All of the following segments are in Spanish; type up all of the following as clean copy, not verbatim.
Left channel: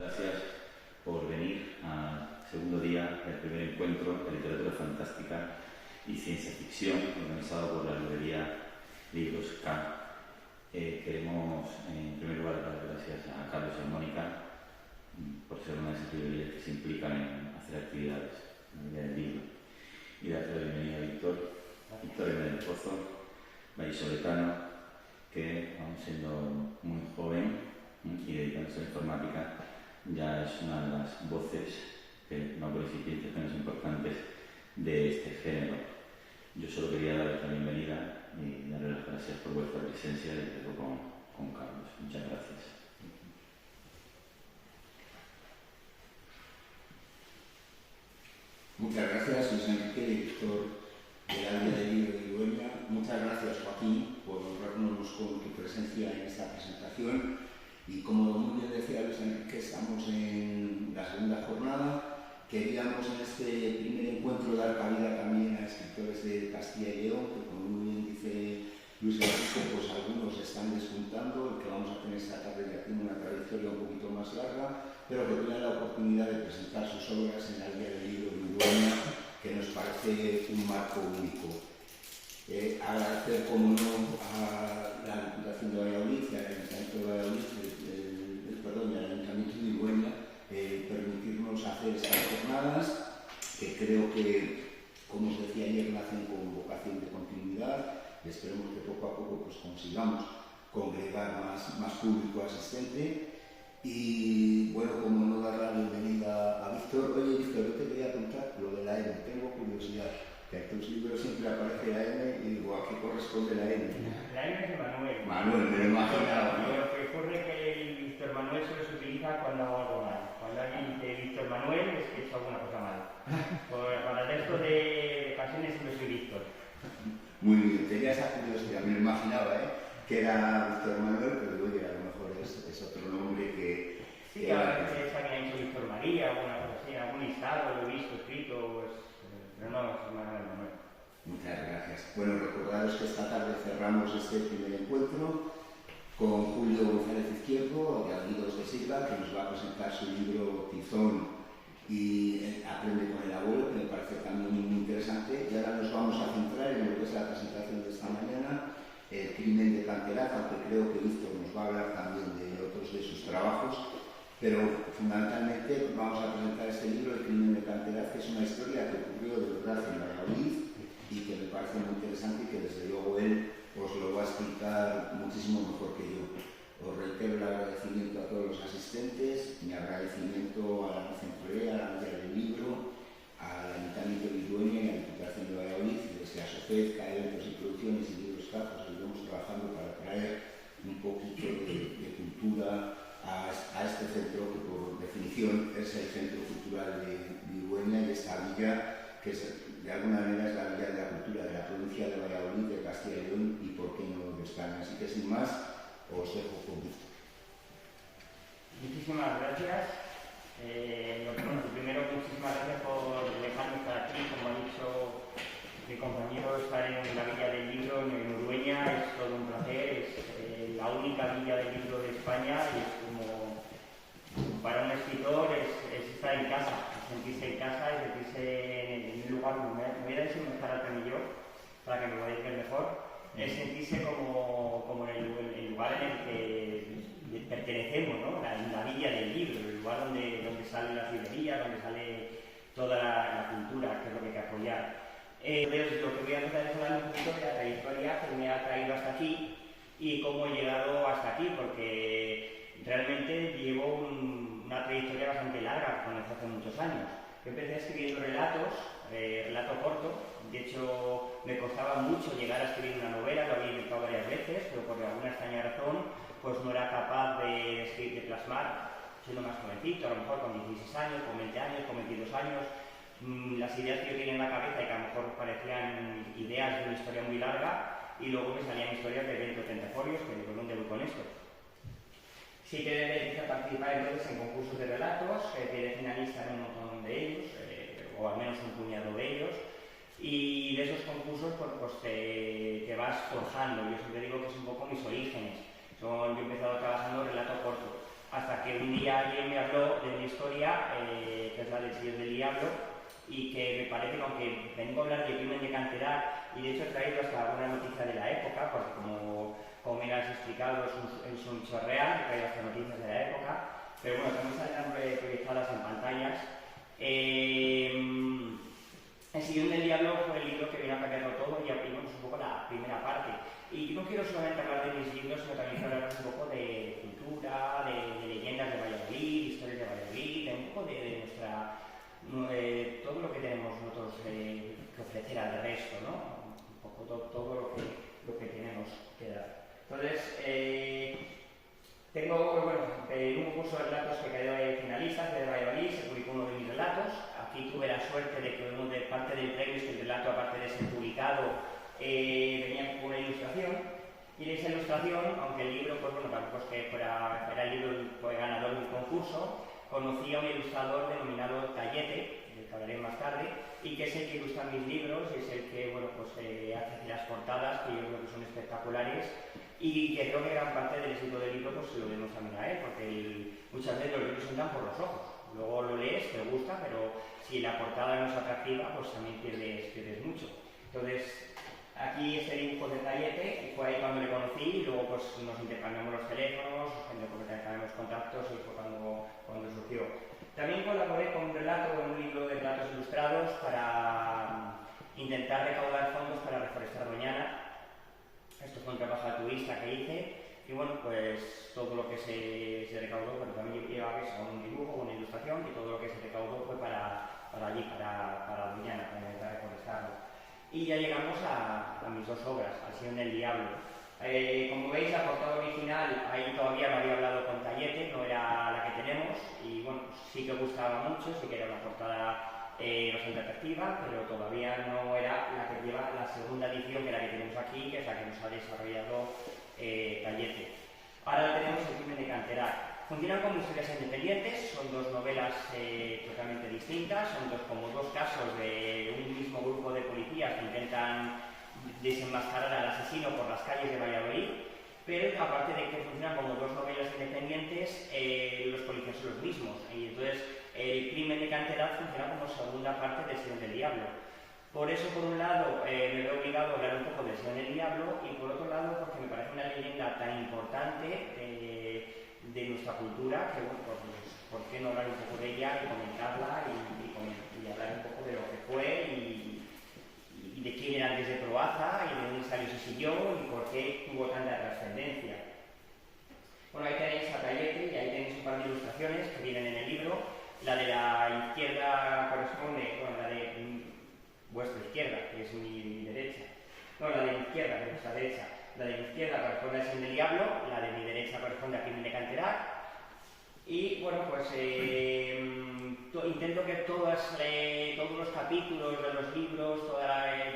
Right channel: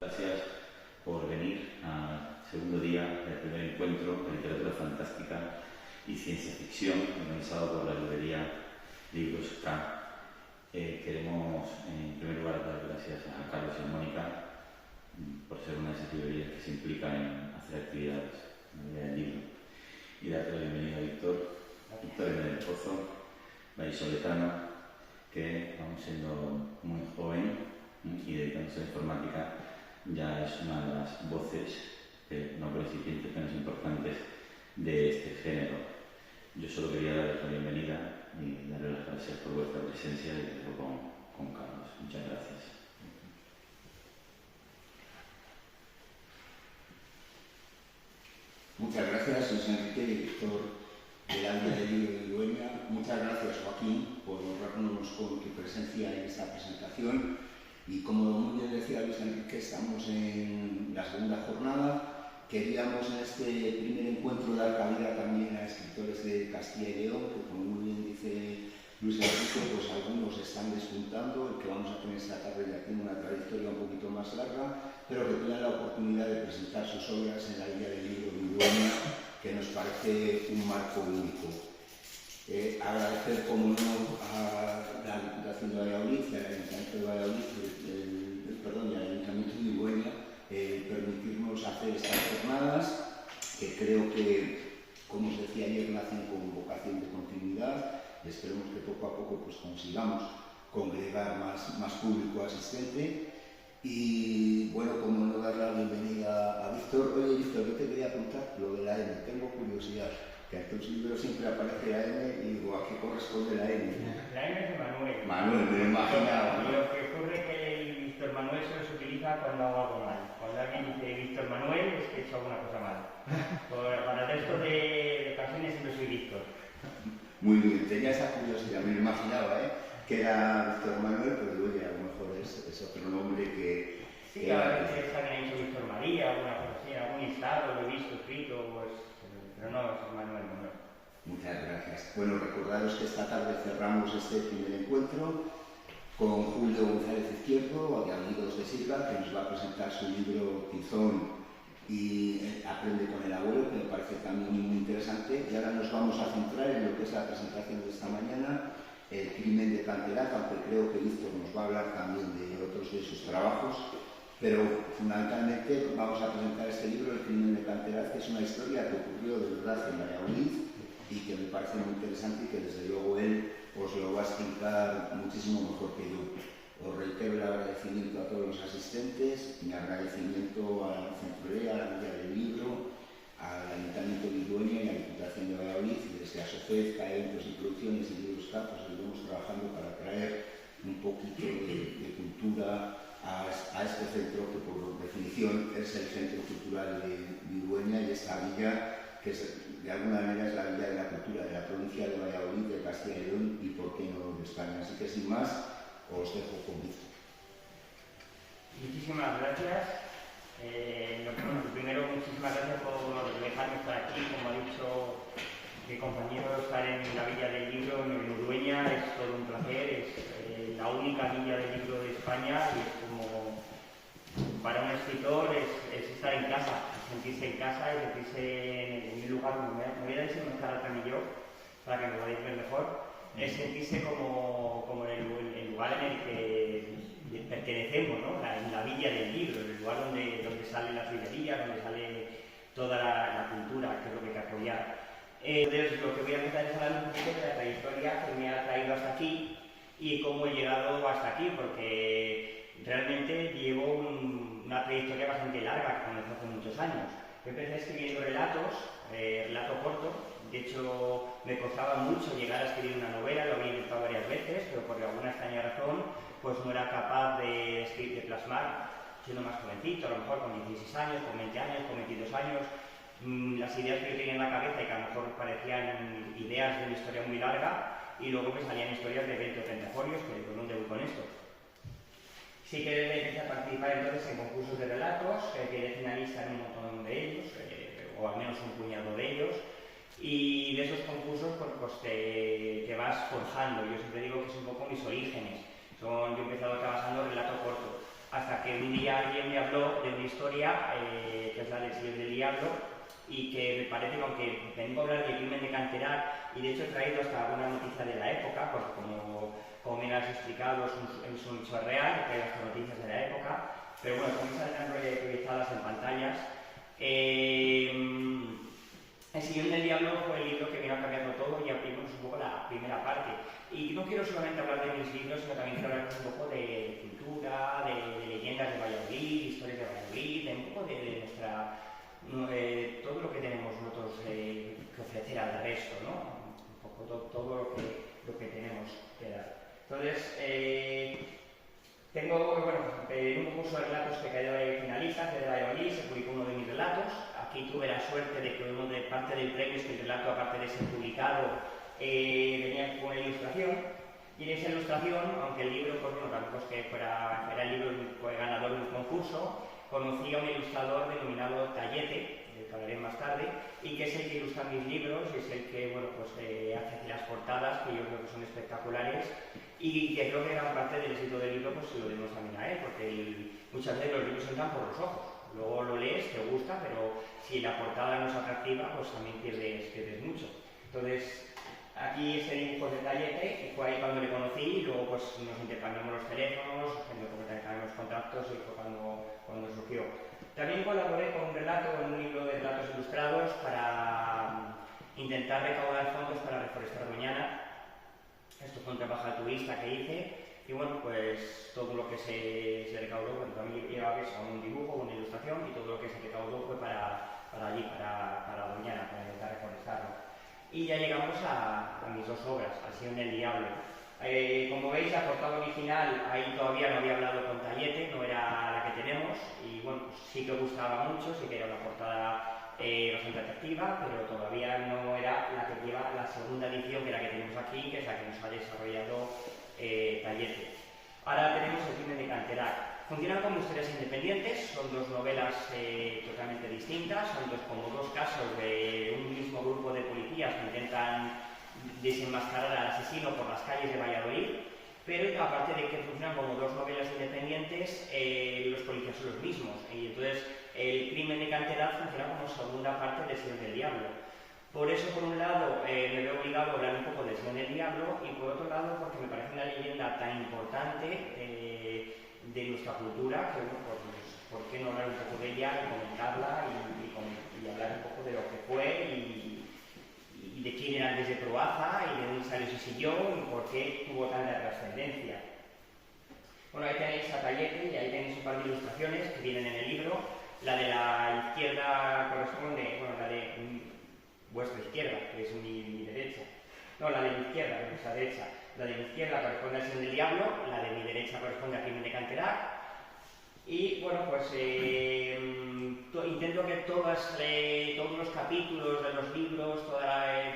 Gracias por venir al segundo día del primer encuentro de literatura fantástica y ciencia ficción organizado por la librería Libros K. Queremos en primer lugar dar gracias a Carlos y a Mónica por ser una de esas librerías que se implican en hacer actividades en la vida del libro, y darte la bienvenida a Víctor M. del Pozo, vallisoletano, que aún siendo muy joven y dedicándose a la informática ya es una de las voces, no por instituciones importantes, de este género. Yo solo quería daros la bienvenida y darles las gracias por vuestra presencia y desde luego con Carlos. Muchas gracias. Muchas gracias, Luis Enrique, director de la Guía del Libro de Dueña. Muchas gracias, Joaquín, por honrarnos con tu presencia en esta presentación. Y como muy bien decía Luis Enrique, estamos en la segunda jornada. Queríamos en este primer encuentro dar cabida también a escritores de Castilla y León, que como muy bien dice Luis Enrique, pues algunos están despuntando. El que vamos a tener esta tarde ya tiene una trayectoria un poquito más larga, pero que tienen la oportunidad de presentar sus obras en la Guía del Libro de Dueña, que nos parece un marco único. Agradecer, como no, a la Diputación de Valladolid y al Ayuntamiento de Valladolid, y al Ayuntamiento de Dueña, permitirnos hacer estas jornadas, que creo que, como os decía ayer, nacen con vocación de continuidad, y esperemos que poco a poco pues, consigamos congregar más público asistente. Y bueno, como no dar la bienvenida a Víctor. Oye, Víctor, yo te quería preguntar lo de la N, tengo curiosidad, que en tus libros siempre aparece la N y digo, ¿a qué corresponde la N? La N es de Manuel. Manuel, me lo imaginaba, ¿no? Lo que ocurre es que el Víctor Manuel solo se utiliza cuando hago algo mal. Cuando alguien dice Víctor Manuel es que he hecho alguna cosa mal. Para el resto de ocasiones siempre soy Víctor. Muy bien, tenía esa curiosidad, me lo imaginaba, que era Víctor Manuel, pero luego a lo mejor es otro nombre que... Sí, que a veces alguien ha dicho Víctor María, alguna cosa así, en algún listado lo he visto escrito, pues, pero no, es Manuel. Muchas gracias. Bueno, recordaros que esta tarde cerramos este primer encuentro con Julio González Izquierdo, de Amigos de Sigla, que nos va a presentar su libro Tizón y Aprende con el abuelo, que me parece también muy interesante. Y ahora nos vamos a centrar en lo que es la presentación de esta mañana, El crimen de Canteraz, aunque creo que Víctor nos va a hablar también de otros de sus trabajos. Pero fundamentalmente vamos a presentar este libro, El crimen de Canteraz, que es una historia que ocurrió de verdad en Valladolid y que me parece muy interesante y que desde luego él os lo va a explicar muchísimo mejor que yo. Os reitero el agradecimiento a todos los asistentes, mi agradecimiento a la Centurea, a la Guía del Libro, al Ayuntamiento de Dueña y a la Diputación de Valladolid, y desde ASOCED, Eventos y Producciones y Libros K, pues estamos trabajando para traer un poquito de cultura a este centro que por definición es el Centro Cultural de Dueña, y esta villa que de alguna manera es la villa de la cultura de la provincia de Valladolid, de Castilla y León y por qué no de España. Así que sin más os dejo con Víctor. Muchísimas gracias. Primero, muchísimas gracias por dejarme estar aquí. Como ha dicho mi compañero, estar en la Villa del Libro en Urueña es todo un placer. Es la única Villa del Libro de España y es como, para un escritor, es estar en casa, es sentirse en casa y sentirse en un lugar. Me voy a decir mejor al canillo para que me podáis ver mejor. Es sentirse como en el lugar en el que pertenecemos, ¿no? La Villa del Libro, el lugar donde salen las librerías, donde sale toda la cultura, que es lo que hay que apoyar. Entonces, lo que voy a empezar es hablar un poquito de la trayectoria que me ha traído hasta aquí y cómo he llegado hasta aquí, porque realmente llevo una trayectoria bastante larga, comenzó hace muchos años. Yo empecé escribiendo relato corto. De hecho, me costaba mucho llegar a escribir una novela, lo había intentado varias veces, pero por alguna extraña razón pues no era capaz de plasmar, siendo más jovencito, a lo mejor con 16 años, con 20 años, con 22 años, las ideas que yo tenía en la cabeza y que a lo mejor parecían ideas de una historia muy larga, y luego me salían historias de 20 o 30 folios, que por dónde voy con esto. Sí que empecé a participar entonces en concursos de relatos, quedé finalista en un montón de ellos, o al menos un puñado de ellos, y de esos concursos pues te vas forjando. Yo siempre digo que es un poco mis orígenes. Yo he empezado trabajando relato corto. hasta que un día alguien me habló de una historia, que es la del Señor del Diablo, y que me parece que aunque vengo a hablar del crimen de Canterac, y de hecho he traído hasta alguna noticia de la época, porque como me lo has explicado es un hecho real, he traído hasta noticias de la época, pero bueno, también saldrán proyectadas en pantallas. El Señor del Diablo fue el libro que vino a cambiarlo todo y abrimos un poco la primera parte. Y no quiero solamente hablar de mis libros, sino también quiero hablar un poco de cultura, de leyendas de Valladolid, historias de Valladolid, de un poco de nuestra... todo lo que tenemos nosotros que ofrecer al resto, ¿no? Un poco todo lo que tenemos que dar. Entonces, tengo, un concurso de relatos que quedó de finalistas de Valladolid, se publicó uno de mis relatos. Aquí tuve la suerte de que parte del premio es que el relato, aparte de ser publicado, venía con una ilustración. Y en esa ilustración, aunque el libro, pues bueno, tampoco es que era el libro ganador de un concurso, conocí a un ilustrador denominado Tallete, del que hablaré más tarde, y que es el que ilustra mis libros y es el que, hace las portadas, que yo creo que son espectaculares, y que creo que gran parte del éxito del libro pues se lo debemos también a él, porque muchas veces los libros entran por los ojos. Luego lo lees, te gusta, pero si la portada no es atractiva, pues también pierdes mucho. Entonces, aquí este dibujo de Tallete, y fue ahí cuando le conocí, y luego pues nos intercambiamos los teléfonos, intercambiamos contactos, y fue cuando surgió. También colaboré con un relato en un libro de relatos ilustrados para intentar recaudar fondos para reforestar Doñana. Esto fue un trabajo altruista que hice, y bueno, pues todo lo que se recaudó, también llevaba con un dibujo, una ilustración, y todo lo que se recaudó fue para allí, para Doñana, para intentar reforestarlo. Y ya llegamos a mis dos obras, Al Señor del Diablo. Como veis, la portada original, ahí todavía no había hablado con Tallete, no era la que tenemos, y bueno, pues sí que gustaba mucho, sí que era una portada bastante atractiva, pero todavía no era la que lleva la segunda edición, que es la que tenemos aquí, que es la que nos ha desarrollado Tallete. Ahora tenemos El crimen de Canterac. Funcionan como historias independientes, son dos novelas totalmente distintas, son como dos casos de un mismo grupo de policías que intentan desenmascarar al asesino por las calles de Valladolid, pero aparte de que funcionan como dos novelas independientes, los policías son los mismos, y entonces El crimen de Canterac funciona como segunda parte del Señor del Diablo. Por eso, por un lado, me veo obligado a hablar un poco del Señor del Diablo, y por otro lado, porque me parece una leyenda tan importante de nuestra cultura, que bueno, pues, ¿por qué no hablar un poco de ella y comentarla y hablar un poco de lo que fue y de quién era antes de Proaza y de dónde salió ese sillón y por qué tuvo tanta trascendencia? Bueno, ahí tenéis a Tallete y ahí tenéis un par de ilustraciones que vienen en el libro. La de la izquierda corresponde, la de vuestra izquierda, que es mi derecha. No, la de mi izquierda, que es vuestra derecha. La de mi izquierda corresponde al Señor del Diablo, la de mi derecha corresponde al crimen de Canterac. Y bueno, pues intento que todos los capítulos de los libros,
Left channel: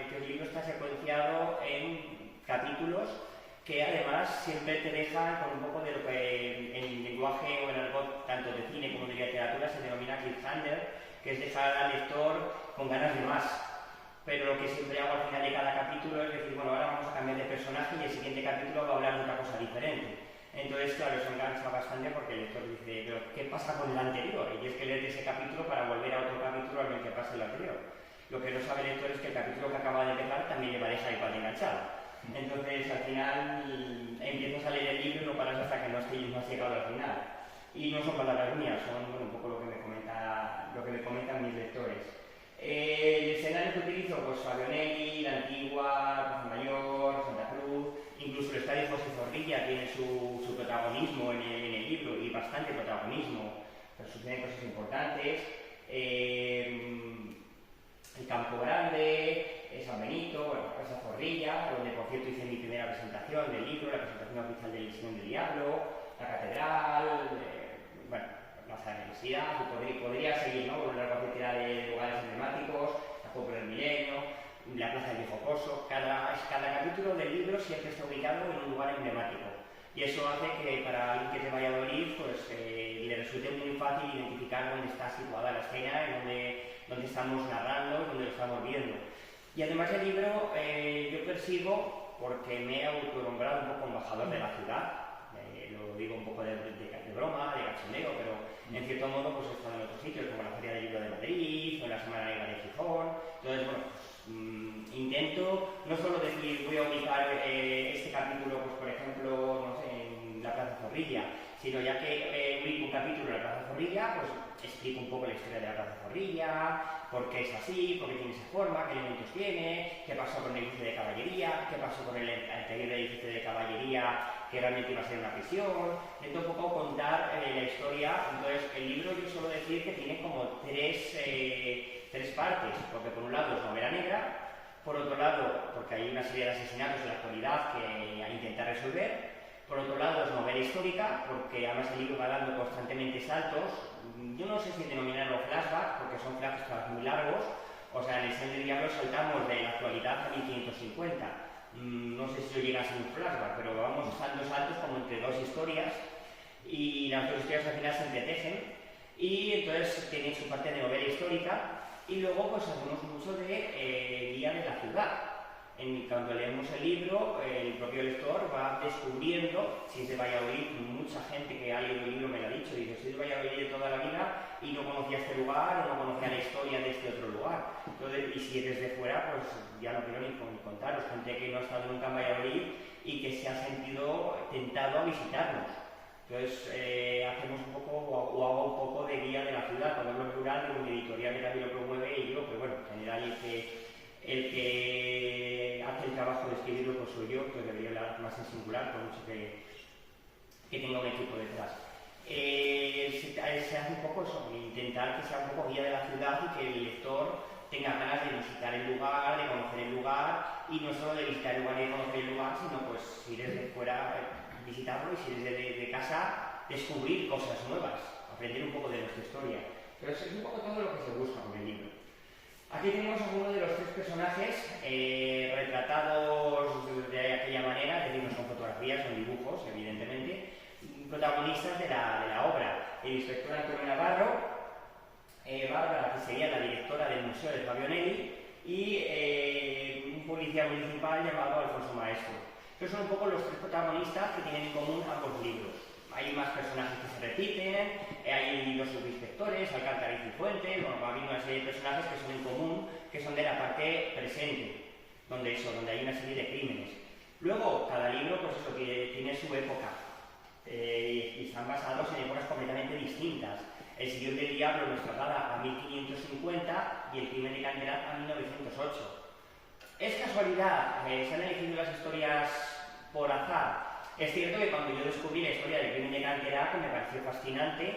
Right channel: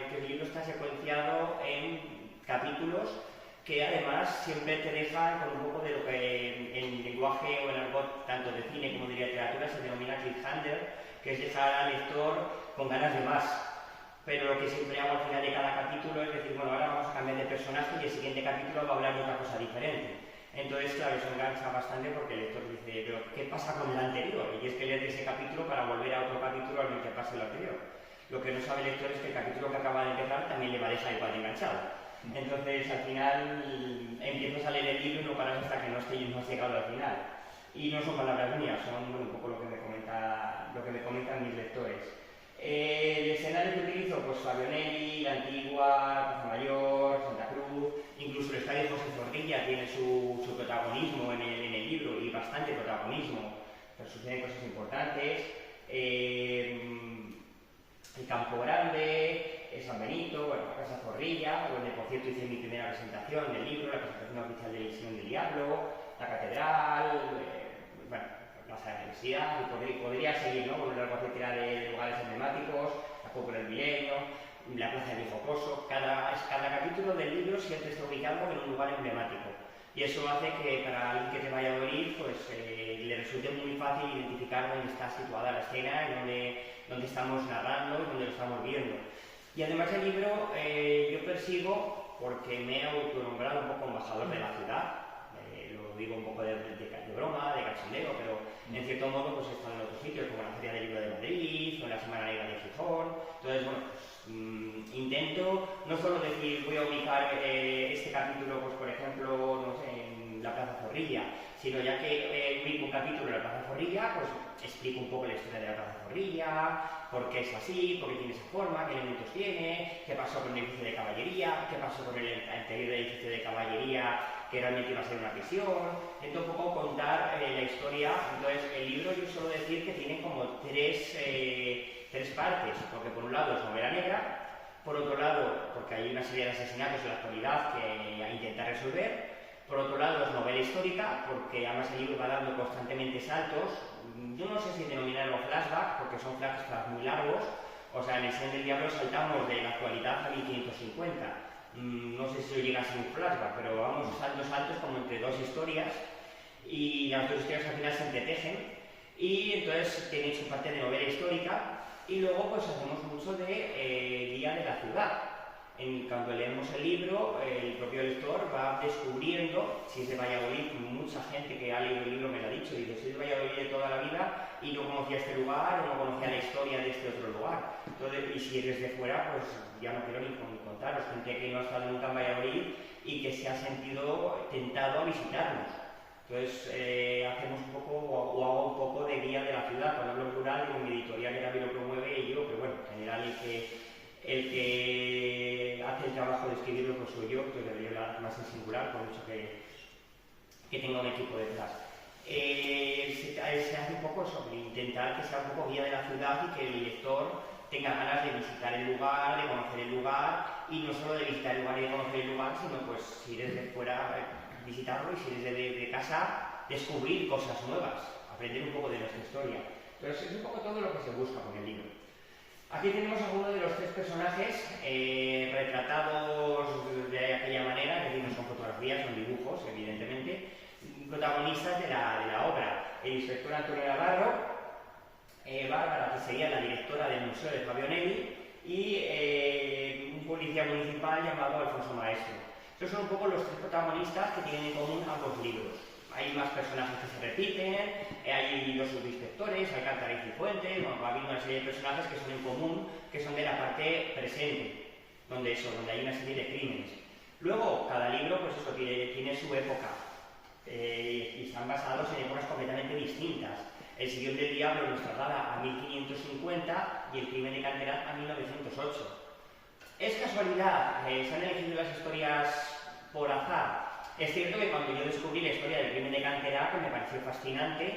que el libro está secuenciado en capítulos que además siempre te dejan con un poco de lo que en lenguaje o en argot tanto de cine como de literatura se denomina cliffhanger, que es dejar al lector con ganas de más. Pero lo que siempre hago al final de cada capítulo es decir, bueno, ahora vamos a cambiar de personaje y el siguiente capítulo va a hablar de otra cosa diferente. Entonces, claro, eso engancha bastante porque el lector dice, pero ¿qué pasa con el anterior? Y es que lees de ese capítulo para volver a otro capítulo al que pasa el anterior. Lo que no sabe el lector es que el capítulo que acaba de empezar también le va a dejar igual de enganchado. Entonces, al final, empiezas a leer el libro y no paras hasta que no has llegado al final. Y no son palabras mías, son un poco lo que me comentan mis lectores. El escenario que utilizo, pues Fabionelli, La Antigua, Plaza Mayor, Santa Cruz, incluso el estadio José Zorrilla tiene su protagonismo en el libro y bastante protagonismo, pues suceden cosas importantes. El Campo Grande, San Benito, Casa Zorrilla, donde por cierto hice mi primera presentación del libro, la presentación oficial del Señor del Diablo, la Catedral, la Plaza de la Universidad, y podría seguir, ¿no? Con una larga cantidad de lugares emblemáticos, la Cúpula del Milenio, la Plaza del Viejo Coso. Cada capítulo del libro siempre está ubicado en un lugar emblemático. Y eso hace que para alguien que es de Valladolid, pues le resulte muy fácil identificar dónde está situada la escena, dónde estamos narrando y dónde lo estamos viendo. Y además el libro yo persigo, porque me he autonombrado un poco embajador de la ciudad, lo digo un poco de broma, de cachondeo, pero en cierto modo pues he estado en otros sitios, como la Feria del Libro de Madrid o en la Semana Negra de Gijón. Entonces, bueno, pues, intento no solo decir voy a ubicar este capítulo, pues por ejemplo, no sé, en la Plaza Zorrilla, sino ya que ubico un capítulo en la Plaza Zorrilla, pues explico un poco la historia de la Plaza Zorrilla, por qué es así, por qué tiene esa forma, qué elementos tiene, qué pasó con el edificio de caballería, qué pasó con el anterior edificio de caballería que realmente iba a ser una prisión. Intento un poco contar la historia. Entonces el libro, yo suelo decir que tiene como tres partes, porque por un lado es novela negra, por otro lado porque hay una serie de asesinatos en la actualidad que intenta resolver, por otro lado es novela histórica, porque además el libro va dando constantemente saltos. Yo no sé si denominarlo flashback, porque son flashbacks muy largos. O sea, en El Señor del Diablo saltamos de la actualidad a 1550. No sé si eso llega a ser un flashback, pero vamos dando saltos como entre dos historias, y las dos historias al final se entretejen, y entonces tiene su parte de novela histórica, y luego pues hacemos mucho de guía de la ciudad. Cuando leemos el libro, el propio lector va descubriendo, si es de Valladolid, mucha gente que ha leído el libro me lo ha dicho, dice, soy de Valladolid de toda la vida y no conocía este lugar o no conocía la historia de este otro lugar. Entonces, y si eres de fuera, pues ya no quiero ni contaros, gente que no ha estado nunca en Valladolid y que se ha sentido tentado a visitarnos. Entonces, hacemos un poco, o hago un poco de guía de la ciudad. Cuando hablo en plural, con mi editorial que también lo promueve y yo, pero bueno, en general el que hace el trabajo de escribirlo pues soy yo, que debería hablar más en singular, por mucho que tenga un equipo detrás. Se hace un poco eso, intentar que sea un poco guía de la ciudad y que el lector tenga ganas de visitar el lugar, de conocer el lugar, y no solo de visitar el lugar y de conocer el lugar, sino pues si eres de fuera visitarlo, y si eres de casa descubrir cosas nuevas, aprender un poco de nuestra historia. Entonces es un poco todo lo que se busca con el libro. Aquí tenemos algunos de los tres personajes retratados de aquella manera, es decir, no son fotografías, son dibujos, evidentemente, protagonistas de la obra. El inspector Antonio Navarro, Bárbara, que sería la directora del Museo de Fabio Nelli, y un policía municipal llamado Alfonso Maestro. Estos son un poco los tres protagonistas que tienen en común ambos libros. Hay más personajes que se repiten, hay los subinspectores, Alcántara y Cifuentes, bueno, va habiendo una serie de personajes que son en común, que son de la parte presente, donde hay una serie de crímenes. Luego, cada libro, pues eso, tiene su época, y están basados en épocas completamente distintas. El Sillón del Diablo nos traslada a 1550 y El Crimen de Canterá a 1908. ¿Es casualidad? ¿Se han elegido las historias por azar? Es cierto que cuando yo descubrí la historia del Crimen de Canterá, me pareció fascinante,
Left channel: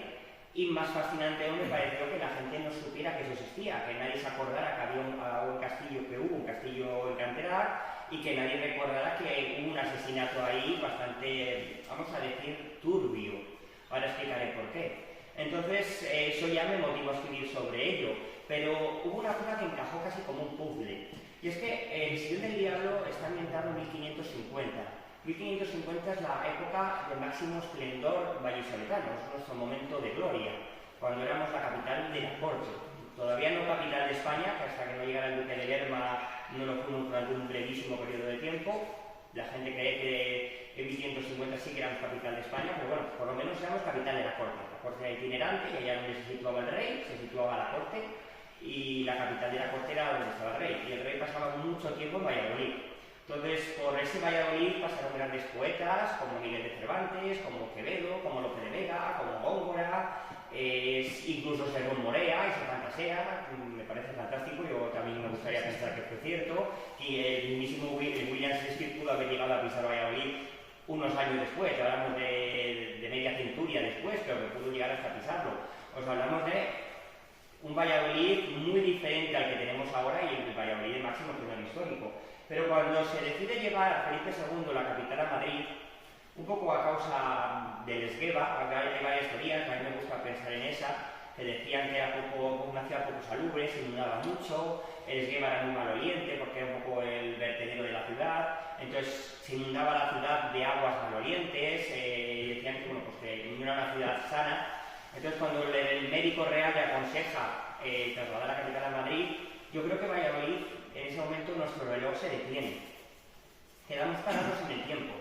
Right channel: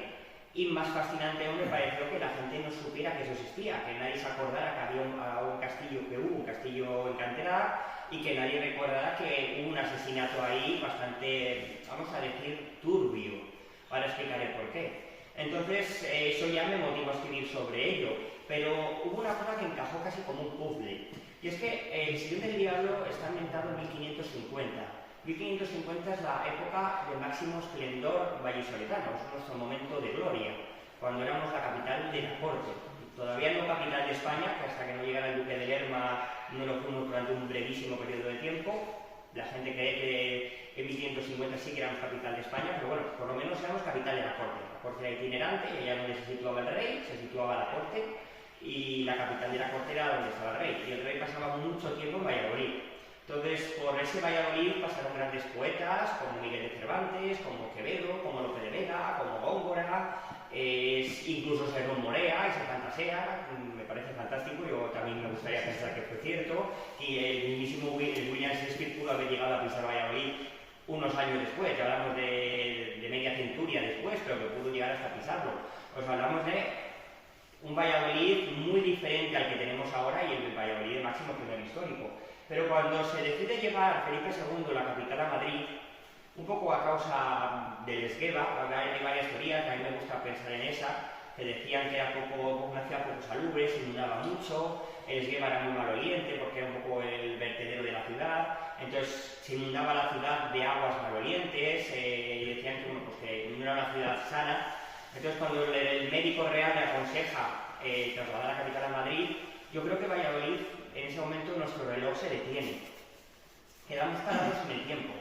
y más fascinante aún me pareció que la gente no supiera que eso existía, que nadie se acordara que había un castillo en Canterá, y que nadie recordara que hubo un asesinato ahí bastante, vamos a decir, turbio. Ahora explicaré por qué. Entonces, eso ya me motivó a escribir sobre ello, pero hubo una cosa que encajó casi como un puzzle, y es que El Sillón del Diablo está ambientado en 1550. 1550 es la época de máximo esplendor vallisoletano, es nuestro momento de gloria, cuando éramos la capital de la corte. Todavía no capital de España, que hasta que no llegara el duque de Lerma no lo fuimos durante un brevísimo periodo de tiempo. La gente cree que en 1550 sí que éramos capital de España, pero bueno, por lo menos éramos capital de la corte. La corte era itinerante, y allá donde se situaba el rey, se situaba la corte, y la capital de la corte era donde estaba el rey. Y el rey pasaba mucho tiempo en Valladolid. Entonces, por ese Valladolid pasaron grandes poetas como Miguel de Cervantes, como Quevedo, como Lope de Vega, como Góngora, incluso Serrón Morea y Santa Sea. Me parece fantástico, yo también me gustaría pensar que fue cierto, y el mismísimo William Shakespeare pudo haber llegado a pisar Valladolid unos años después, ya hablamos de media centuria después, pero que pudo llegar hasta pisarlo. Os hablamos de un Valladolid muy diferente al que tenemos ahora, y el Valladolid de máximo esplendor histórico. Pero cuando se decide llevar Felipe II la capital a Madrid, un poco a causa del esgueva, hay varias teorías, a mí me gusta pensar en esa, que decían que era una ciudad poco salubre, se inundaba mucho, el esgueva era muy maloliente porque era un poco el vertedero de la ciudad, entonces se inundaba la ciudad de aguas malolientes, y decían que, bueno, pues que no era una ciudad sana. Entonces, cuando el médico real le aconseja trasladar la capital a Madrid, yo creo que Valladolid, en ese momento nuestro reloj se detiene. Quedamos parados en el tiempo.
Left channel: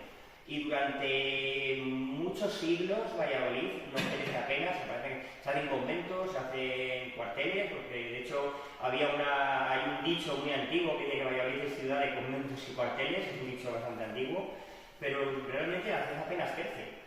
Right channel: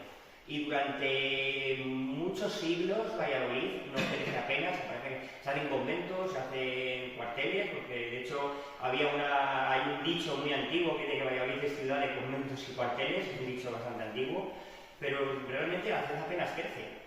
Y durante muchos siglos Valladolid no crece apenas, se parece que se hacen conventos, se hacen cuarteles, porque de hecho hay un dicho muy antiguo que dice que Valladolid es ciudad de conventos y cuarteles, es un dicho bastante antiguo, pero realmente la ciudad apenas crece.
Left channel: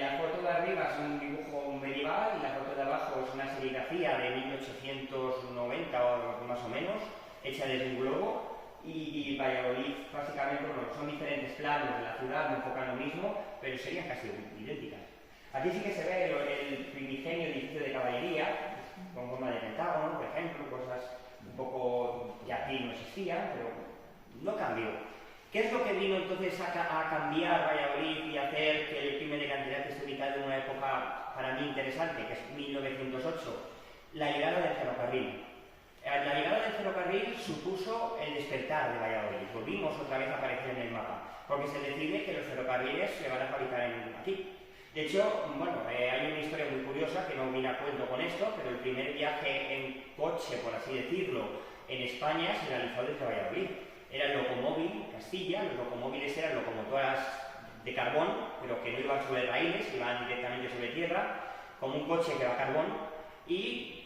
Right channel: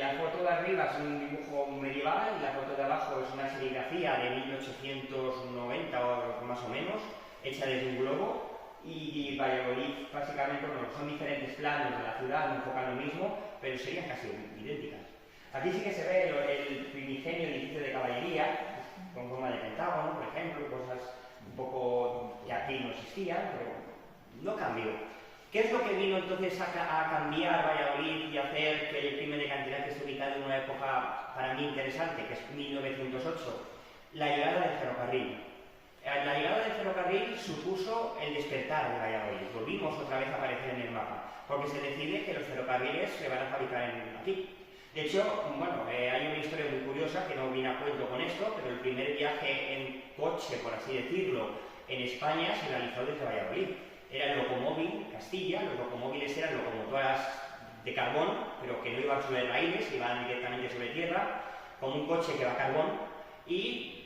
La foto de arriba es un dibujo medieval y la foto de abajo es una serigrafía de 1890 o más o menos, hecha desde un globo. Y Valladolid, básicamente, bueno, son diferentes planos de la ciudad, no enfocan lo mismo, pero serían casi idénticas. Aquí sí que se ve el primigenio edificio de caballería, con forma de pentágono, por ejemplo, cosas un poco que aquí no existían, pero no cambió. ¿Qué es lo que vino entonces a cambiar Valladolid y hacer que el crimen de cantidad que se ubicado en una época para mí interesante, que es 1908? La llegada del ferrocarril. La llegada del ferrocarril supuso el despertar de Valladolid. Volvimos otra vez a aparecer en el mapa, porque se decide que los ferrocarriles se van a fabricar aquí. De hecho, bueno, hay una historia muy curiosa que no viene a cuento con esto, pero el primer viaje en coche, por así decirlo, en España se realizó desde Valladolid. Era el locomóvil Castilla, los locomóviles eran locomotoras de carbón, pero que no iban sobre raíles, iban directamente sobre tierra, como un coche que va a carbón, y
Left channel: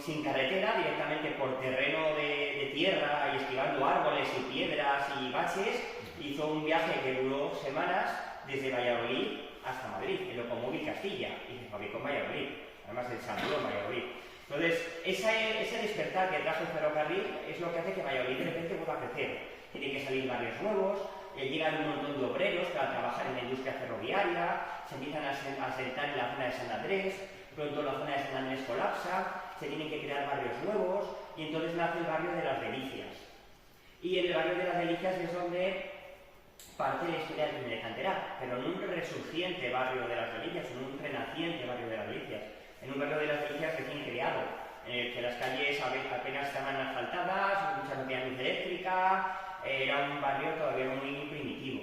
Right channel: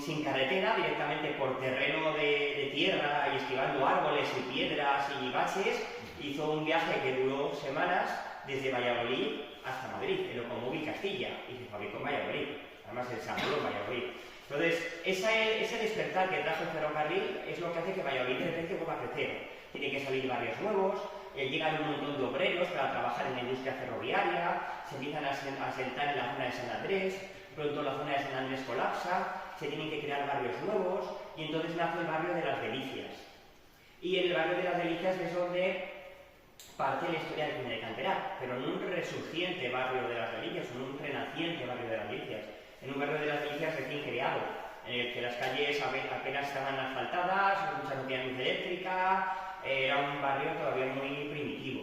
sin carretera, directamente por terreno de tierra y esquivando árboles y piedras y baches, hizo un viaje que duró semanas desde Valladolid hasta Madrid, el locomóvil Castilla, y se fabricó en Valladolid, además se ensambló en Valladolid. Entonces, ese despertar que trajo el ferrocarril es lo que hace que Valladolid de repente vuelva a crecer. Tienen que salir barrios nuevos, llegan un montón de obreros para trabajar en la industria ferroviaria, se empiezan a asentar en la zona de San Andrés, pronto la zona de San Andrés colapsa, se tienen que crear barrios nuevos y entonces nace el barrio de las Delicias. Y el barrio de las Delicias es donde parte la historia del crimen de Canterac, pero en un resurgiente barrio de las Delicias, en un renaciente barrio de las Delicias, en un barrio de las Delicias recién creado, en el que las calles apenas estaban asfaltadas, mucha no tenía luz eléctrica, era un barrio todavía muy primitivo.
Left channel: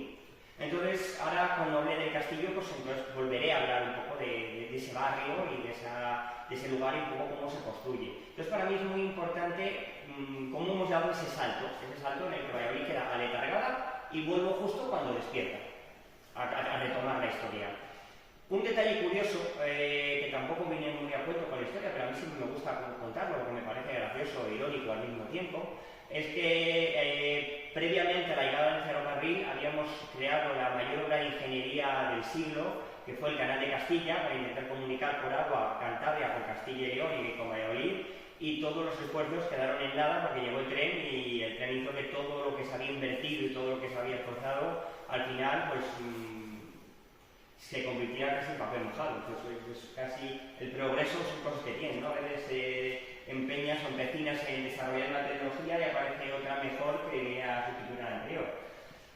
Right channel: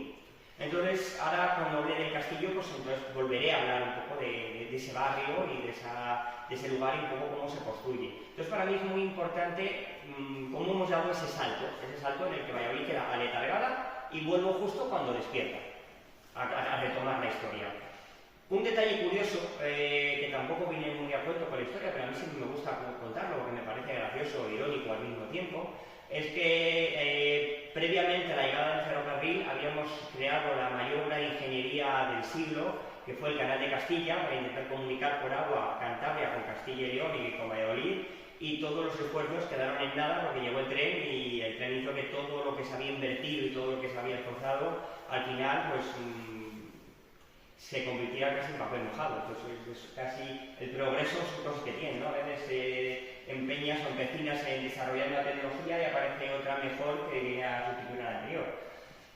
Entonces, ahora cuando hable del castillo, pues entonces volveré a hablar un poco de ese barrio y de ese lugar y un poco cómo se construye. Entonces, para mí es muy importante cómo hemos dado ese salto en el que Valladolid queda aletargada y vuelvo justo cuando despierta, a retomar la historia. Un detalle curioso, que tampoco viene muy a cuento con la historia, pero a mí siempre me gusta contarlo porque me parece gracioso e irónico al mismo tiempo, es que previamente a la llegada del ferrocarril habíamos creado la mayor obra de ingeniería del siglo, que fue el Canal de Castilla, para intentar comunicar por agua Cantabria con Castilla y León y con Valladolid, y todos los esfuerzos quedaron en nada porque llegó el tren y el tren hizo que todo lo que se había invertido y todo lo que se había esforzado, al final, pues se convirtiera casi en papel mojado. Entonces, es casi el progreso son cosas que tienen, ¿no? A veces empeñas o empecinas en desarrollar una tecnología y aparece otra mejor que viene a sustituir a la anterior.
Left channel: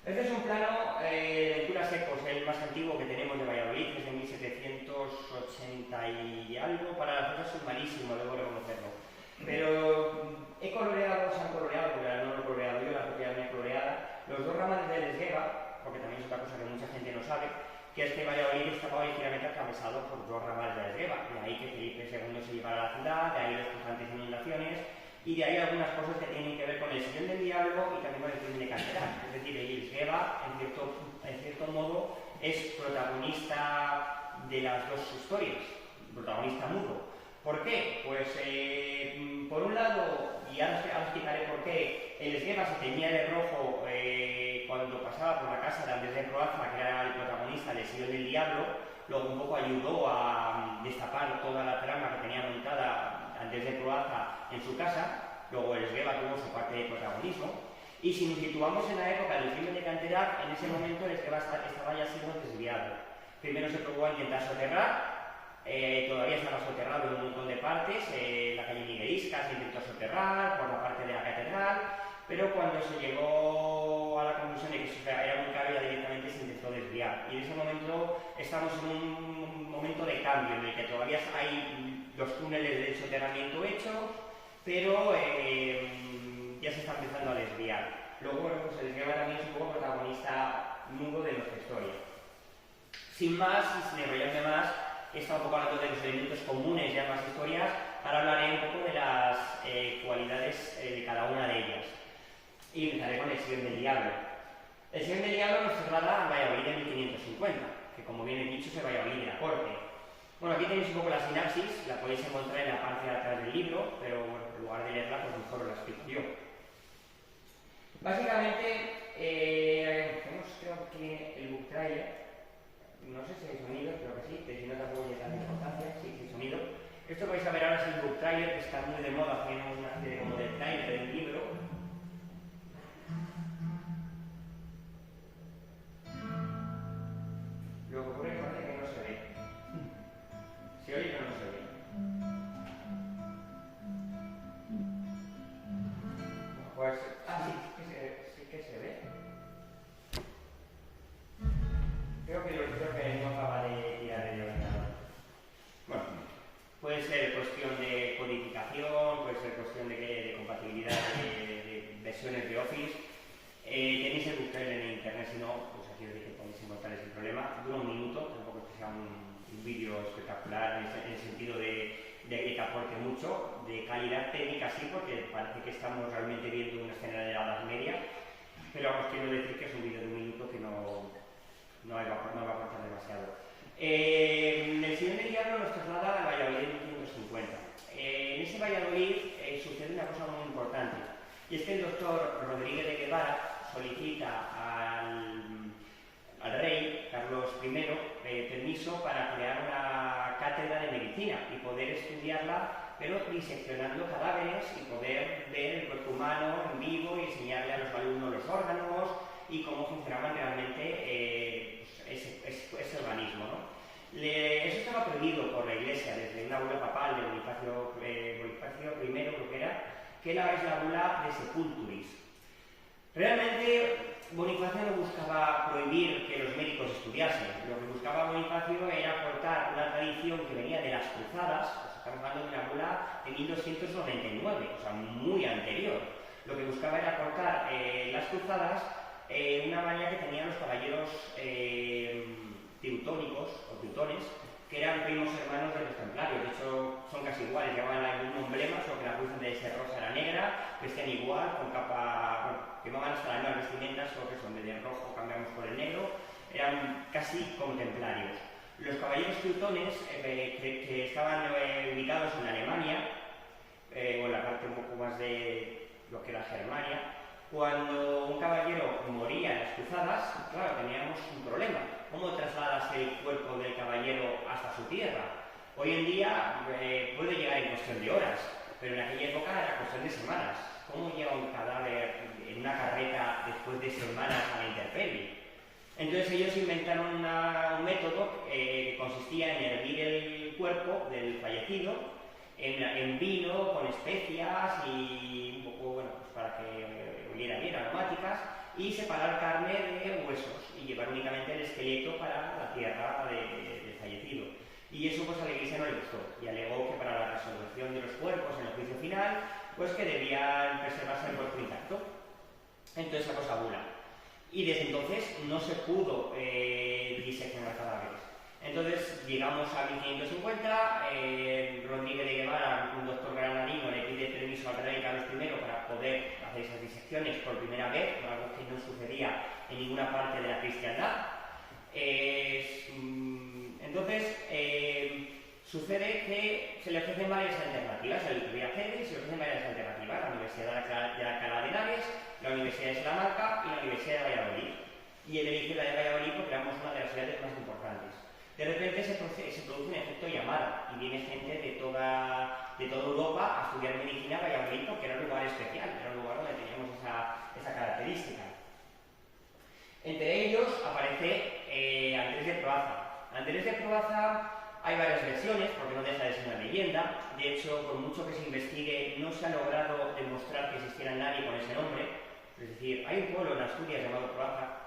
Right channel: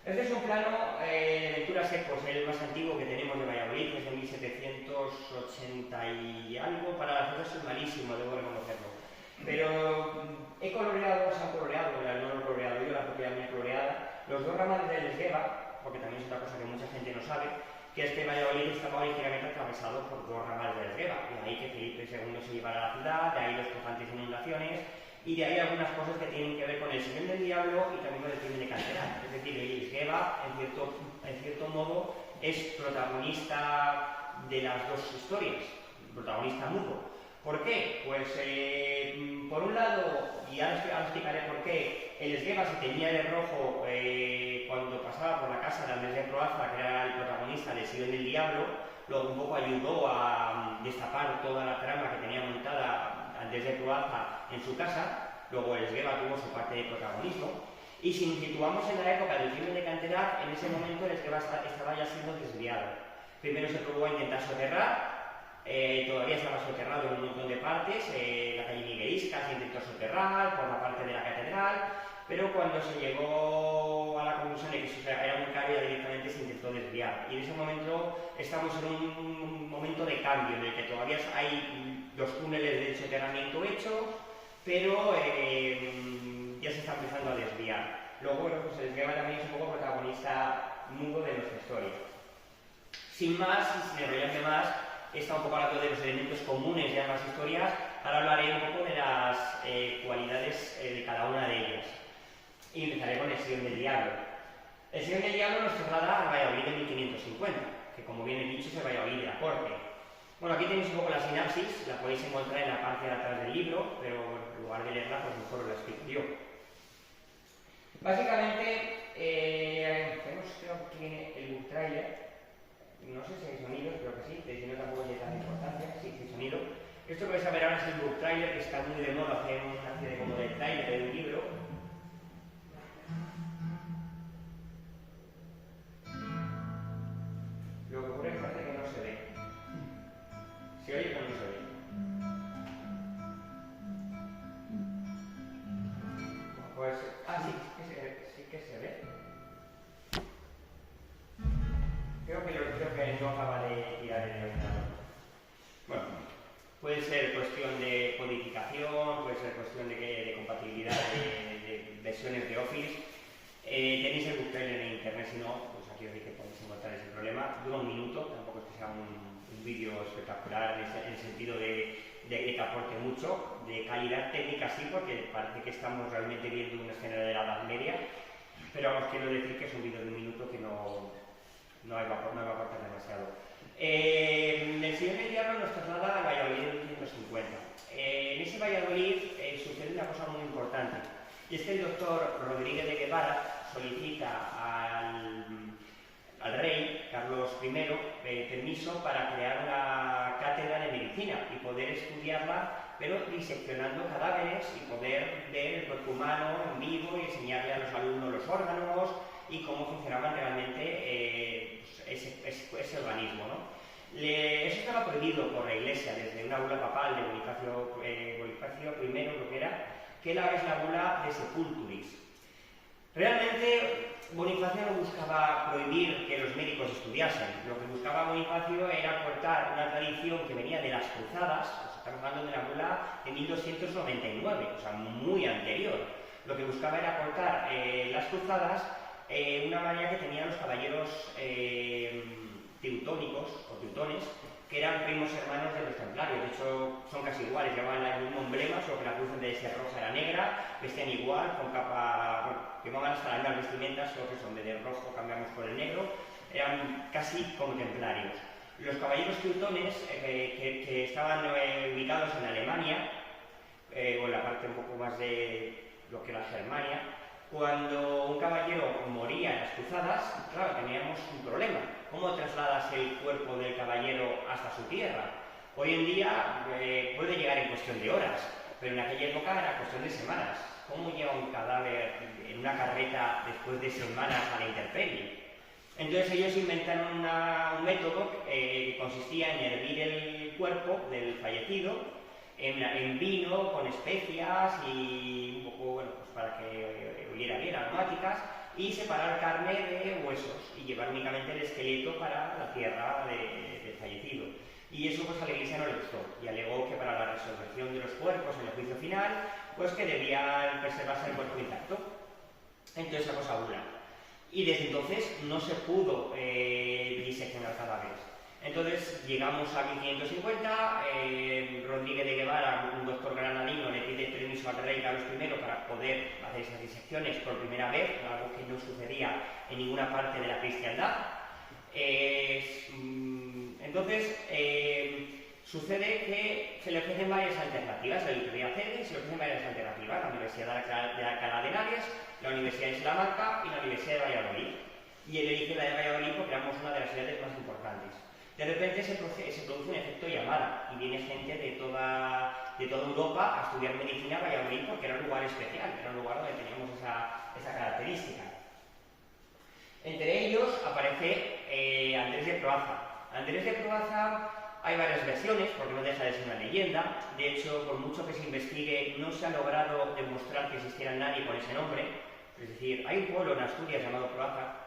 Este es un plano de lectura secos, el más antiguo que tenemos de Valladolid, que es de 1780 y algo. Para las cosas soy malísimo, debo reconocerlo. Pero se han coloreado, no lo he coloreado yo, la propiedad mía coloreada, los dos ramales del Esgueva, porque también es otra cosa que mucha gente no sabe, que es que Valladolid estaba originalmente atravesado por dos ramales del Esgueva, de ahí que Felipe II se llevara a la ciudad, de ahí las constantes inundaciones, y de ahí algunas cosas que tienen que ver con el Señor del Diablo y también con el crimen de Canterac. Es decir, el Esgueva, en cierto modo, es protagonista de las dos historias, protagonista mudo. ¿Por qué? Pues, por un lado, y ahora explicaré por qué, el Esgueva se teñía de rojo cuando pasaba por la casa de Andrés de Proaza, que era el protagonista del Señor del Diablo, luego un poco ayudó a destapar toda la trama que tenía montada Andrés de Proaza en su casa, luego el Esgueva tuvo su parte de protagonismo, y si nos situamos en la época del crimen de Canterac, en ese momento el Esgueva estaba ya siendo desviado. Primero se probó a intentar soterrar, todavía estaba soterrado en un montón de partes, la calle Miguelisca se intentó soterrar por la parte de la catedral, pero cuando se llegó a la conclusión de que eso era muy caro, ya directamente se intentó desviar. Y en ese momento estamos en un momento de cambio, en el que todavía hay los túneles de soterramiento hechos, pero ya se está empezando a desviar. Luego, bueno, pues el Esgueva también es un poco protagonista nudo de nuestra historia. Sin más, y sin enrollarme más, he estado un poco hablando de los elementos comunes de ambas historias, ahora hablaré un poco de las cualidades de cada una de ellas. Y empezaré con el Señor del Diablo. El Señor del Diablo nos traslada al Valladolid de 1550, que como bien he dicho es el Valladolid de la corte. Bueno, aquí tenéis un poco la sinapsis, la podéis encontrar en la parte de atrás del libro, pero bueno, en lugar de leerla, pues mejor os la explico yo. Básicamente, tenemos creo aquí el book trailer, no sé si hay sonido, creo que sí, pero si no tampoco tiene tanta importancia, sí, sí hay sonido. Esto que vais a ver ahora es el book trailer, que está muy de moda hacer una especie como de trailer de un libro. Lo que ocurre es que parece que no se ve. Se oye pero no se ve. Pues, sí que se ve. Creo que no acaba de tirar el ordenador. Bueno, puede ser cuestión de codificación, puede ser cuestión de compatibilidad de versiones de Office. Tenéis el book trailer en internet, si no, pues aquí os dije que podéis encontrar ese problema. Dura un minuto, tampoco es que sea un vídeo espectacular en el sentido de que te aporte mucho, de calidad técnica sí, porque parece que estamos realmente viendo una escena de la Edad Media, pero os quiero decir que es un vídeo de un minuto que no va a aportar demasiado. El Señor del Diablo nos traslada al Valladolid de 1550. En ese Valladolid sucede una cosa muy importante, y es que el doctor Rodríguez de Guevara solicita al rey Carlos I permiso para crear una cátedra de medicina y poder estudiarla, pero diseccionando cadáveres y poder ver el cuerpo humano en vivo y enseñarle a los alumnos los órganos y cómo funcionaban realmente ese organismo, ¿no? Eso estaba prohibido por la Iglesia desde una bula papal de Bonifacio I, creo que era, que es la bula de Sepulturis. Realmente Bonifacio no buscaba prohibir que los médicos estudiasen, lo que buscaba Bonifacio era aportar una tradición que venía de las cruzadas, pues estamos hablando de una bula de 1299, o sea, muy anterior. Lo que buscaba era aportar las cruzadas una manía que tenían los caballeros teutónicos o teutones, que eran primos hermanos de los templarios. De hecho son casi iguales, llevaban el mismo emblema, solo que la cruz en vez de ser roja era negra, vestían igual, con capa, bueno, llevaban hasta las mismas vestimentas, solo que son de rojo cambiamos por el negro, eran casi como templarios. Los caballeros teutones que estaban ubicados en Alemania, o en la parte un poco más de lo que era Germania, cuando un caballero moría en las cruzadas, claro, teníamos un problema. ¿Cómo trasladas el cuerpo del caballero hasta su tierra? Hoy en día puede llegar en cuestión de horas, pero en aquella época era cuestión de semanas. ¿Cómo lleva un cadáver en una carreta después de semanas a la intemperie? Entonces ellos inventaron un método que consistía en hervir el cuerpo del fallecido en vino, con especias y un poco, bueno, pues para que oliera bien, aromáticas, y separar carne de huesos y llevar únicamente el esqueleto para la tierra del fallecido. Y eso pues a la Iglesia no le gustó y alegó que para la resurrección de los cuerpos en el juicio final, pues que debía preservarse el cuerpo intacto. Entonces la cosa bula. Y desde entonces no se pudo diseccionar cadáveres. Entonces llegamos a 1550, Rodríguez de Guevara, un doctor granadino, le pide permiso al rey Carlos I para poder hacer esas disecciones por primera vez, algo que no sucedía en ninguna parte de la cristiandad. Entonces sucede que se le ofrecen varias alternativas, el Riaceres y se le ofrecen varias alternativas, la Universidad de Alcalá de Henares, la Universidad de Salamanca y la Universidad de Valladolid. Y él elige la de Valladolid porque éramos una de las ciudades más importantes. De repente se produce un efecto llamada y viene gente de toda Europa a estudiar medicina a Valladolid porque era un lugar especial, era un lugar donde teníamos esa característica. Entre ellos aparece Andrés de Proaza. Andrés de Proaza hay varias versiones porque no deja de ser una leyenda. De hecho, por mucho que se investigue, no se ha logrado demostrar que existiera nadie con ese nombre. Es decir, hay un pueblo en Asturias llamado Proaza,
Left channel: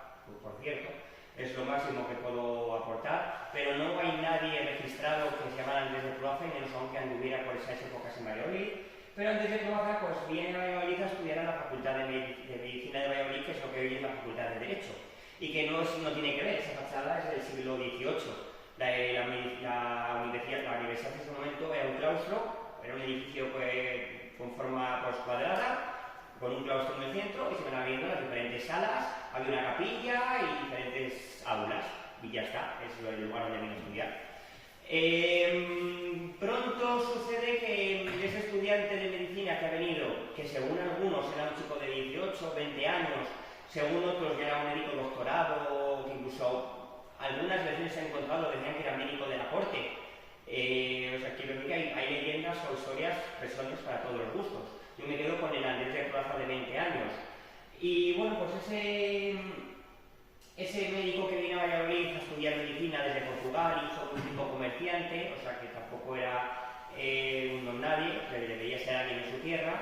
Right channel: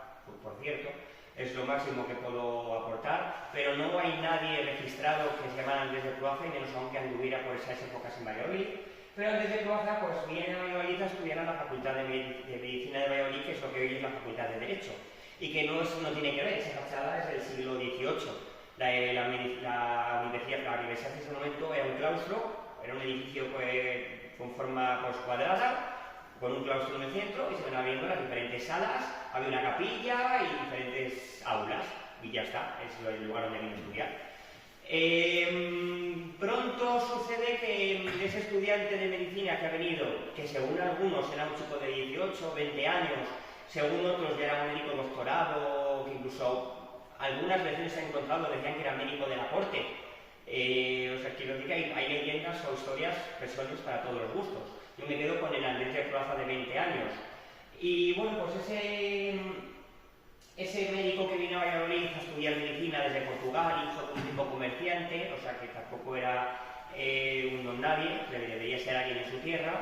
por cierto, es lo máximo que puedo aportar, pero no hay nadie registrado que se llamara Andrés de Proaza, y menos aunque anduviera por esas épocas en Valladolid. Pero Andrés de Proaza pues viene a Valladolid a estudiar en la Facultad de Medicina de Valladolid, que es lo que hoy es la Facultad de Derecho, y que no tiene que ver, esa fachada es del siglo XVIII. La universidad en ese momento era un claustro, era un edificio con forma cuadrada, con un claustro en el centro y se van abriendo las diferentes salas, había una capilla y diferentes aulas, y ya está, es el lugar donde vine a estudiar. Pronto sucede que ese estudiante de medicina que ha venido, que según algunos era un chico de 18 o 20 años, según otros ya era un médico doctorado, que incluso algunas veces se han encontrado, decían que era médico de la corte. O sea, quiero decir que hay leyendas o historias, versiones para todos los gustos. Yo me quedo con el Andrés de Plaza de 20 años. Y bueno, pues ese médico que vino a Valladolid a estudiar medicina desde Portugal, hijo de un rico comerciante, o sea que tampoco era un don nadie, debería ser alguien en su tierra,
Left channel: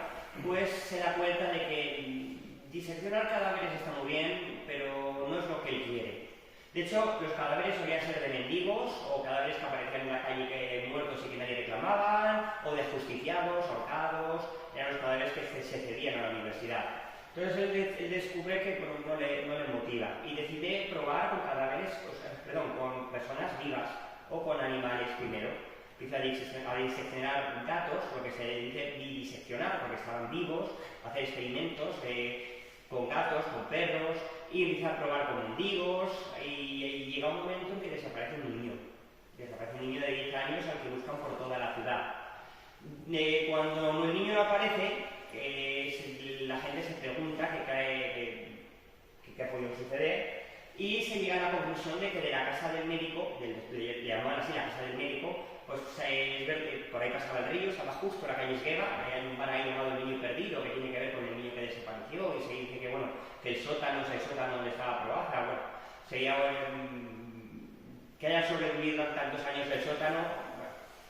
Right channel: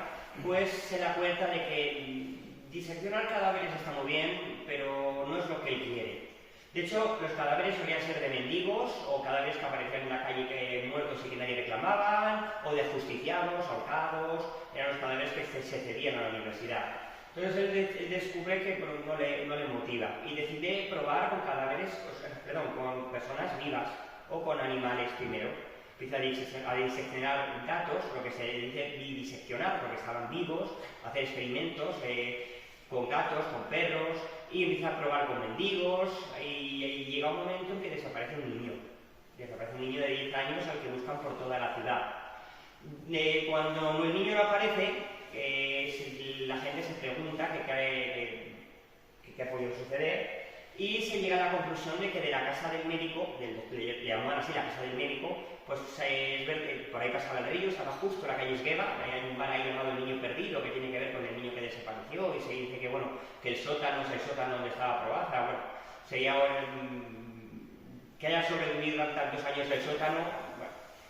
pues se da cuenta de que diseccionar cadáveres está muy bien, pero no es lo que él quiere. De hecho, los cadáveres solían ser de mendigos o cadáveres que aparecían en la calle muertos y que nadie reclamaban, o de ajusticiados, ahorcados, eran los cadáveres que se cedían a la universidad. Entonces él descubre que no le motiva y decide probar con cadáveres, con personas vivas o con animales primero. Empieza a diseccionar gatos, lo que se dice diseccionar, porque estaban vivos, hacer experimentos con gatos, con perros, y empieza a probar con mendigos, y llega un momento en que desaparece un niño. Desaparece un niño de 10 años al que buscan por toda la ciudad. Cuando el niño no aparece, la gente se pregunta qué ha podido suceder, y se llega a la conclusión de que de la casa del médico, le llamaban así la casa del médico, pues por ahí pasaba el río, estaba justo la calle Esgueva, hay un bar ahí llamado El Niño Perdido, que tiene que ver con el niño que desapareció, y se dice que que el sótano es el sótano donde estaba Proaza, sería que haya sobrevivido tantos años el sótano,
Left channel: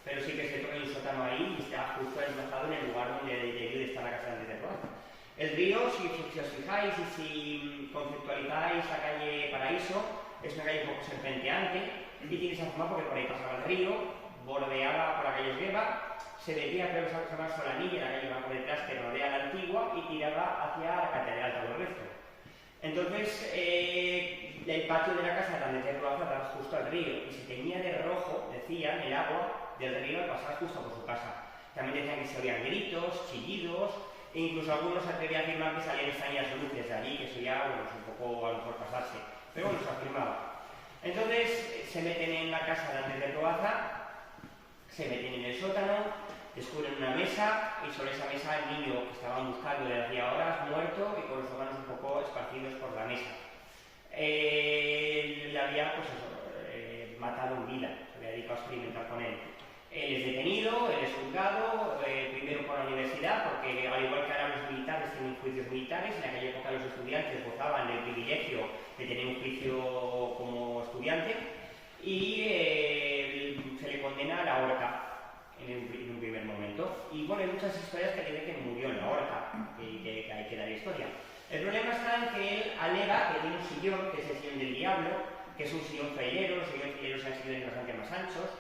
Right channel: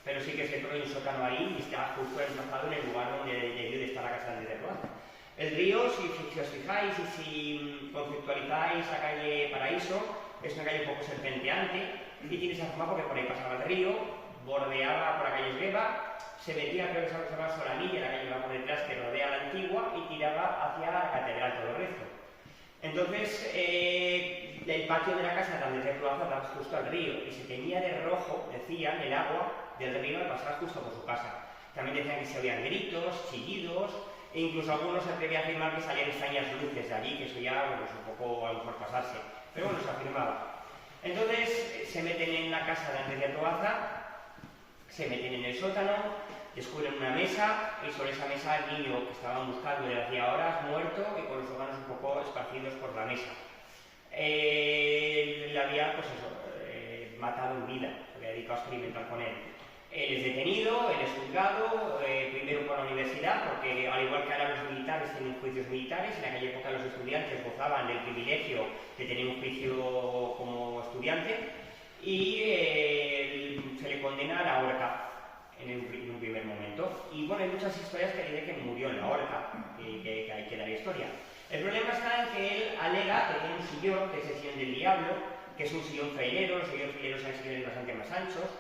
pero sí que es cierto que hay un sótano ahí y está justo emplazado en el lugar donde debió de estar la casa de Proaza. El río, si os fijáis y si conceptualizáis la calle Paraíso, es una calle un poco serpenteante y tiene esa forma porque por ahí pasaba el río, bordeaba por la calle Esgueva, se metía, creo que se llama Solanilla, la calle que va por detrás, que rodea la antigua y tiraba hacia la catedral todo el resto. Entonces, el patio de la casa de Andrés de Proaza daba justo al río y se teñía de rojo, decían, el agua del río al pasar justo por su casa. También decían que se oían gritos, chillidos, e incluso algunos se atrevían a afirmar que salían extrañas luces de allí, que eso ya, es un poco a lo mejor pasarse, pero se afirmaba. Entonces se meten en la casa de Andrés de Proaza, se meten en el sótano, descubren una mesa y sobre esa mesa el niño que estaban buscando desde hacía horas, muerto y con los órganos un poco esparcidos por la mesa. Le había, matado en vida, se había dedicado a experimentar con él. Él es detenido, él es juzgado, primero por la universidad, porque al igual que ahora los militares tienen juicios militares, en aquella época los estudiantes gozaban del privilegio de tener un juicio como estudiante, y se le condena a la horca en un primer momento. Y hay muchas historias que dicen que murió en la horca, que hay que dar historia. El problema está en que él alega que tiene un sillón, que es el sillón del diablo, que es un sillón trailero, los sillones traileros son sillones bastante más anchos.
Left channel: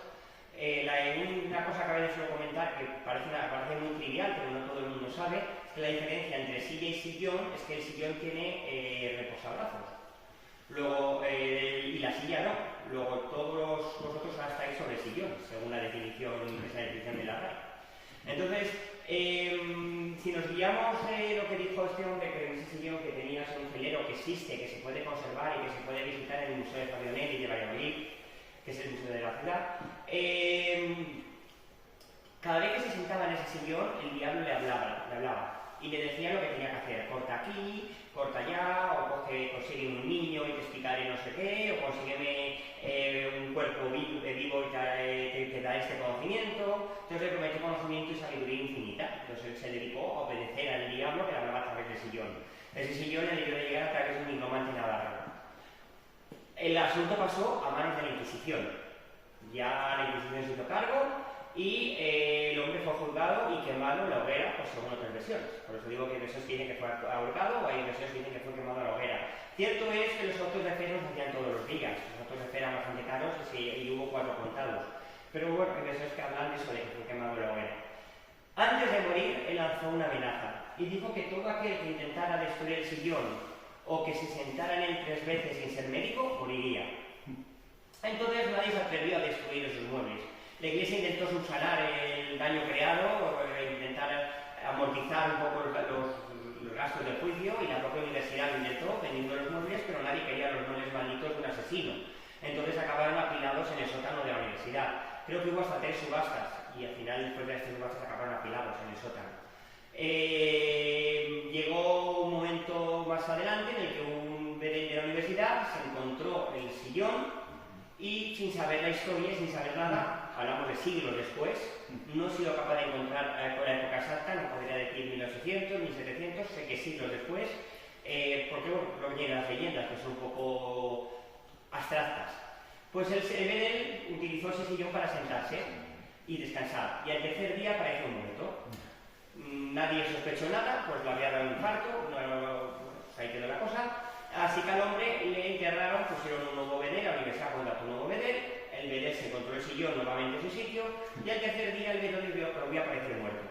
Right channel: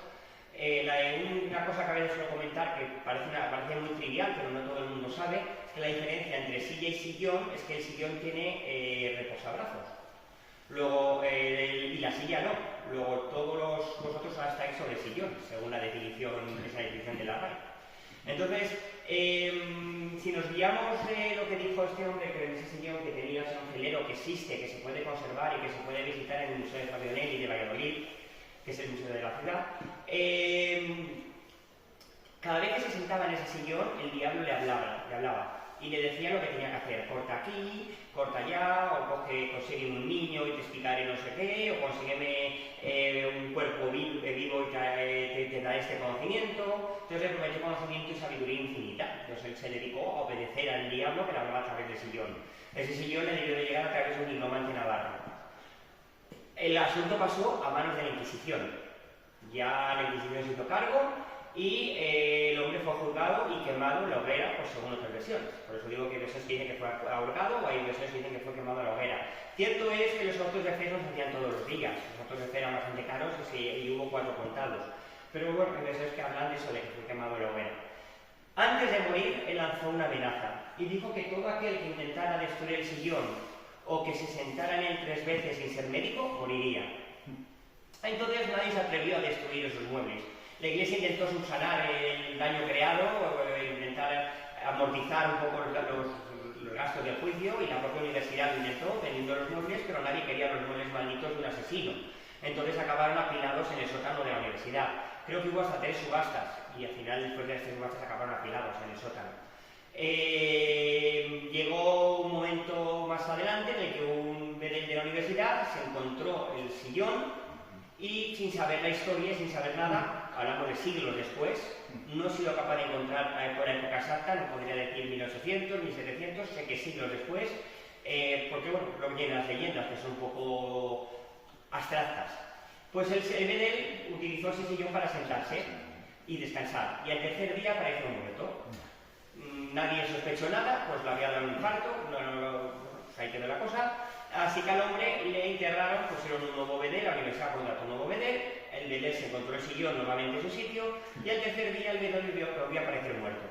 Una cosa que a veces suelo comentar, que parece muy trivial, pero no todo el mundo sabe, es que la diferencia entre silla y sillón es que el sillón tiene reposabrazos. Luego, y la silla no. Luego todos vosotros estáis sobre el sillón, según esa definición de la RAE. Entonces, si nos guiamos de lo que dijo este hombre, que en ese sillón que tenía un celero que existe, que se puede conservar y que se puede visitar en el Museo de Fabionelli de Valladolid, que es el museo de la ciudad, cada vez que se sentaba en ese sillón, el diablo le hablaba y le decía lo que tenía que hacer: corta aquí, corta allá, o consigue un niño y te explicaré no sé qué, o consígueme un cuerpo vivo y te daré este conocimiento. Entonces le prometió conocimiento y sabiduría infinita. Entonces él se dedicó a obedecer al diablo que le hablaba a través del sillón. Ese sillón le debió de llegar a través de un nigromante navarro. El asunto pasó a manos de la Inquisición. Ya la Inquisición se hizo cargo y el hombre fue juzgado y quemado en la hoguera, según otras versiones. Por eso digo que hay versiones que dicen que fue ahorcado o hay versiones que dicen que fue quemado en la hoguera. Cierto es que los autos de fe no se hacían todos los días. Los autos de fe eran bastante caros y hubo 4 contados. Pero hay versiones que hablan de eso, de que fue quemado en la hoguera. Antes de morir, él lanzó una amenaza y dijo que todo aquel que intentara destruir el sillón o que se sentara en él 3 veces sin ser médico, moriría. Entonces nadie se atrevió a destruir esos muebles. La Iglesia intentó subsanar el daño creado, intentar amortizar un poco gastos del juicio y la propia universidad lo intentó vendiendo los muebles, pero nadie quería los muebles malditos de un asesino. Entonces acabaron apilados en el sótano de la universidad. Creo que hubo hasta 3 subastas y al final, después de las 3 subastas, acabaron apilados en el sótano. Llegó un momento más adelante en el que un bedel de la universidad se encontró el sillón y, sin saber la historia, sin saber nada, hablamos de siglos después, no he sido capaz de encontrar por la época exacta, no podría decir 1800, 1700, sé que siglos después, porque bueno, lo que tienen las leyendas, que son un poco abstractas. Pues el bedel utilizó ese sillón para sentarse y descansar, y al tercer día apareció muerto. Nadie sospechó nada, pues le había dado un infarto, pues ahí quedó la cosa. Así que al hombre le enterraron, pusieron un nuevo bedel, la universidad contrató un nuevo bedel, el bedel se encontró el sillón nuevamente en su sitio, y al tercer día el bedel volvió a aparecer muerto.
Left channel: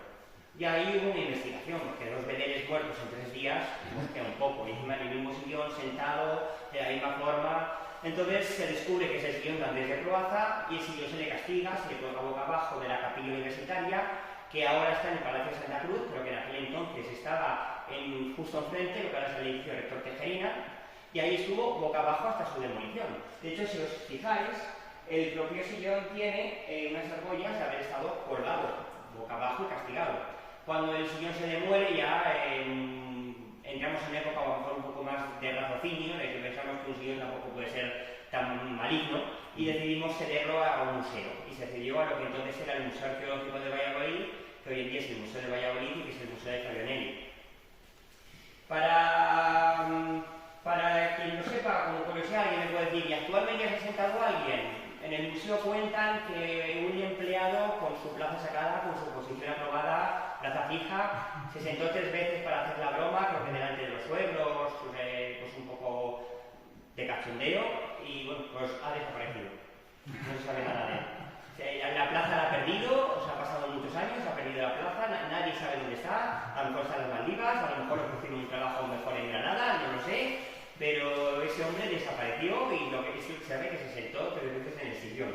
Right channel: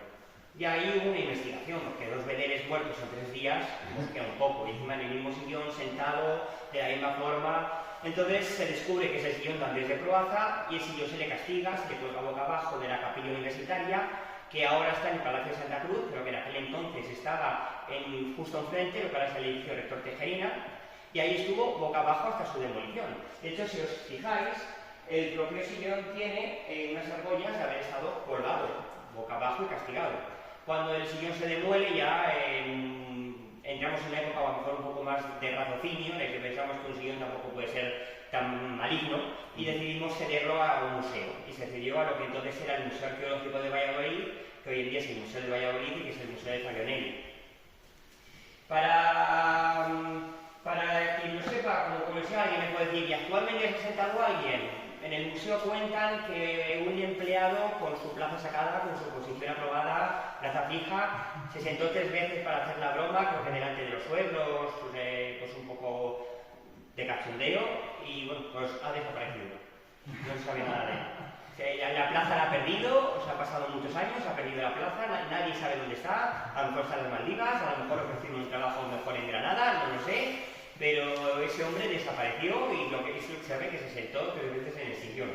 Y ahí hubo una investigación, porque 2 bedeles muertos en 3 días, pues queda un poco, y encima en el mismo sillón, sentado, de la misma forma. Entonces se descubre que ese sillón también es de Croaza, y el sillón se le castiga, se le cuelga boca abajo de la capilla universitaria, que ahora está en el Palacio de Santa Cruz, pero que en aquel entonces estaba justo enfrente, lo que ahora es el edificio Rector Tejerina, y ahí estuvo boca abajo hasta su demolición. De hecho, si os fijáis, el propio sillón tiene unas argollas de haber estado colgado, boca abajo y castigado. Cuando el sillón se demuele ya entramos en una época a lo mejor un poco más de raciocinio, en el que pensamos que un sillón tampoco puede ser tan maligno, y decidimos cederlo a un museo, y se cedió a lo que entonces era el Museo Arqueológico de Valladolid, que hoy en día es el Museo de Valladolid y que es el Museo de Fabionelli. Para quien lo sepa, como curiosidad, alguien me puede decir, ¿y actualmente se ha sentado alguien? En el museo cuentan que un empleado con su plaza sacada, con su posición aprobada, plaza fija, se sentó 3 veces para hacer la broma, creo que delante de los suegros, pues un poco de cachondeo, y bueno, pues ha desaparecido. No se sabe nada de él. La plaza la ha perdido, han pasado muchos años, ha perdido la plaza, nadie sabe dónde está, a lo mejor está en las Maldivas, a lo mejor ofrecieron un trabajo mejor en Granada, no lo sé, pero ese hombre desapareció y lo que se sabe que se sentó 3 veces en el sillón.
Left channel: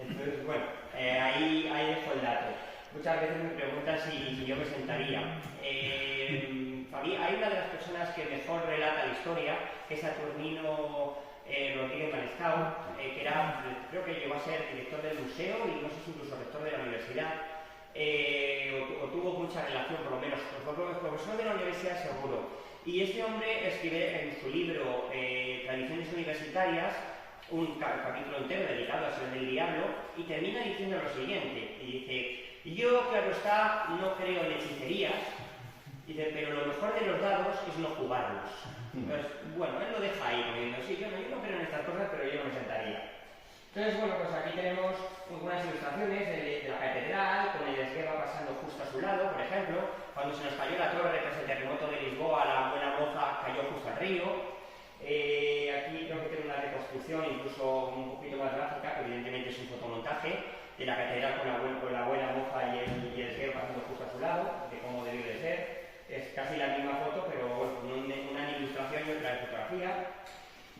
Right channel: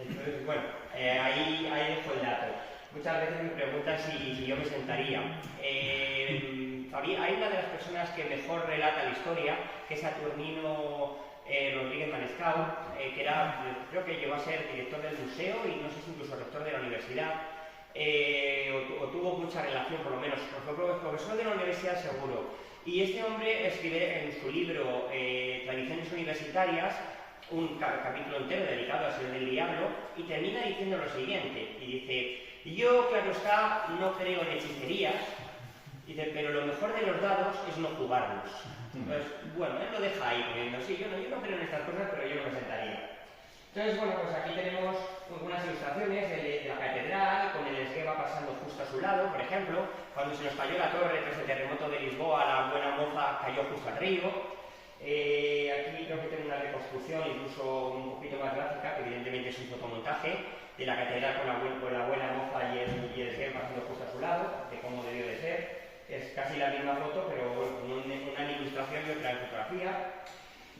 Entonces, bueno, ahí dejo el dato. Muchas veces me preguntan si yo me sentaría. Hay una de las personas que mejor relata la historia, que es Saturnino Rodríguez Manescau, que creo que llegó a ser director del museo y no sé si incluso rector de la universidad, o tuvo mucha relación, por lo menos, fue profesor de la universidad seguro. Y este hombre escribe en su libro Tradiciones Universitarias un capítulo entero dedicado al Señor del Diablo, y termina diciendo lo siguiente, y dice: yo, claro está, no creo en hechicerías, dice, pero lo mejor de los dados es no jugarlos. Entonces, bueno, él lo deja ahí, porque dice, sí, yo no creo en estas cosas, pero yo no me sentaría. Entonces, bueno, pues aquí tenemos algunas ilustraciones de la catedral, con el esgueva pasando justo a su lado, por ejemplo, cuando se nos cayó la torre tras el terremoto de Lisboa, la buena moza cayó justo al río. Aquí creo que tengo una reconstrucción incluso un poquito más gráfica, que evidentemente es un fotomontaje, de la catedral con la buena moza y el esgueva pasando justo a su lado, de cómo debió de ser. Es casi la misma foto, pero bueno, una en ilustración y otra en fotografía.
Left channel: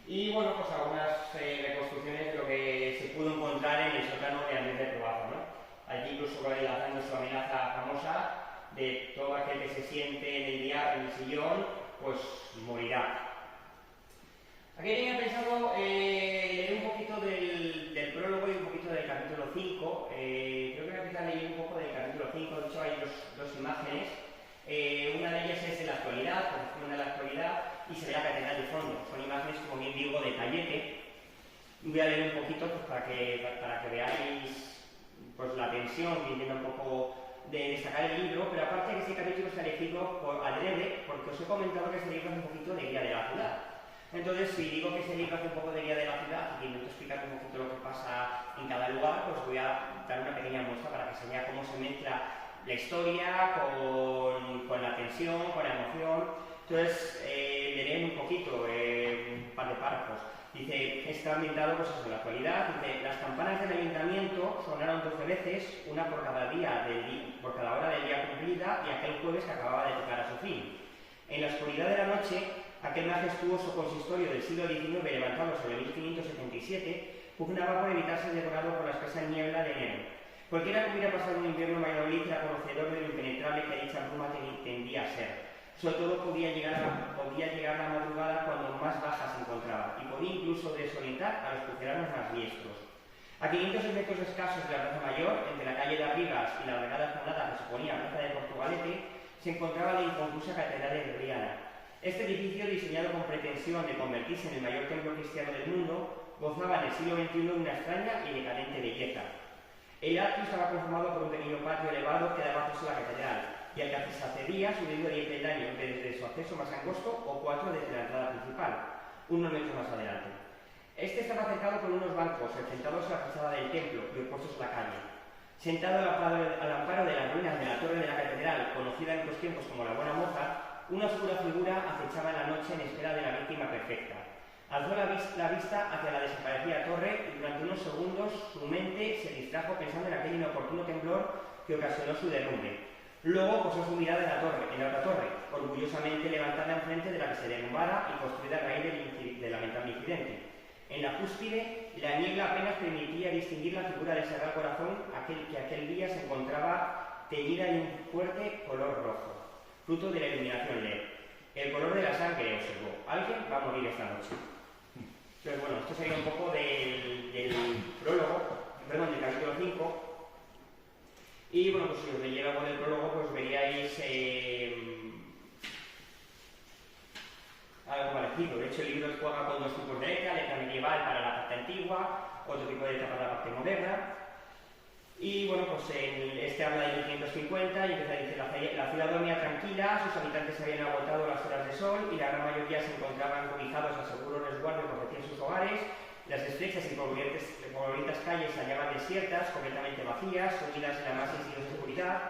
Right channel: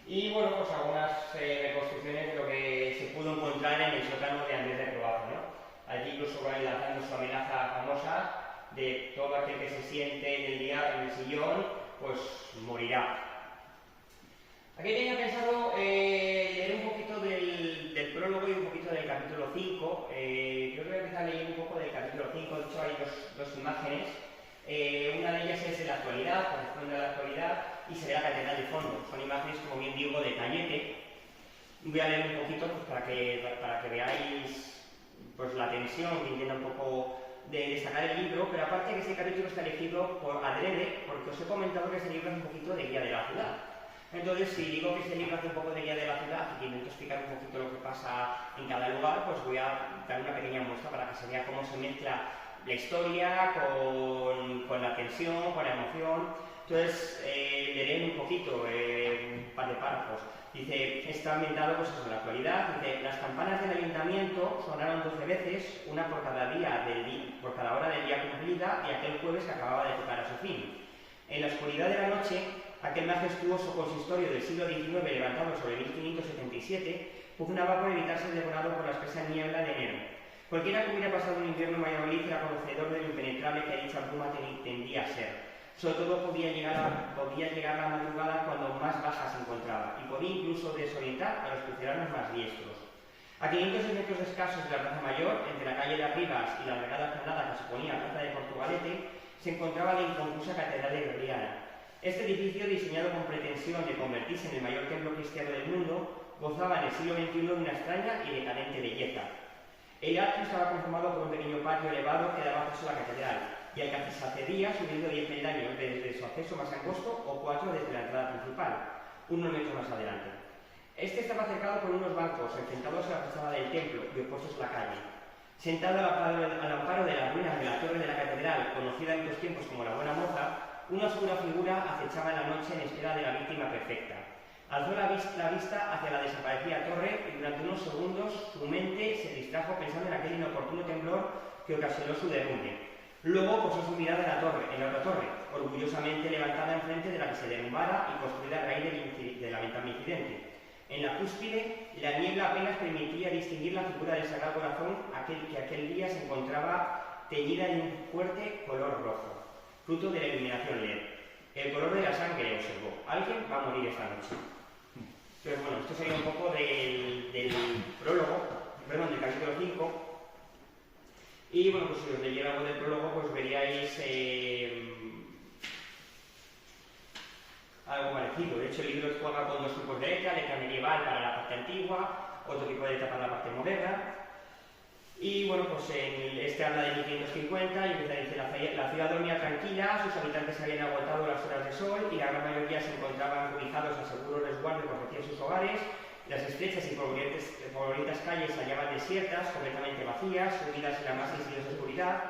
Y bueno, pues algunas reconstrucciones de lo que se pudo encontrar en el sótano de Andrés de Croaza, ¿no? Allí incluso lanzando su amenaza famosa de todo aquel que se siente en el sillón, pues morirá. Aquí tenía pensado leer un poquito del prólogo y un poquito del capítulo 5. Creo que voy a empezar a leer un poco del capítulo 5, de hecho hay dos imágenes. Una de ellas es de la actualidad, corresponde a la actualidad, y se ve la catedral de fondo. Son imágenes, como bien digo, de tallete. Voy a leer un poquito pues, para que veáis pues, la tensión que intenta un poco de sacar el libro, pero aparte que ese capítulo está elegido por adrede, porque os he comentado que ese libro es un poquito de guía de la ciudad. Entonces, si digo que ese libro hace un poco de guía de la ciudad y que intento explicar un poquito lo que pasa en cada lugar, pues voy a dar una pequeña muestra para que se vea cómo se mezcla la historia con la tensión, con la emoción. Entonces, leeré un poquito, un par de párrafos. Dice, está ambientado pues eso, en la actualidad. Dice, las campanas del ayuntamiento sonaron 12 veces, una por cada hora del día cumplida, y aquel jueves acababa de tocar a su fin. En la oscuridad de la noche, aquel majestuoso consistorio del siglo XIX, levantado sobre 1577, pugnaba por evitar ser devorado por la espesa niebla de enero. Cualquiera que hubiera pasado un invierno en Valladolid era conocedor de lo impenetrable que dicha bruma tendía a ser. Sobre todo podía llegar la madrugada cuando más baja se encontraba y podía incluso desorientar a los cruceranos más diestros. A 500 metros escasos de la Plaza Mayor, entre la calle de Arribas y la alargada explanada que suponía la Plaza de Portugalete, se encontraba la inconclusa Catedral de Gregoriana. Este edificio, diseñado con pretensión de convertirse en el mayor templo cristiano del mundo, gozaba en el siglo XXI de una extraña y decadente belleza. El atrio estaba conformado por un pequeño patio elevado que daba acceso a la catedral, y al que se accedía subiendo 10 peldaños desde su acceso más angosto o 4 desde la entrada principal, unos metros más adelante. Este estaba cercado por unos bancos enfrentados a la fachada del templo y opuestos a la calle. Sentado al amparo de las ruinas de la torre de la catedral, conocida en otros tiempos como la Buena Moza, una oscura figura acechaba en la noche en espera de la víctima perfecta. Alzó la vista hacia la desaparecida torre y durante unos segundos su mente se distrajo pensando en aquel inoportuno temblor que ocasionó su derrumbe. Luego posó su mirada en la otra torre, orgullosamente levantada enfrente de la que se derrumbara y construida a raíz del lamentable incidente. En la cúspide, la niebla apenas permitía distinguir la figura del Sagrado Corazón, que aquel día se encontraba teñida en un fuerte color rojo, fruto de la iluminación LED. El color de la sangre, observó. Alguien va a morir esta noche. Entonces, bueno, esto sería un poco del capítulo 5. Y bueno, pues si os leyera algo del prólogo, pues veríais algo parecido. De hecho, el libro juega con dos tipos de letra medieval para la parte antigua, otro tipo de letra para la parte moderna. Y bueno, pues este habla de 1550 y empieza a decir: la ciudad dormía tranquila, sus habitantes habían agotado las horas de sol y la gran mayoría se encontraban cobijados al seguro resguardo que ofrecían sus hogares. Las estrechas y polvorientas calles se hallaban desiertas, completamente vacías, sumidas en la más insidiosa oscuridad.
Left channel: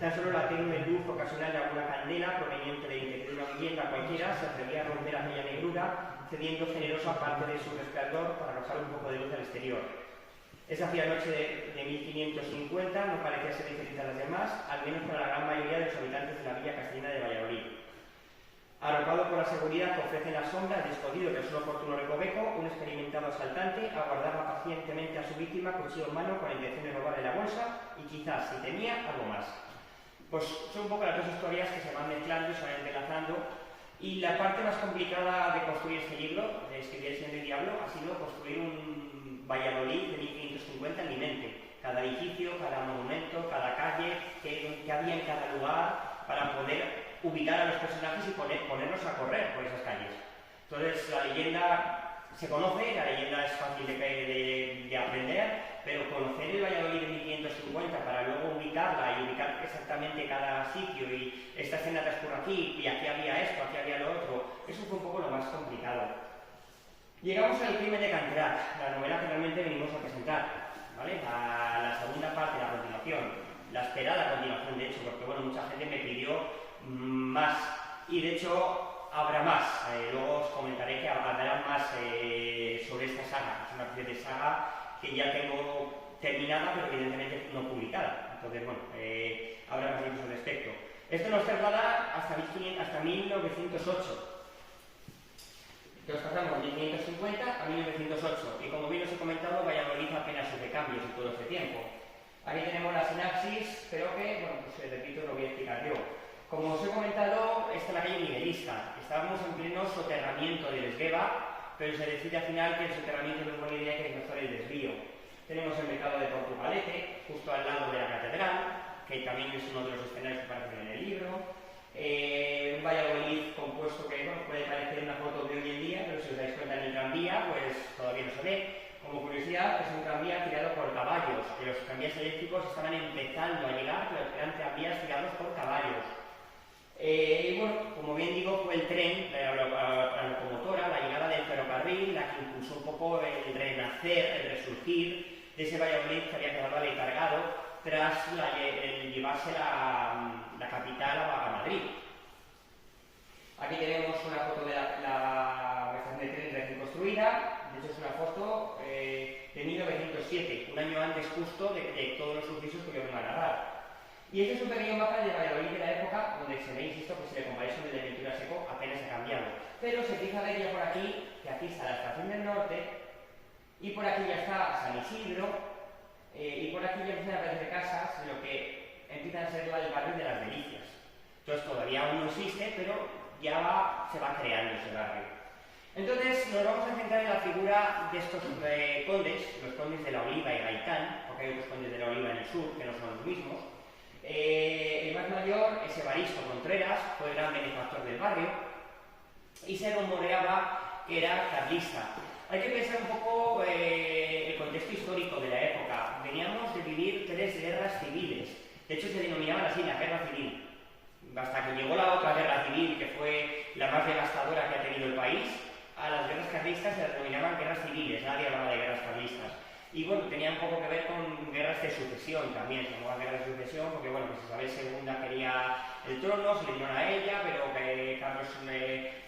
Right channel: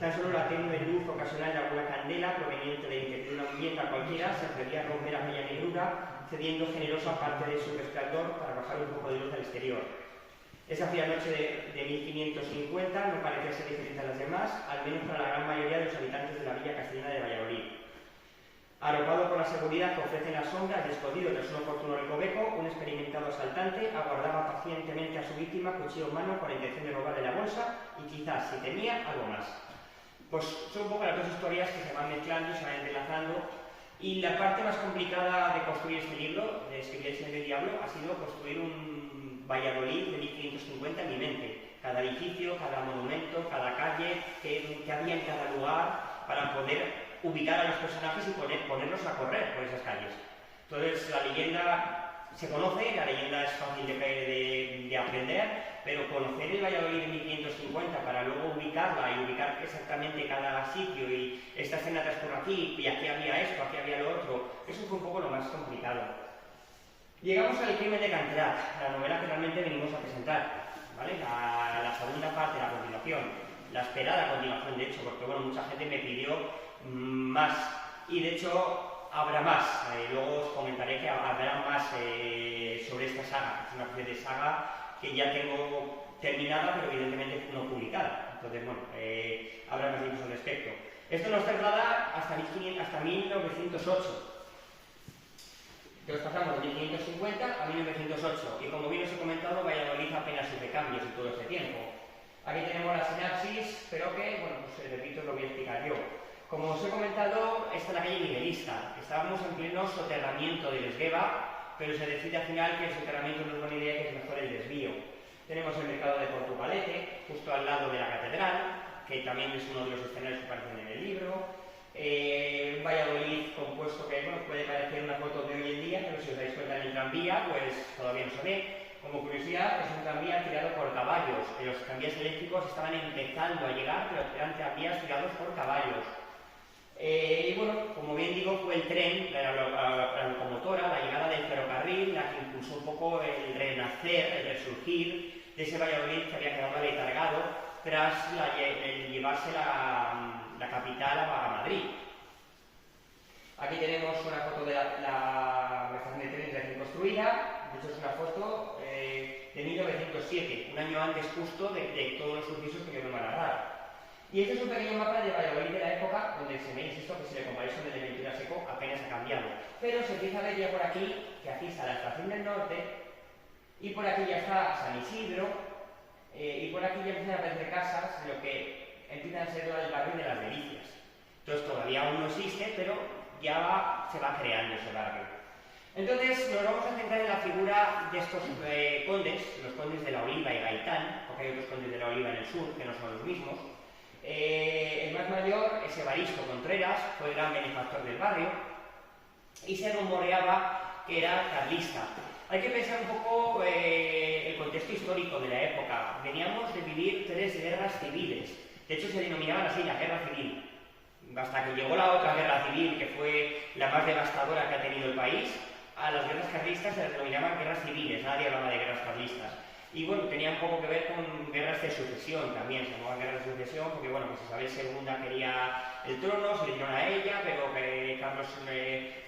Tan solo la tenue luz ocasional de alguna candela, proveniente de una vivienda cualquiera, se atrevía a romper aquella negrura, cediendo generosa parte de su resplandor para arrojar un poco de luz al exterior. Esa fría noche de 1550 no parecía ser diferente a las demás, al menos para la gran mayoría de los habitantes de la villa castellana de Valladolid. Arropado por la seguridad que ofrecen las sombras y escondido tras un oportuno recoveco, un experimentado asaltante aguardaba pacientemente a su víctima, cuchillo en mano, con la intención de robarle la bolsa y quizás, si tenía, algo más. Pues son un poco las dos historias que se van mezclando y se van entrelazando, y la parte más complicada de construir este libro, de escribir El Señor del Diablo, ha sido construir un Valladolid de 1550 en mi mente. Cada edificio, cada monumento, cada calle, que había en cada lugar, para poder ubicar a los personajes y ponerlos a correr por esas calles. Entonces la leyenda se conoce, la leyenda es fácil de aprender, pero conocer el Valladolid de 1550 para luego ubicarla y ubicar exactamente cada sitio y esta escena transcurre aquí y aquí había esto, aquí había lo otro, eso fue un poco lo más complicado. Llegamos al Crimen de Canterach, la novela que realmente venimos a presentar, ¿vale? La segunda parte, la continuación, la esperada continuación, de hecho, porque bueno, mucha gente me pidió más, y de hecho habrá más. Luego os comentaré que habrá más sobre esta saga. Es una especie de saga que ya tengo terminada, pero evidentemente no publicada. Entonces, bueno, habrá más libros al respecto. Esto nos traslada hasta 1908. Entonces pasamos de 1550 a 1908, y como bien os he comentado, Valladolid apenas sufre cambios en todo este tiempo. Aquí tenemos la sinapsis, pero que, bueno, pues repito, lo voy a explicar yo. Como os he comentado, esta es la calle Miguelista. Estábamos en pleno soterramiento del Esgueva, pero se decide al final que el soterramiento no es buena idea, que es mejor el desvío. Tenemos el mercado de Portugalete, justo al lado de la catedral, que también es uno de los escenarios que aparecen en el libro. Un Valladolid compuesto que, bueno, puede parecer una foto de hoy en día, pero si os dais cuenta en el tranvía, pues todavía no se ve. Como curiosidad, es un tranvía tirado por caballos. Los tranvías eléctricos estaban empezando a llegar, pero eran tranvías tirados por caballos. Y bueno, como bien digo, fue el tren, la locomotora, la llegada del ferrocarril, la que impulsó un poco el renacer, el resurgir de ese Valladolid que había quedado letargado tras llevarse la capital a Madrid. Aquí tenemos una foto de la estación de tren recién construida. De hecho, es una foto de 1907, un año antes justo de todos los sucesos que yo me voy a narrar. Y este es un pequeño mapa de Valladolid de la época, donde se ve, insisto, que si le comparáis con el de Ventura Seco, apenas ha cambiado. Pero se empieza a ver ya por aquí, que aquí está la estación del norte, y por aquí ya está San Isidro, y por aquí ya empiezan a aparecer casas de lo que empiezan a ser el barrio de las Delicias. Entonces todavía aún no existe, pero ya se va creando ese barrio. Entonces nos vamos a centrar en la figura de estos condes, los condes de la Oliva y Gaitán, porque hay otros condes de la Oliva en el sur que no son los mismos. El más mayor es Evaristo Contreras, fue el gran benefactor del barrio, y se rumoreaba que era carlista. Hay que pensar un poco el contexto histórico de la época. Veníamos de vivir 3 guerras civiles, de hecho se denominaban así, la guerra civil. Hasta que llegó la otra guerra civil, que fue la más devastadora que ha tenido el país, a las guerras carlistas se las denominaban guerras civiles, nadie hablaba de guerras carlistas. Y bueno, tenía un poco que ver con guerras de sucesión también, se llamaban guerras de sucesión porque bueno, pues Isabel II quería el trono, se le dieron a ella, pero que Carlos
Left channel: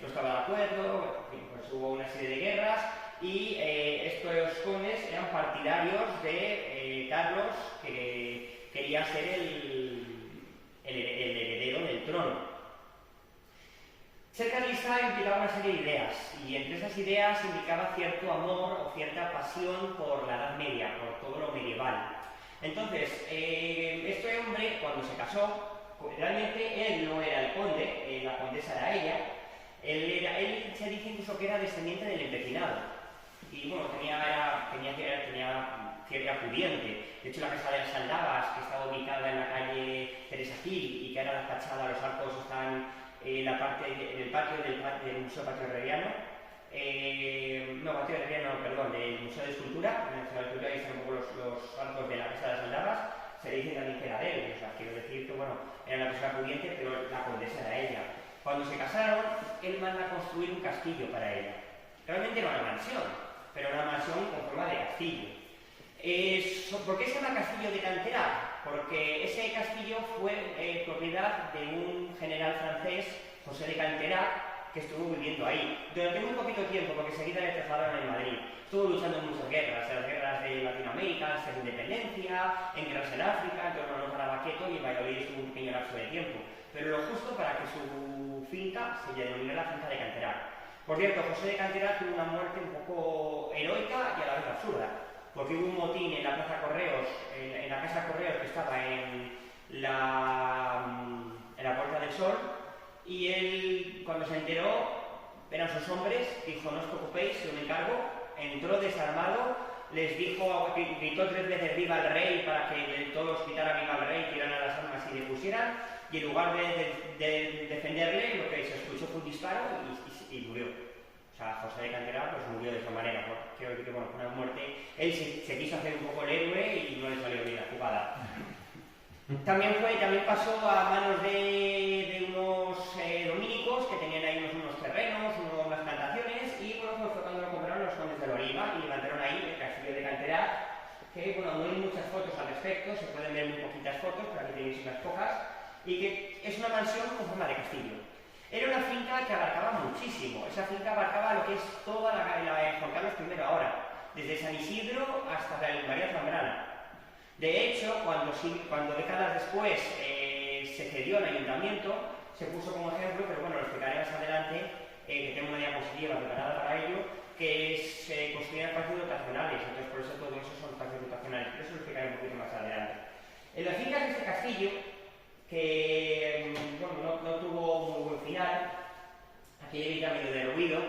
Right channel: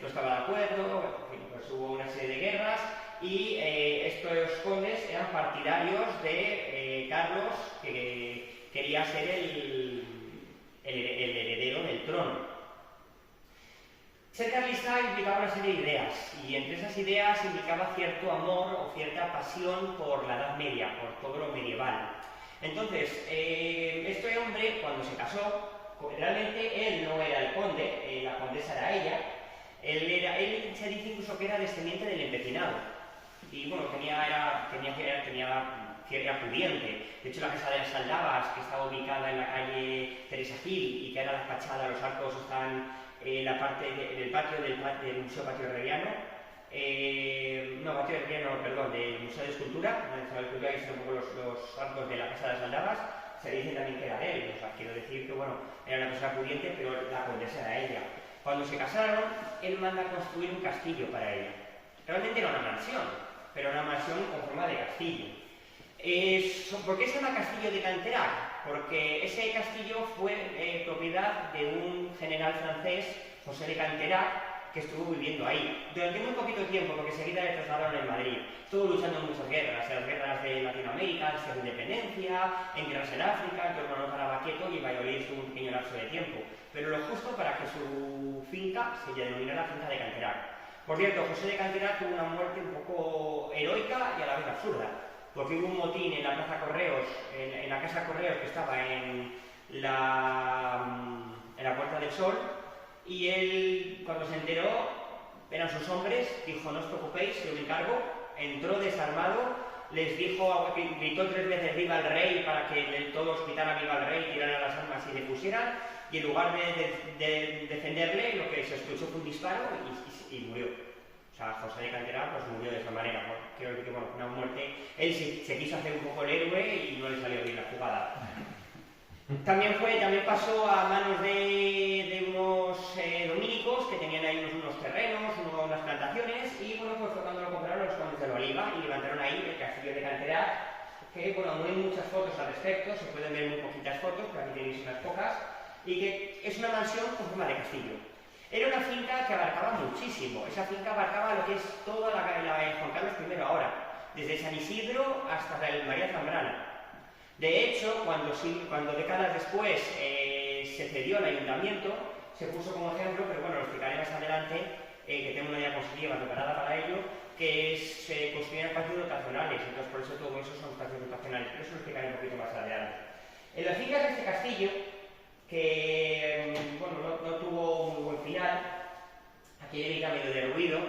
no estaba de acuerdo, en fin, pues hubo una serie de guerras y estos condes eran partidarios de Carlos, que quería ser el heredero del trono. Ser carlista implicaba una serie de ideas, y entre esas ideas implicaba cierto amor o cierta pasión por la Edad Media, por todo lo medieval. Entonces, este hombre, cuando se casó, realmente él no era el conde, la condesa era ella. Él se dice incluso que era descendiente del empecinado, y bueno, era pudiente. De hecho, la casa de las Aldabas, que estaba ubicada en la calle Teresa Gil y que era la fachada, los arcos están en el patio del Museo Patio Herreriano, del Museo de Escultura, en el Museo de Escultura ahí están un poco los arcos de la casa de las Aldabas, se le dice también que era de él, o sea, quiero decir que bueno, era una persona pudiente, pero la condesa era ella. Cuando se casaron, él manda a construir un castillo para ella. Realmente era una mansión, pero una mansión con forma de castillo. ¿Por qué se llama Castillo de Canterac? Porque ese castillo fue propiedad de un general francés, José de Canterac, que estuvo viviendo ahí durante muy poquito tiempo, porque enseguida le trasladaron en Madrid. Estuvo luchando en muchas guerras, en las guerras de Latinoamérica, en la independencia, en guerras en África, entonces mandó para Baqueto y Valladolid estuvo un pequeño lapso de tiempo, pero lo justo para que su finca se denominara la finca de Canterac. Por cierto, José de Canterac tuvo una muerte un poco heroica y a la vez absurda, porque hubo un motín en la Plaza Correos, en la Casa Correos que estaba en la Puerta del Sol, y él, cuando se enteró, eran sus hombres, dijo: no os preocupéis, yo me encargo. Entró desarmado, les dijo, gritó 3 veces viva el rey para que todos gritaran viva el rey, tiraran las armas y le pusieran, y en lugar de defenderle, lo que se escuchó fue un disparo y murió. O sea, José de Canterac pues murió de esa manera. Quiero decir que bueno, fue una muerte. Él se quiso hacer un poco el héroe y no le salió bien la jugada. También pasó a manos de unos dominicos que tenían ahí unos terrenos, unas plantaciones, y bueno, pues fue cuando lo compraron los condes de la Oliva y levantaron ahí el castillo de Canterac, que bueno, no hay muchas fotos al respecto, se pueden ver muy poquitas fotos, pero aquí tenéis unas pocas, y que es una mansión con forma de castillo. Era una finca que abarcaba muchísimo. Esa finca abarcaba lo que es toda la Juan Carlos I ahora, desde San Isidro hasta el María Zambrana. De hecho, cuando décadas después se cedió al ayuntamiento, se puso como ejemplo, pero bueno, lo explicaré más adelante, que tengo una diapositiva preparada para ello, que se construían espacios dotacionales, entonces por eso todo eso son espacios dotacionales, pero eso lo explicaré un poquito más adelante. En las fincas de este castillo, que bueno, no tuvo muy buen final, aquello era medio derruido,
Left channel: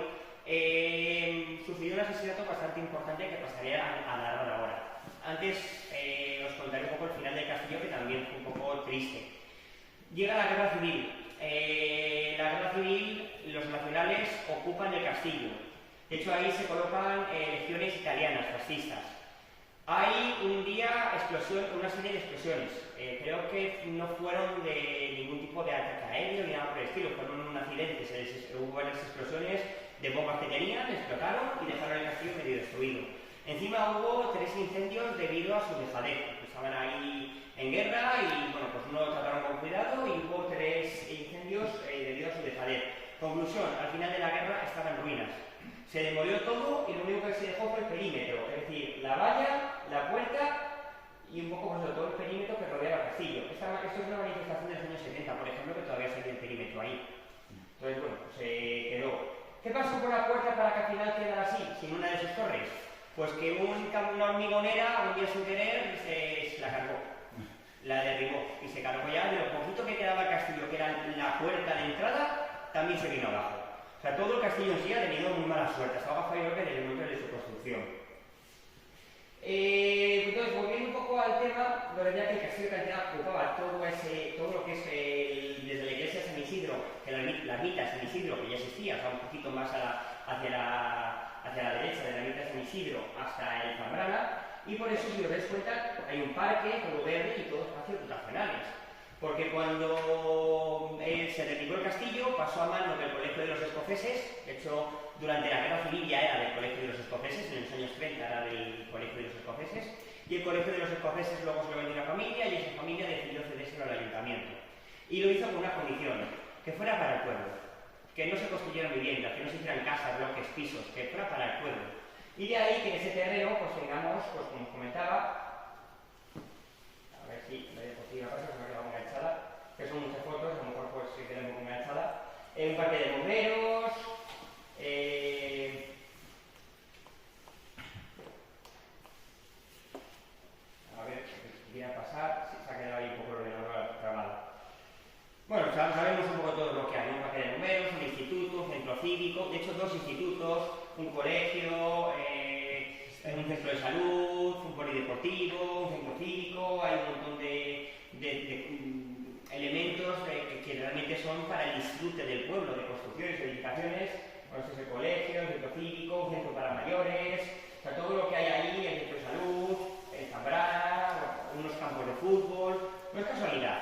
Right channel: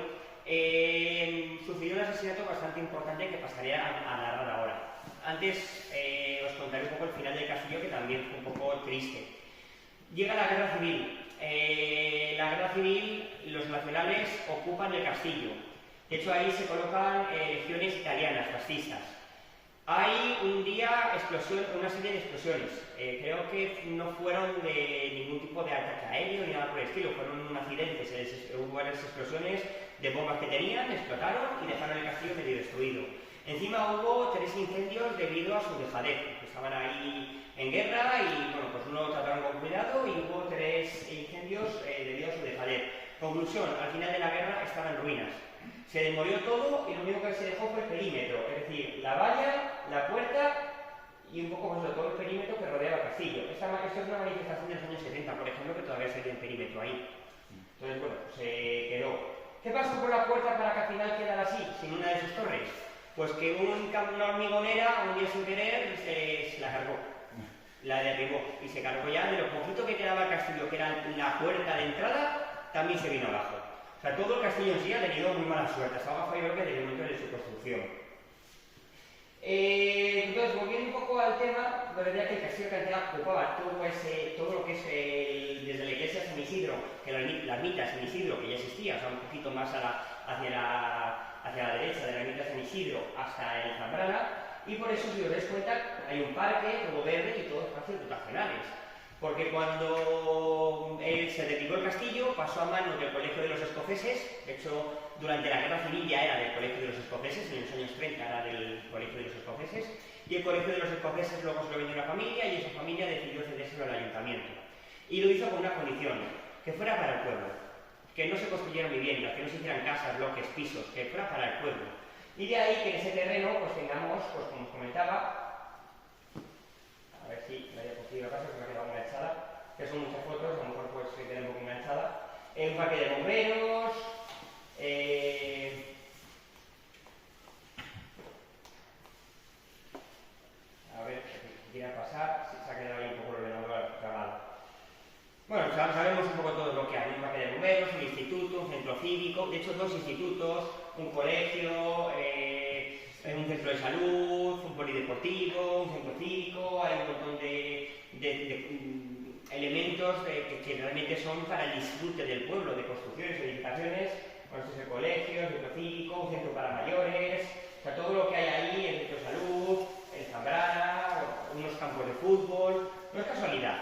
sufrió un asesinato bastante importante que pasaré a narrar ahora. Antes os contaré un poco el final del castillo, que también fue un poco triste. Llega la guerra civil. La guerra civil, los nacionales ocupan el castillo. De hecho, ahí se colocan legiones italianas, fascistas. Hay un día una serie de explosiones. Creo que no fueron de ningún tipo de ataque aéreo ni nada por el estilo, fueron un accidente. Hubo varias explosiones de bombas que tenían, explotaron y dejaron el castillo medio destruido. Encima hubo 3 incendios debido a su dejadez. Estaban ahí en guerra y bueno, pues uno lo trataron con cuidado, y hubo 3 incendios debido a su dejadez. Conclusión: al final de la guerra estaba en ruinas. Se demolió todo y lo único que se dejó fue el perímetro, es decir, la valla, la puerta y un poco pues, de todo el perímetro que rodeaba el castillo. Esto es una manifestación de los años 70, por ejemplo, que todavía sigue el perímetro ahí. Entonces, bueno, se quedó. ¿Qué pasó con la puerta para que al final quedara así, sin una de sus torres? Pues que una hormigonera un día sin querer se la cargó, la derribó y se cargó ya de lo poquito que quedaba el castillo, que era la esa puerta de entrada también se vino abajo. O sea, todo el castillo en sí ha tenido muy mala suerte. Hasta ahora fue desde el momento de su construcción. Entonces, volviendo un poco al tema, la verdad que el castillo de Cantera ocupaba todo lo que es desde la iglesia de San Isidro, que la ermita de San Isidro, que ya existía, o sea, un poquito más hacia la derecha de la ermita de San Isidro hasta el Zambrana, y por eso, si os dais cuenta, hay un parque, todo verde y todos espacios dotacionales. Porque cuando se derribó el castillo, pasó a manos del Colegio de los Escoceses. De hecho, durante la Guerra Civil ya era del Colegio de los Escoceses, en los años 30 era del Colegio de los Escoceses, y el Colegio de los Escoceses luego se lo vendió a una familia, y esa familia decidió cedérselo al ayuntamiento. Y lo hizo con una condición, que fuera para el pueblo, que no se construyeran viviendas, que no se hicieran casas, bloques, pisos, que fuera para el pueblo. Y de ahí que en ese terreno pues tengamos, pues como os comentaba, a ver si la diapositiva pasa, que me ha quedado enganchada, que son muchas fotos, a lo mejor pues se queda un poco enganchada. Un parque de bomberos, a ver, si quiera pasar, se ha quedado ahí un poco el ordenador trabado. Bueno, sabemos un poco todo lo que hay, un parque de bomberos, un instituto, un centro cívico, de hecho 2 institutos, un colegio, un centro de salud, un polideportivo, un centro cívico, hay un montón de elementos que realmente son para el disfrute del pueblo, de construcciones, edificaciones. Bueno, esto es el colegio, el centro cívico, un centro para mayores, o sea, todo lo que hay ahí, el centro de salud, el Zambrana, unos campos de fútbol. No es casualidad,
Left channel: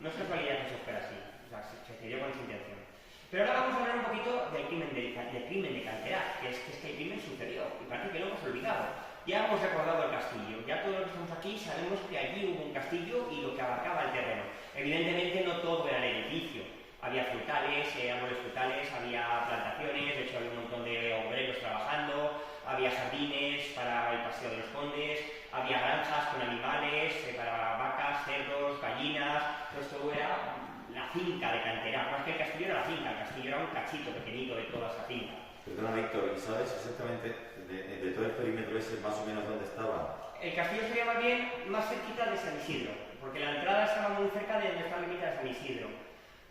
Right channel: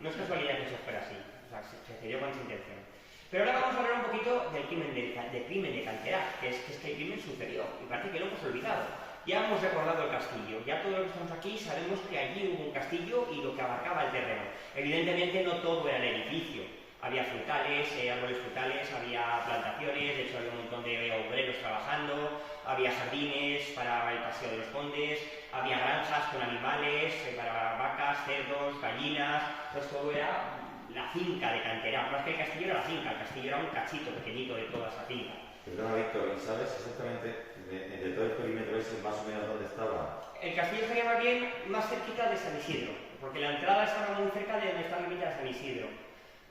que eso fuera así, o sea, se dio con esa intención. Pero ahora vamos a hablar un poquito del crimen de Canterá, que es que este crimen sucedió, y parece que lo hemos olvidado. Ya hemos recordado el castillo, ya todos los que estamos aquí sabemos que allí hubo un castillo y lo que abarcaba el terreno. Evidentemente no todo era el edificio, había frutales, árboles frutales, había plantaciones, de hecho había un montón de obreros trabajando, había jardines para el paseo de los condes, había granjas con animales para vacas, cerdos, gallinas, pues todo era la finca de Canterá. Más que el castillo era la finca, el castillo era un cachito pequeñito de toda esa finca. Perdona, Víctor, ¿sabes exactamente de todo el perímetro ese más o menos dónde estaba? El castillo estaría más bien más cerquita de San Isidro, porque la entrada estaba muy cerca de donde está la ermita de San Isidro.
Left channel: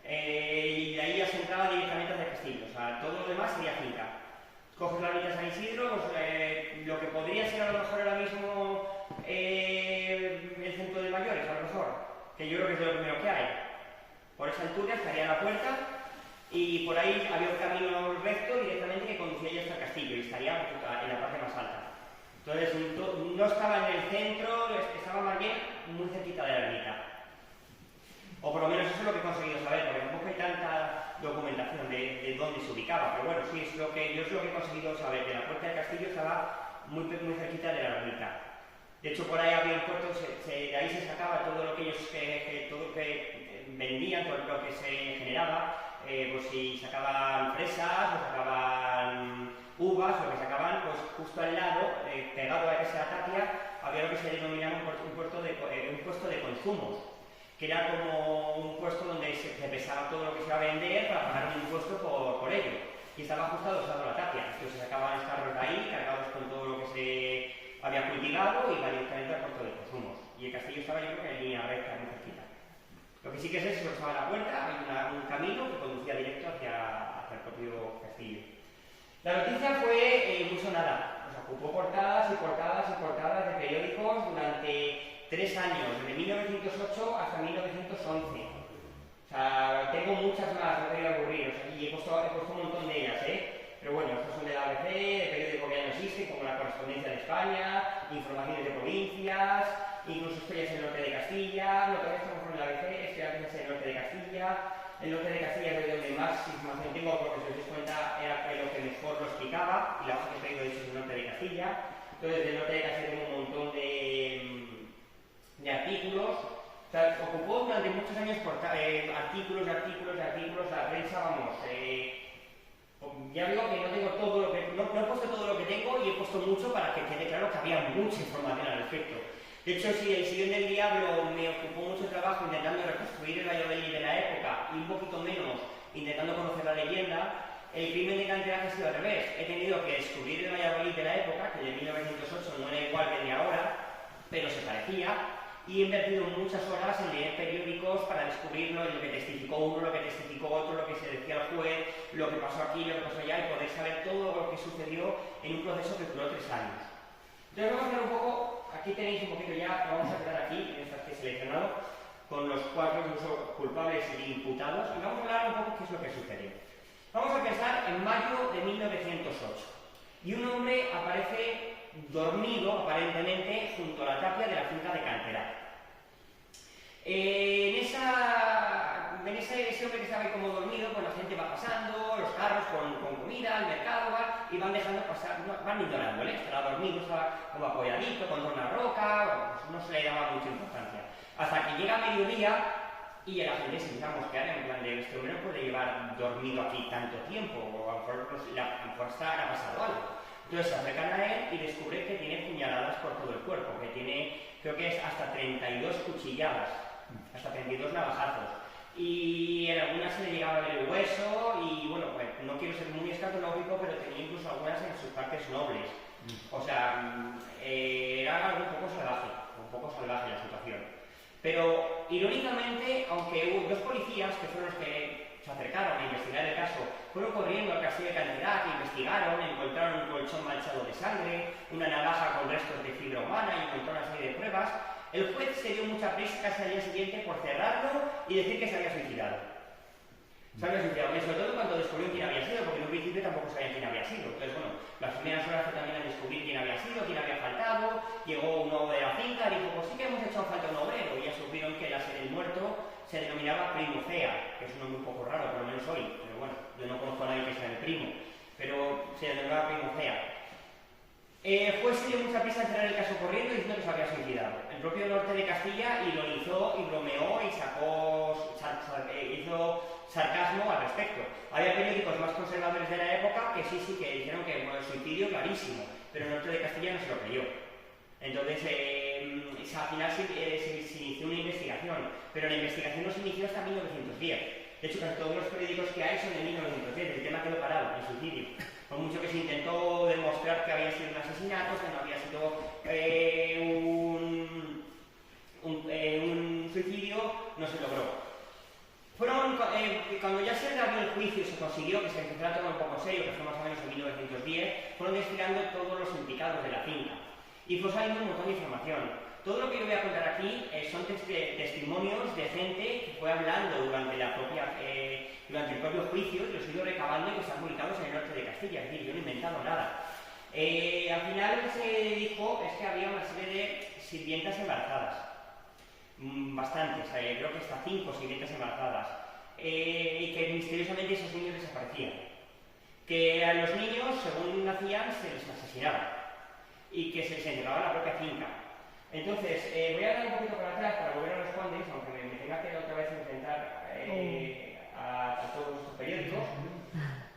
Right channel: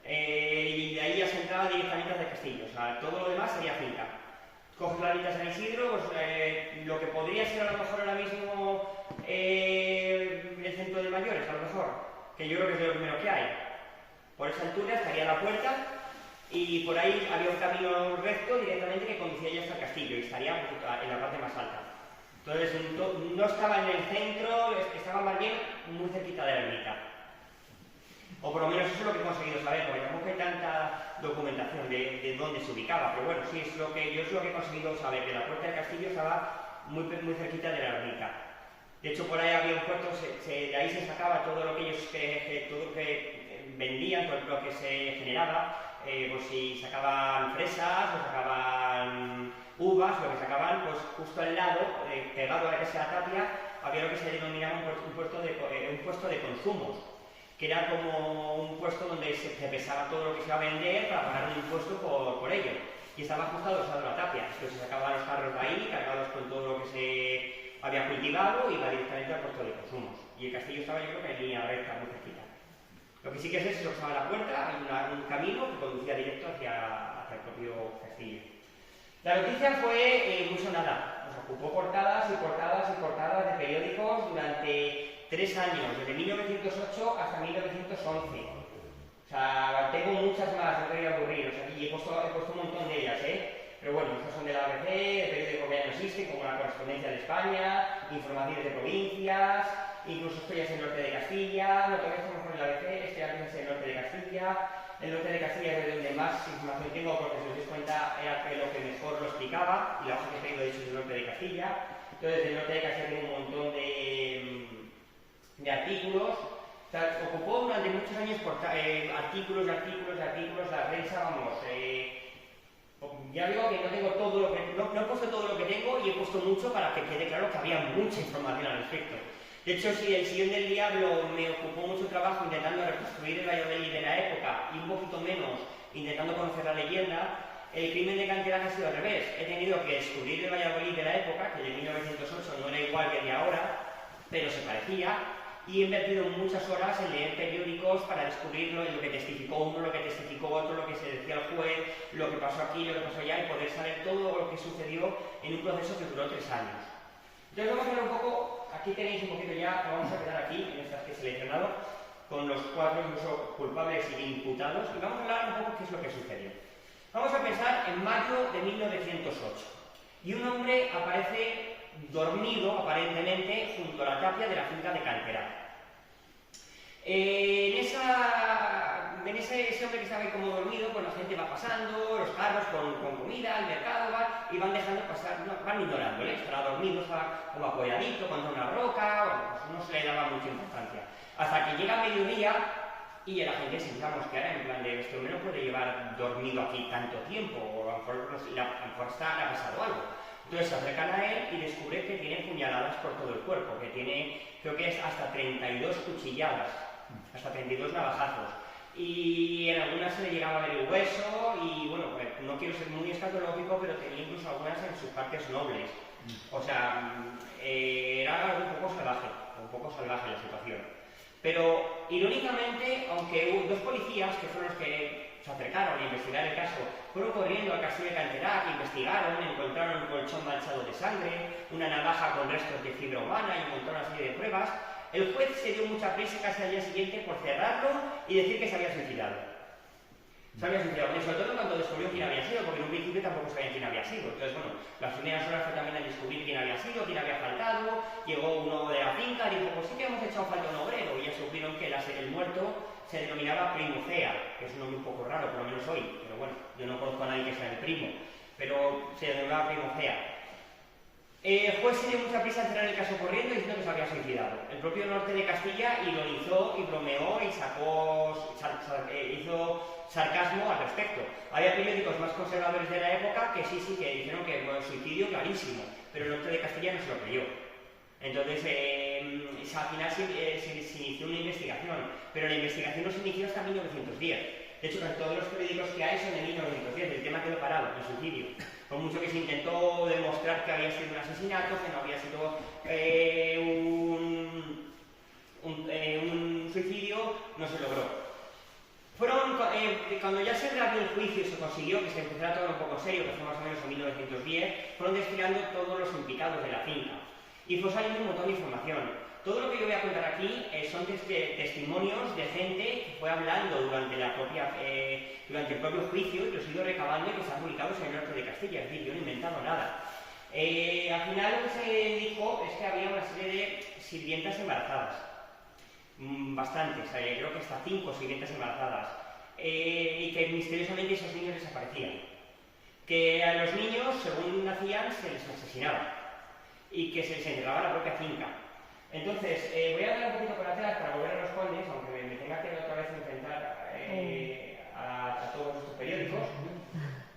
Y de ahí ya se entraba directamente hacia el castillo, o sea, todo lo demás sería finca. Coges la ermita de San Isidro, pues, lo que podría ser a lo mejor ahora mismo el centro de mayores, a lo mejor, que yo creo que es de lo primero que hay. Por esa altura estaría la puerta y por ahí había un camino recto directamente que conducía ya hasta el castillo y estaría en la parte más alta. Entonces no estaba en el centro, estaba más bien muy cerquita de la ermita. O por lo menos eso es lo que he conseguido saber, porque tampoco hay tanta documentación de dónde se ubicaba, pero bueno, sí, yo es lo que he conseguido saber, que la puerta del castillo estaba muy cerquita de la ermita. De hecho, por ahí había un puerto, de ahí se sacaba todo lo que ellos todo lo que vendían, todo lo que se generaba, pues si sacaban fresas o sacaban uvas, lo que sacaban, pues justo al lado, pegado a esa tapia, había lo que se denominaba un puesto de consumos, que era como un puesto donde se pesaba todo lo que se iba a vender para pagar un impuesto por ello. Y estaba justo adosado a la tapia, entonces se sacaban los carros de ahí, cargados con todo lo que se había cultivado y iba directamente al puesto de consumos. Y el castillo estaba, yo creo que en línea recta, muy cerquita. Lo que sí que sé es que se estaba la puerta, hay un camino que conducía directo hacia el propio castillo. La noticia fue muy sonada, nos ocupó portadas y portadas y portadas de periódicos durante 3 años, desde 1908 hasta 1911. O sea, tengo muchas más, no te voy a aburrir, o sea, y he puesto un montón de ellas, pero bueno, estas son de la ABC, de periódico que ya no existe, como La Correspondencia de España, informaciones de provincias, incluso esto ya es el norte de Castilla, lo que estamos con la ABC, esto ya es el norte de Castilla. El norte de Castilla es donde más información tengo, porque si os dais cuenta era lo que mejor lo explicaba, y la hoja que he traído es el norte de Castilla. Entonces, el norte de Castilla tiene un montón de artículos. O sea, ocupó durante muchos años artículos, la prensa, vamos. Ya digo que no tengo todo lo que. No he puesto todo lo que tengo y he puesto mucho para que quede claro que había mucha información al respecto. De hecho, si el Sillón del Diablo me ocupó mucho trabajo intentando reconstruir el Valladolid de la época y un poquito menos intentando conocer la leyenda, el crimen de Canterá ha sido al revés. He tenido que descubrir el Valladolid de la época, que de 1908 no era igual que el de ahora, pero se parecía, y he invertido muchas horas en leer periódicos para descubrirlo, lo que testificó uno, lo que testificó otro, lo que se decía el juez, lo que pasó aquí, lo que pasó allá, y poder saber todo lo que sucedió en un proceso que duró 3 años. Entonces vamos a ver un poco, aquí tenéis un poquito ya, vamos a quedar aquí, en estas que he seleccionado, con los 4 culpables e imputados, y vamos a hablar un poco qué es lo que sucedió. Vamos a pensar en mayo de 1908, y un hombre aparece dormido, aparentemente, junto a la tapia de la finca de Canterac. Ese hombre que estaba ahí como dormido, pues la gente va pasando, los carros con comida, al mercado, y van dejando pasar, van ignorándole, estará dormido, estaba como apoyadito contra una roca, bueno, pues no se le daba mucha importancia. Hasta que llega mediodía y la gente se empieza a mosquear en plan de este hombre no puede llevar dormido aquí tanto tiempo, o a lo mejor le ha pasado algo. Entonces se acercan a él y descubre que tiene puñaladas por todo el cuerpo, que tiene, creo que es hasta 32 cuchilladas, hasta 32 navajazos. Y en algunas se le llegaba a ver el hueso y, bueno, no quiero ser muy escatológico, pero tenía incluso algunas en sus partes nobles. O sea, era un poco salvaje la situación. Pero, irónicamente, aunque hubo 2 policías, que fueron los que se acercaron a investigar el caso, fueron corriendo al castillo de Canterac, investigaron, encontraron un colchón manchado de sangre, una navaja con restos de fibra humana y encontraron una serie de pruebas. El juez se dio mucha prisa casi al día siguiente por cerrarlo y decir que se había suicidado. Se había suicidado, sobre todo cuando descubrió quién había sido, porque en un principio tampoco sabían quién había sido. Entonces, bueno, las primeras horas fue también a descubrir quién había sido, quién había faltado. Llegó uno de la finca y dijo, pues sí que hemos echado falta un obrero. Y ya supieron que el muerto se denominaba Primocea, que es un nombre un poco raro, por lo menos hoy. Pero bueno, yo no conozco a nadie que sea el primo, pero se denominaba Primocea. El juez se dio mucha prisa a cerrar el caso corriendo diciendo que se había suicidado. El propio norte de Castilla ironizó y bromeó y hizo sarcasmo al respecto. Había periódicos más conservadores de la época que sí, que dijeron que el suicidio clarísimo, pero el norte de Castilla no se lo creyó. Entonces, al final se inició una investigación, pero la investigación no se inició hasta 1910. De hecho, casi todos los periódicos que hay son de 1910, el tema quedó parado, el suicidio. Por mucho que se intentó demostrar que había sido un asesinato, que no había sido un suicidio, no se logró. Cuando ya se reabrió el juicio y se consiguió que se empezara todo un poco serio, que fue más o menos en 1910, fueron desfilando todos los implicados de la finca. Y fue saliendo un montón de información. Todo lo que yo voy a contar aquí son testimonios de gente que fue hablando durante el propio juicio y los he ido recabando y que están publicados en el norte de Castilla, es decir, yo no he inventado nada. Al final lo que se dijo es que había una serie de sirvientas embarazadas, bastantes, creo que hasta 5 sirvientas embarazadas, y que misteriosamente esos niños desaparecían. Que a los niños, según nacían, se les asesinaba y que se les entregaba a la propia finca. Entonces, voy a dar un poquito para atrás para volver a los Condes, aunque me tenga que otra vez enfrentar a todos estos periódicos,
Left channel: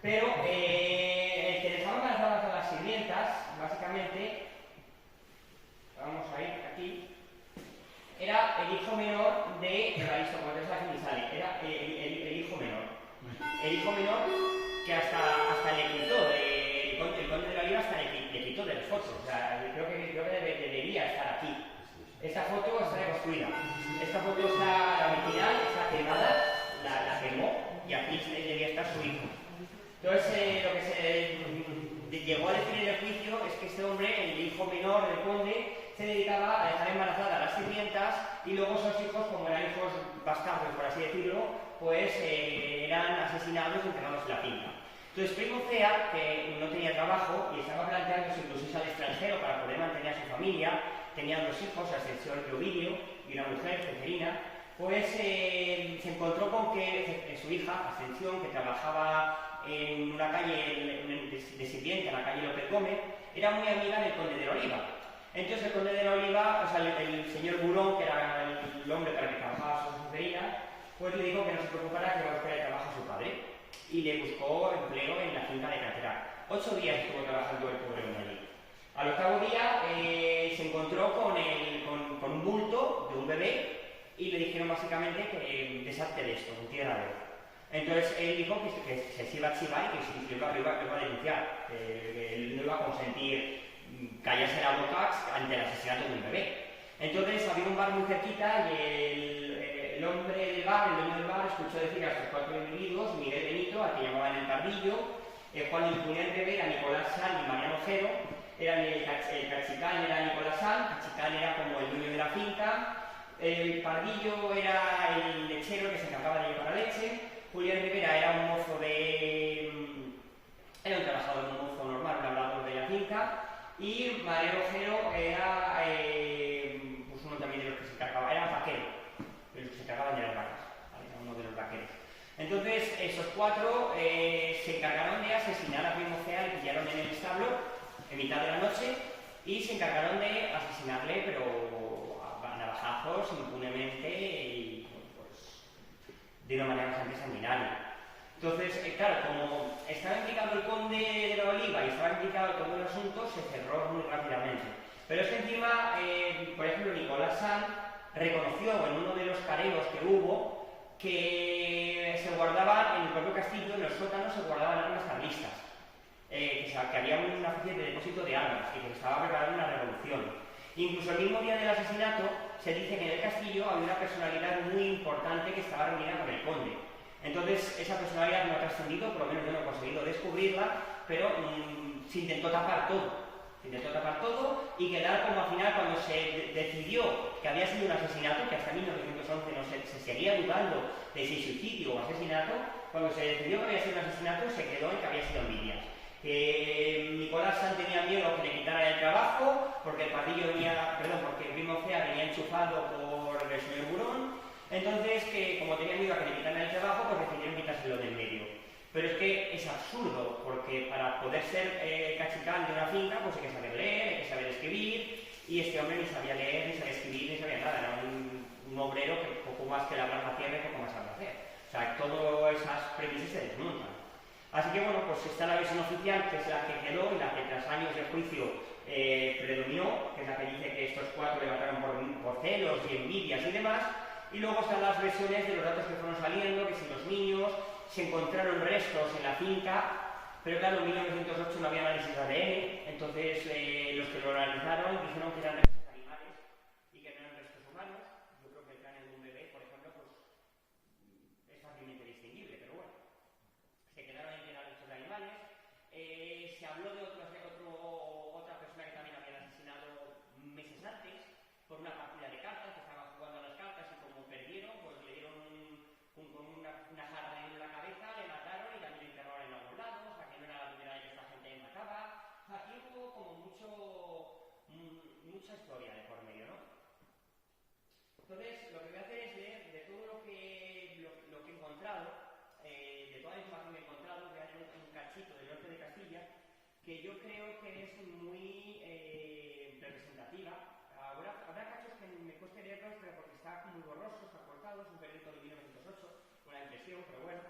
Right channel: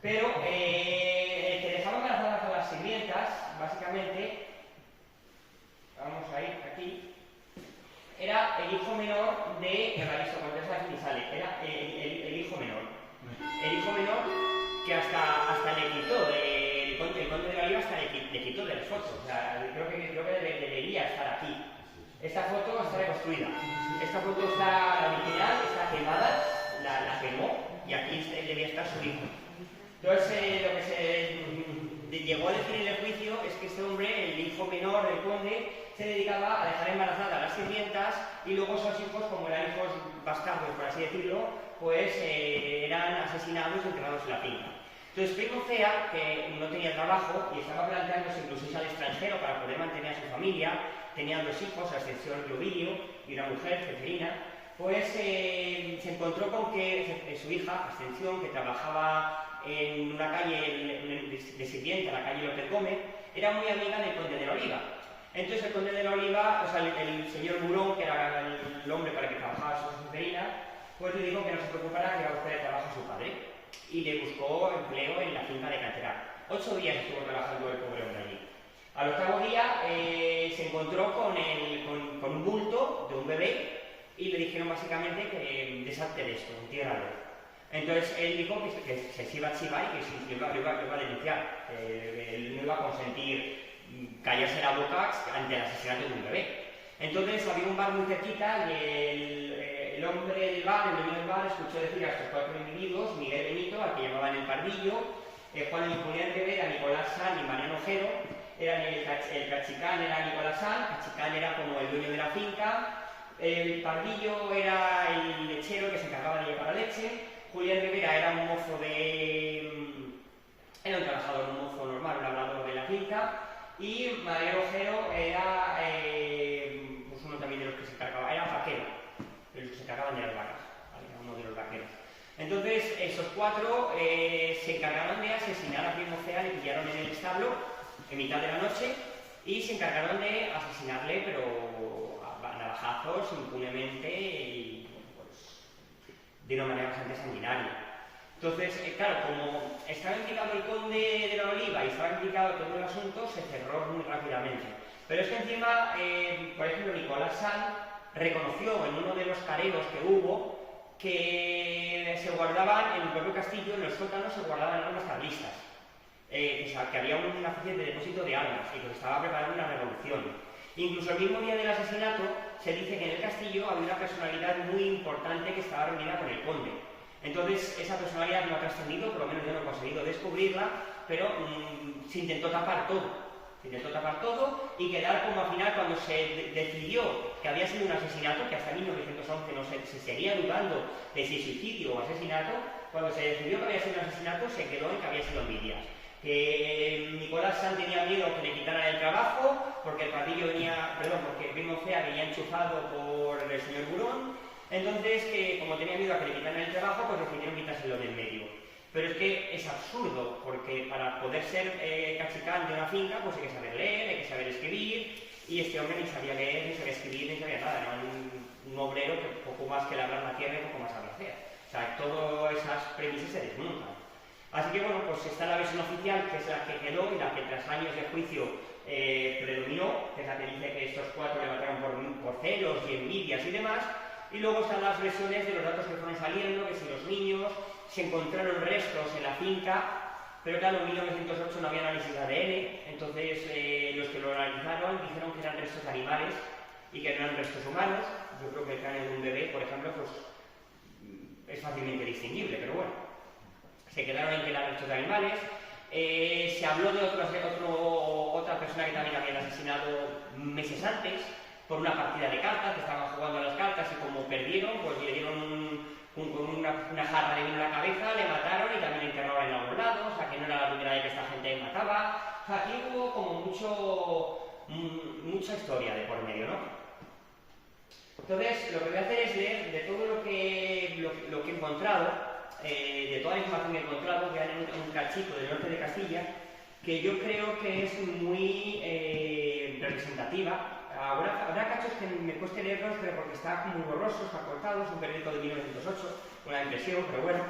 pero el que dejaba embarazadas a las sirvientas, básicamente, vamos a ir aquí, era el hijo menor de Evaristo Condes, aquí sale, era el hijo menor. El hijo menor que hasta le quitó, el conde de la Oliva hasta le quitó de las fotos, o sea, creo que debería estar aquí. Esta foto está reconstruida. Esta foto está, la original, está quemada, la quemó, y aquí debía estar su hijo. Entonces, lo que se llegó a decir en el juicio es que este hombre, el hijo menor del conde, se dedicaba a dejar embarazadas a las sirvientas y luego esos hijos, como eran hijos bastardos, por así decirlo, pues eran asesinados y enterrados en la finca. Entonces, Primocea, que no tenía trabajo y estaba planteándose incluso irse al extranjero para poder mantener a su familia, tenía 2 hijos, Ascensión y Ovidio, y una mujer, Ceferina, pues se encontró con que su hija, Ascensión, que trabajaba en una calle de sirvienta, la calle López Gómez, era muy amiga del conde de la Oliva. Entonces el conde de la Oliva, o sea, el señor Burón, que era el hombre para el que trabajaba su Ceferina, pues le dijo que no se preocupara, que iba a buscar el trabajo a su padre, y le buscó empleo en la finca de Canterac. 8 días estuvo trabajando el pobre hombre allí. Al 8º día se encontró con un bulto de un bebé y le dijeron básicamente que deshazte de esto, entiérralo. Entonces él dijo que se iba a chivar y que lo iba a denunciar, él no iba a consentir callarse la boca ante el asesinato de un bebé. Entonces había un bar muy cerquita y el hombre del bar, el dueño del bar, escuchó decir a estos 4 individuos, Miguel Benito, al que llamaban el Pardillo, Juan y Julián Rivera, Nicolás San y Mariano Ojero, el Cachicán era Nicolás San, Cachicán era como el dueño de la finca, el Pardillo era el lechero que se encargaba de llevar la leche, Julián Rivera era un mozo era un trabajador, un mozo normal, un labrador de la finca, y Mariano Ojero era pues uno también de los que se encargaba, era vaquero, de los que se encargaban de las vacas, ¿vale? Era uno de los vaqueros. Entonces, esos 4 se encargaron de asesinar a Primo Cea, le pillaron en el establo en mitad de la noche y se encargaron de asesinarle, pero a navajazos, impunemente y bueno, pues, de una manera bastante sanguinaria. Entonces, claro, como estaba implicado el conde de la Oliva y estaba implicado todo el asunto, se cerró muy rápidamente. Pero es que encima, por ejemplo, Nicolás San reconoció en uno de los careos que hubo que se guardaban en el propio castillo, en los sótanos, se guardaban armas carlistas, que había una especie de depósito de armas y que se estaba preparando una revolución. Incluso el mismo día del asesinato se dice que en el castillo había una personalidad muy importante que estaba reunida con el conde. Entonces esa personalidad no ha trascendido, por lo menos yo no he conseguido descubrirla, pero se intentó tapar todo. Se intentó tapar todo y quedar como al final cuando se decidió que había sido un asesinato, que hasta 1911 no se seguía dudando de si suicidio o asesinato, cuando se decidió que había sido un asesinato se quedó en que había sido envidia. Nicolás San tenía miedo que le quitaran el trabajo porque el Pardillo porque Primo Cea venía enchufado por el señor Burón, entonces que como tenía miedo a que le quitaran el trabajo pues decidieron quitárselo del medio. Pero es que es absurdo, porque para poder ser cachicán de una finca pues hay que saber leer, hay que saber escribir, y este hombre ni sabía leer, ni sabía escribir, ni sabía nada, era un obrero que poco más que labrar la tierra y poco más sabía hacer. O sea, todas esas premisas se desmontan. Así que bueno, pues está la versión oficial, que es la que quedó y la que tras años de juicio predominó, que es la que dice que estos 4 le mataron por celos y envidias y demás, y luego están las versiones de los datos que fueron saliendo, que si los niños se encontraron restos en la finca, pero claro, en 1908 no había análisis de ADN, entonces los que lo analizaron dijeron que eran restos animales y que no eran restos humanos. Yo creo que el cráneo de un bebé, por ejemplo, pues es fácilmente distinguible, pero bueno, se quedaron en que eran restos de animales. Se habló de otra persona que también habían asesinado meses antes por una partida de cartas, que estaban jugando a las cartas y como perdieron, pues le dieron con una jarra de vino en la cabeza, le mataron y también le enterraban en algún lado, o sea que no era la primera vez que esta gente mataba. O sea, aquí hubo como mucha historia de por medio, ¿no? Entonces, lo que voy a hacer es leer de todo lo que he encontrado, de toda la información que he encontrado, voy a leer un cachito del norte de Castilla, que yo creo que es muy representativa. Habrá cachos que me cueste leerlos, pero porque está muy borroso, está cortado, es un periódico de 1908, una impresión, pero bueno.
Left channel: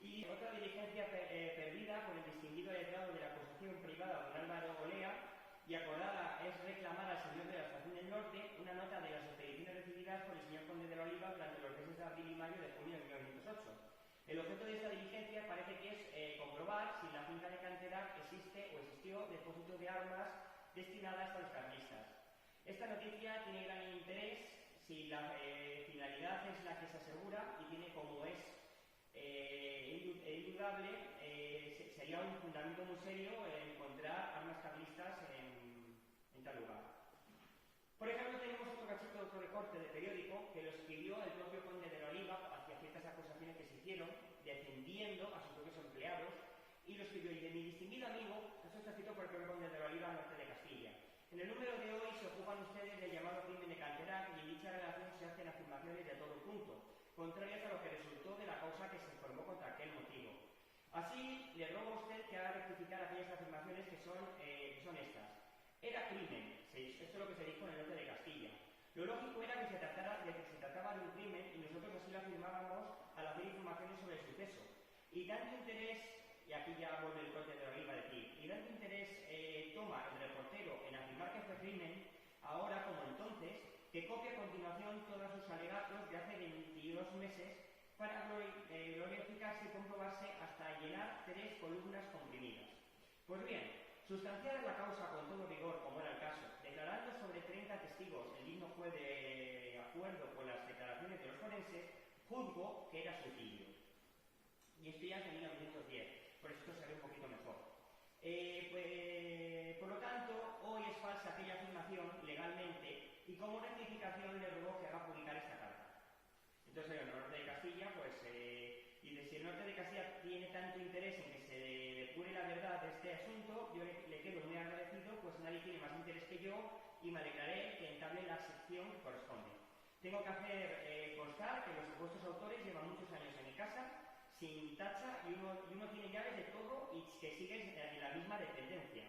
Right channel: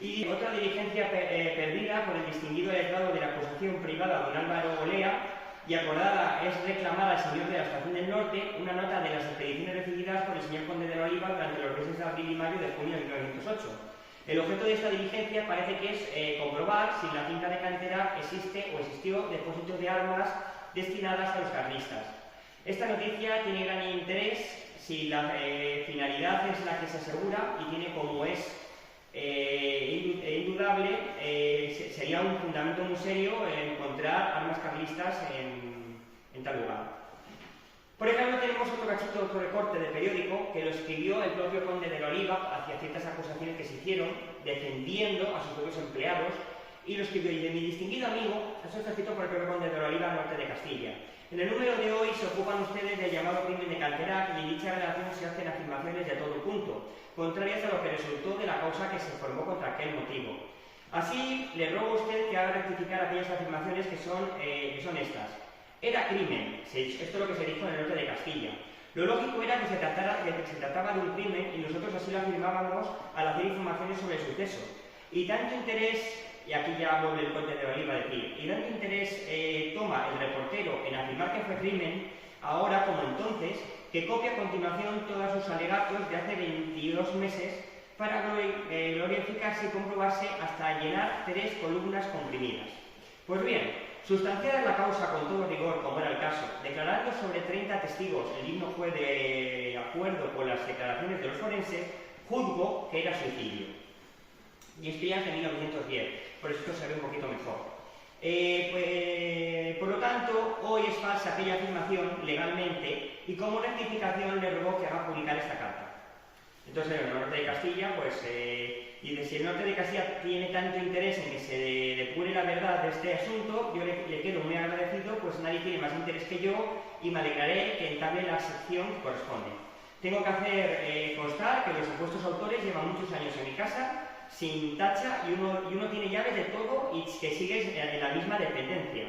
Y otra diligencia perdida por el distinguido letrado de la acusación privada don Álvaro Olea, y acordada es reclamar al señor de la Estación del Norte una nota de las expediciones recibidas por el señor conde de la Oliva durante los meses de abril y mayo de junio de 1908. El objeto de esta diligencia parece que es comprobar si en la finca de Cantera existe o existió depósitos de armas destinadas a los carlistas. Esta noticia tiene gran interés si la finalidad es la que se asegura y tiene como es indudable, sería un fundamento muy serio encontrar armas carlistas en tal lugar. Por ejemplo, tenemos otro cachito, otro recorte de periódico que lo escribió el propio conde de la Oliva hacia ciertas acusaciones que se hicieron, defendiendo a sus propios empleados, y lo escribió, y de mi distinguido amigo, eso está escrito por el propio conde de la Oliva, norte de Castilla. En el número de hoy se ocupan ustedes del llamado crimen de Cantera y en dicha relación se hacen afirmaciones de todo punto, contrarias a lo que resultó de la causa que se formó contra aquel motivo. Así, le ruego a usted que haga rectificar aquellas afirmaciones que son estas. Era crimen, esto es lo que se dijo en el norte de Castilla. Lo lógico era que se trataba de un crimen y nosotros así lo afirmábamos al hacer informaciones sobre el suceso. Y tanto interés, y aquí ya vuelve el conde de la Oliva a decir, y tanto interés toma el reportero en afirmar que fue crimen, ahora como entonces, que copia a continuación todos sus alegatos de hace 22 meses para glorificarse y comprobarse hasta llenar 3 columnas comprimidas. Pues bien, Sustanciada la causa con todo rigor, como era el caso, declarando sobre 30 testigos, el himno fue de acuerdo con las declaraciones de los forenses, juzgo que era suicidio. Y esto ya es de 1910, por eso esto se ve un poquito mejor. Por lo tanto, hoy es falsa aquella afirmación legalmente y como rectificación le rogó que haga publicar esta carta. Entonces, el norte de Castilla, pues, y si el norte de Castilla tiene tanto interés en que se depure la verdad de este asunto, yo le quedo muy agradecido, pues nadie tiene más interés que yo y me alegraré que entable la sección que corresponde. Tengo que hacer constar que los supuestos autores llevan muchos años en mi casa, sin tacha, y uno tiene llaves de todo y que sigue en la misma dependencia.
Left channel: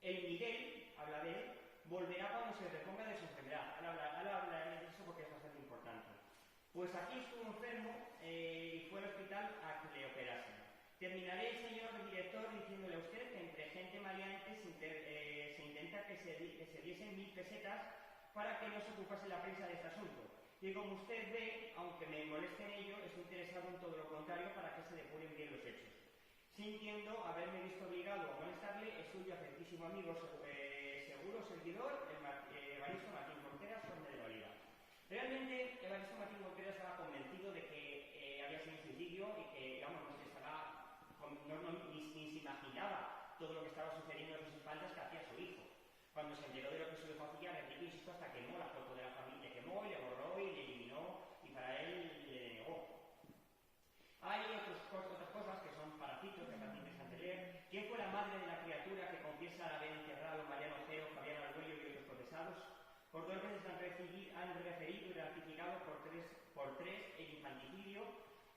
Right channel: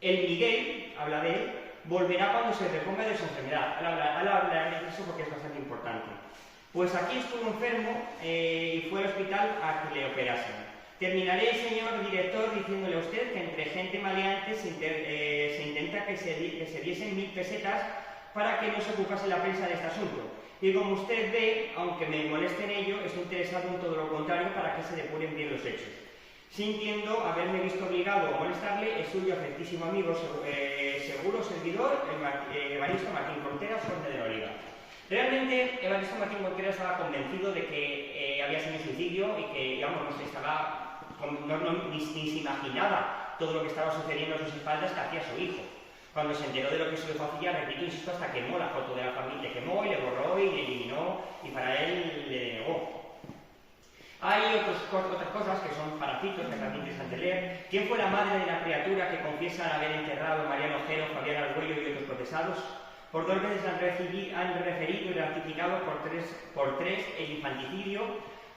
El Miguel, habla de él, volverá cuando se reponga de su enfermedad. Ahora hablaré de eso porque es bastante importante. Pues aquí estuvo enfermo y fue al hospital a que le operasen. Terminaré, señor director, diciéndole a usted que entre gente maleante se intenta que se diesen 1000 pesetas para que no se ocupase la prensa de este asunto. Y como usted ve, aunque me moleste en ello, estoy interesado en todo lo contrario para que se depuren bien los hechos. Sintiendo haberme visto obligado a molestarle, es suyo afectísimo amigo, seguro servidor, Evaristo Martín Contreras, conde de Oliva. Realmente, Evaristo Martín Contreras estaba convencido de que había sido suicidio y que, digamos, ni se imaginaba todo lo que estaba sucediendo a sus espaldas que hacía su hijo. Cuando se enteró de lo que su hijo hacía, repito, insisto, hasta quemó la foto de la familia, le quemó y le borró y le eliminó y para él le denegó. Hay otras cosas que son paracitos, que también interesante leer. ¿Quién fue la madre de la criatura que confiesan haber enterrado a Mariano Ojero, Fabián Argüello y otros procesados? Por 2 veces han referido y ratificado por tres el infanticidio.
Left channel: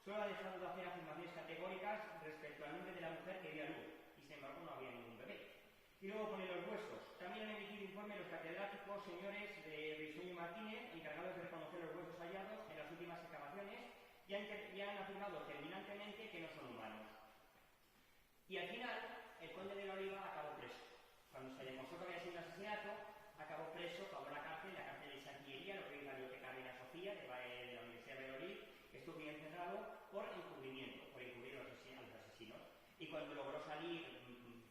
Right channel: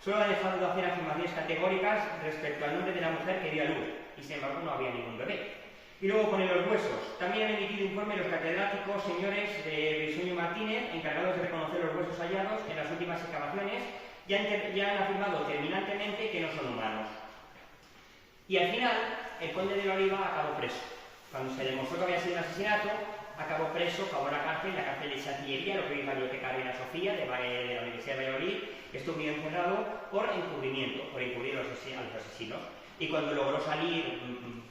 Solo ha dejado de hacer afirmaciones categóricas respecto al nombre de la mujer que dio a luz, y sin embargo no había ningún bebé. Y luego pone los huesos. También han emitido informe los catedráticos señores de Briceño Martínez, encargados de reconocer los huesos hallados en las últimas excavaciones, ya han afirmado terminantemente que no son humanos. Y al final, el conde de la Oliva acabó preso. Cuando se demostró que había sido un asesinato, acabó preso, acabó en la cárcel de Santillería, lo que hoy es la Biblioteca Reina Sofía de la Universidad de Valladolid, estuvo encerrado por encubrimiento, por encubrir a los asesinos. Y cuando logró salir,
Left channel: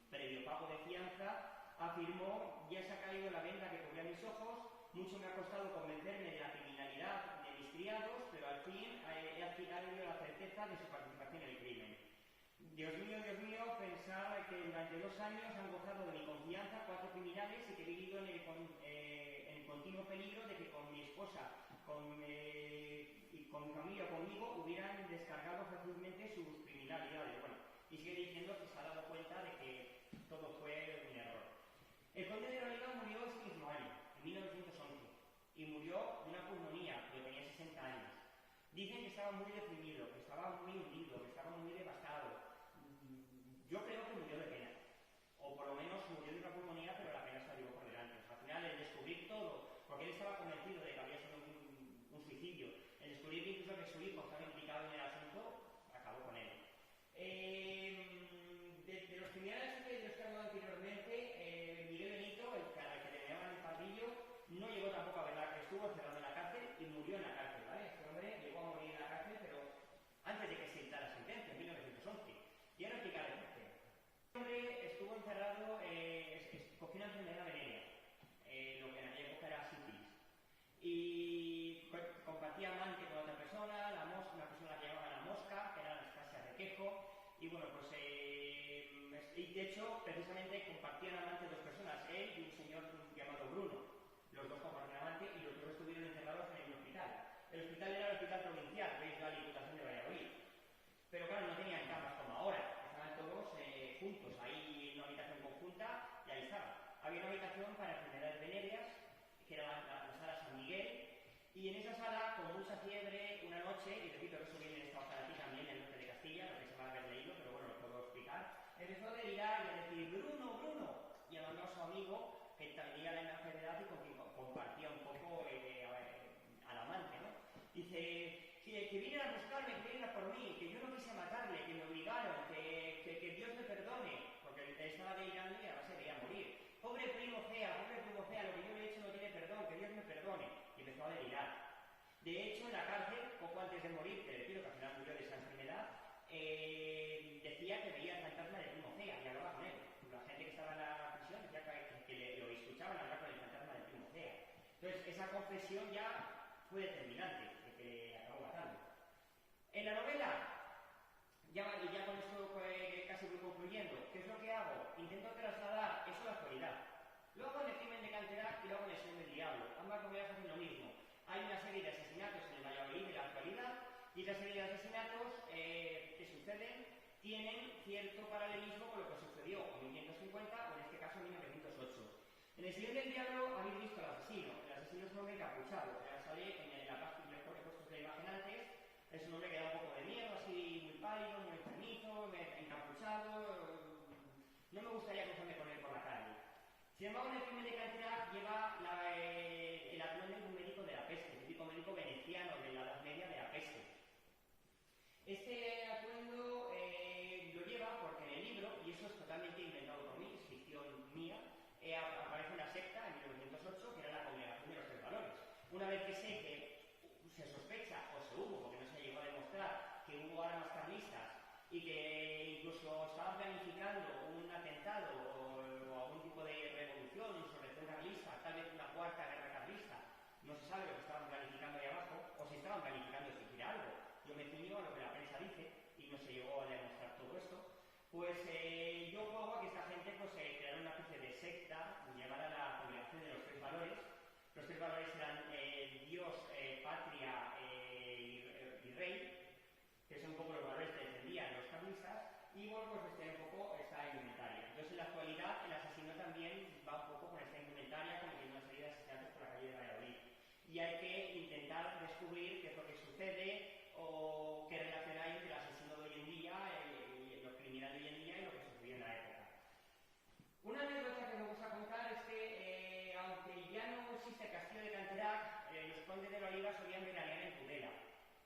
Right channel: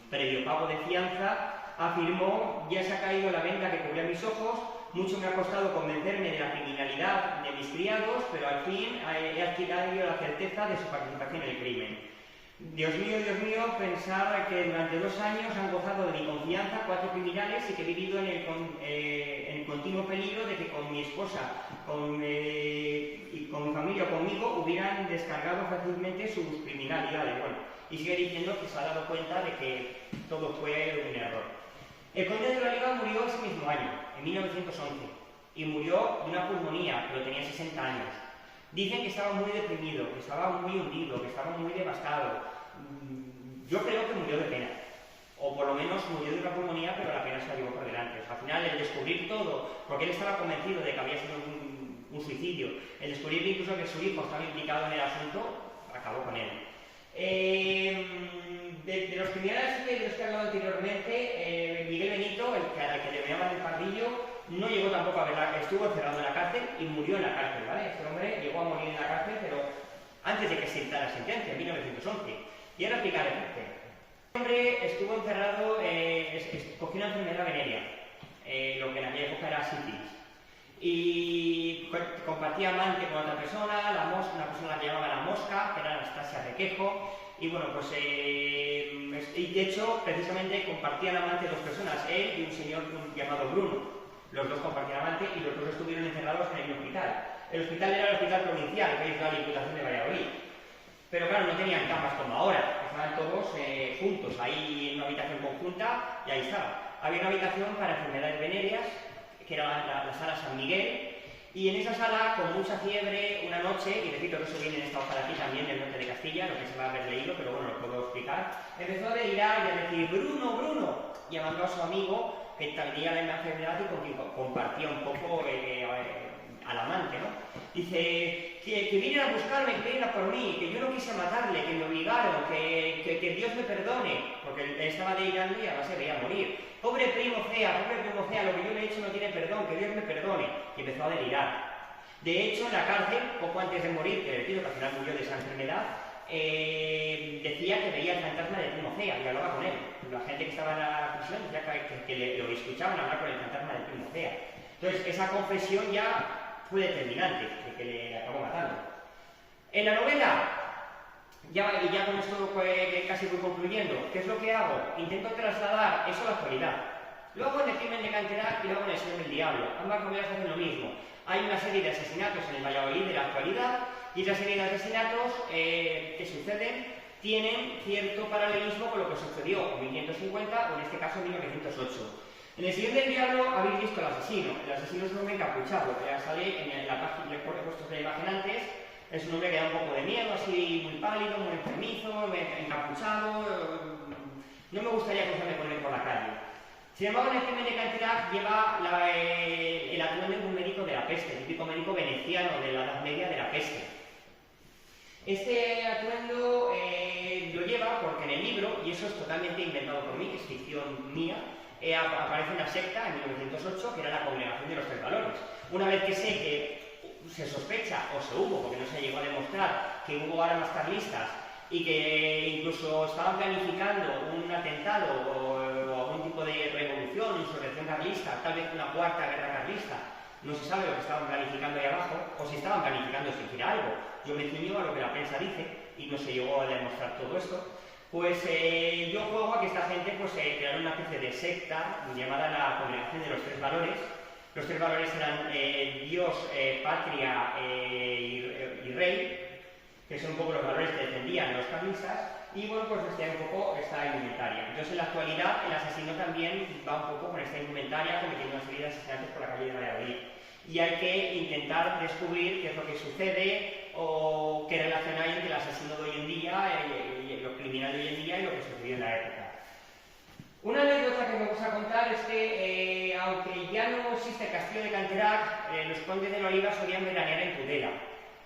previo pago de fianza, afirmó: ya se ha caído la venda que cubría mis ojos, mucho me ha costado convencerme de la criminalidad de mis criados, pero al fin he adquirido la certeza de su participación en el crimen. Dios mío, pensar que durante 2 años han gozado de mi confianza 4 criminales y que he vivido en el continuo peligro de que con mi esposa y con mi familia o conmigo hubieran descargado fácilmente sus criminalidades. Bueno, y sigue diciendo que se ha dado cuenta de que todo fue un error. El conde de la Oliva murió ese mismo año, en 1911, y murió de una pulmonía, pero tenía 60 años. Dicen que estaba muy deprimido, que estaba muy hundido, que estaba muy devastado. Yo creo que murió de pena, o por lo menos murió de una pulmonía, pero la pena se la llevó por delante. O sea, al final, el descubrir todo, porque él estaba convencido de que había sido un suicidio, el descubrir incluso que su hijo estaba implicado en el asunto, acabó con él. De los criminales de los que he hablado anteriormente, Miguel Benito, al que le llamaban el Pardillo, no llegó tampoco a verla, estuvo encerrado en la cárcel y murió en la cárcel, ¿vale? Este hombre llegó a morir en la cárcel, pero antes de que se dictara la sentencia, en 1911. Y ahora explicaré por qué. Este hombre estuvo encerrado, cogió una enfermedad venérea, lo que en aquella época era sífilis. Y compartía amante con otra persona, una persona que llamaba La Mosca, que era Anastasia Requejo, y bueno, pues de hecho, precisamente compartían amante 2 personas, él y un señor llamado Bruno. Los 2 compartían amante y los 2 estuvieron encerrados en el hospital. El hospital era el hospital provincial, que es la Diputación de Valladolid. Pero claro, no tenían camas como ahora, estaban todos juntos, ahí en una habitación conjunta, y ahí estaba. Había una habitación para enfermedades venéreas, que era la sala San Miguel, y en esa sala, con mucha fiebre, una noche, y repito que eso viene en esta hoja de aquí también, del norte de Castilla, lo que se va a haber leído, pero bueno, lo puedo explicar, empezó a delirar y a decir: Bruno, Bruno, llamando a su amigo, que tenía la enfermedad y con quien compartía un poco al amante, ¿no? Dice: que vienen a buscarme, que vienen a por mí, que yo no quise matarle, que me obligaron, que Dios me perdone, porque él estaba delirando y además se veía morir. Pobre primo fea, lo que yo le he hecho no tiene perdón, que Dios me perdone. Y empezó a delirar. De hecho, en la cárcel, poco antes de morir, que repito que al final murió de esa enfermedad, decía que veía el fantasma de primo fea y hablaba con él. la gente que estaba en la prisión decía que lo escuchaban hablar con el fantasma del primo Fea. Entonces, esa confesión ya fue determinante de que le acabó matando. En la novela, y ya con esto casi voy concluyendo, ¿qué es lo que hago? Intento trasladar eso a la actualidad. Lo hago en El crimen de Canterac y lo hago en El Señor del Diablo. Ambas novelas hacen lo mismo. Hay una serie de asesinatos en el Valladolid de la actualidad y esa serie de asesinatos que suceden tienen cierto paralelismo con lo que sucedió en 1550 o en este caso en 1908. En El Señor del Diablo habéis visto al asesino. El asesino es un hombre encapuchado, que ya sale en la página, que he puesto la imagen antes. Es un hombre que da un poco de miedo, así muy pálido, muy enfermizo, encapuchado. No me gustaría cruzarme con él por la calle. Sin embargo, en El crimen de Canterac lleva el atuendo de un médico de la peste, el típico médico veneciano de la Edad Media de la peste. Este atuendo lo lleva porque en el libro, y eso es totalmente inventado por mí, que es ficción mía, aparece una secta en 1908 que era la Congregación de los Tres Valores. Una vez que sé que se sospecha, o se hubo, porque no se llegó a demostrar, que hubo armas carlistas y que incluso estaban planificando un atentado o algún tipo de revolución, insurrección carlista, tal vez una cuarta guerra carlista, no se sabe lo que estaban planificando ahí abajo, o si estaban planificando siquiera algo. Yo me ciño a lo que la prensa dice y no se llegó a demostrar todo esto. Pues yo juego a que esta gente pues, crearon una especie de secta llamada la Congregación de los Tres Valores. Los tres valores eran Dios, patria y rey, que son un poco los valores que defendían los carlistas, y bueno, pues vestían un poco esta indumentaria. Entonces en la actualidad el asesino también va un poco con esta indumentaria, cometiendo una serie de asesinatos por la calle de Valladolid. Y hay que intentar descubrir qué es lo que sucede o qué relación hay entre el asesino de hoy en día, lo criminal de hoy en día y lo que sucedió en la época. Una anécdota que me gusta contar es que, aunque ya no existe el castillo de Canterac, los condes de la Oliva solían veranear en Tudela.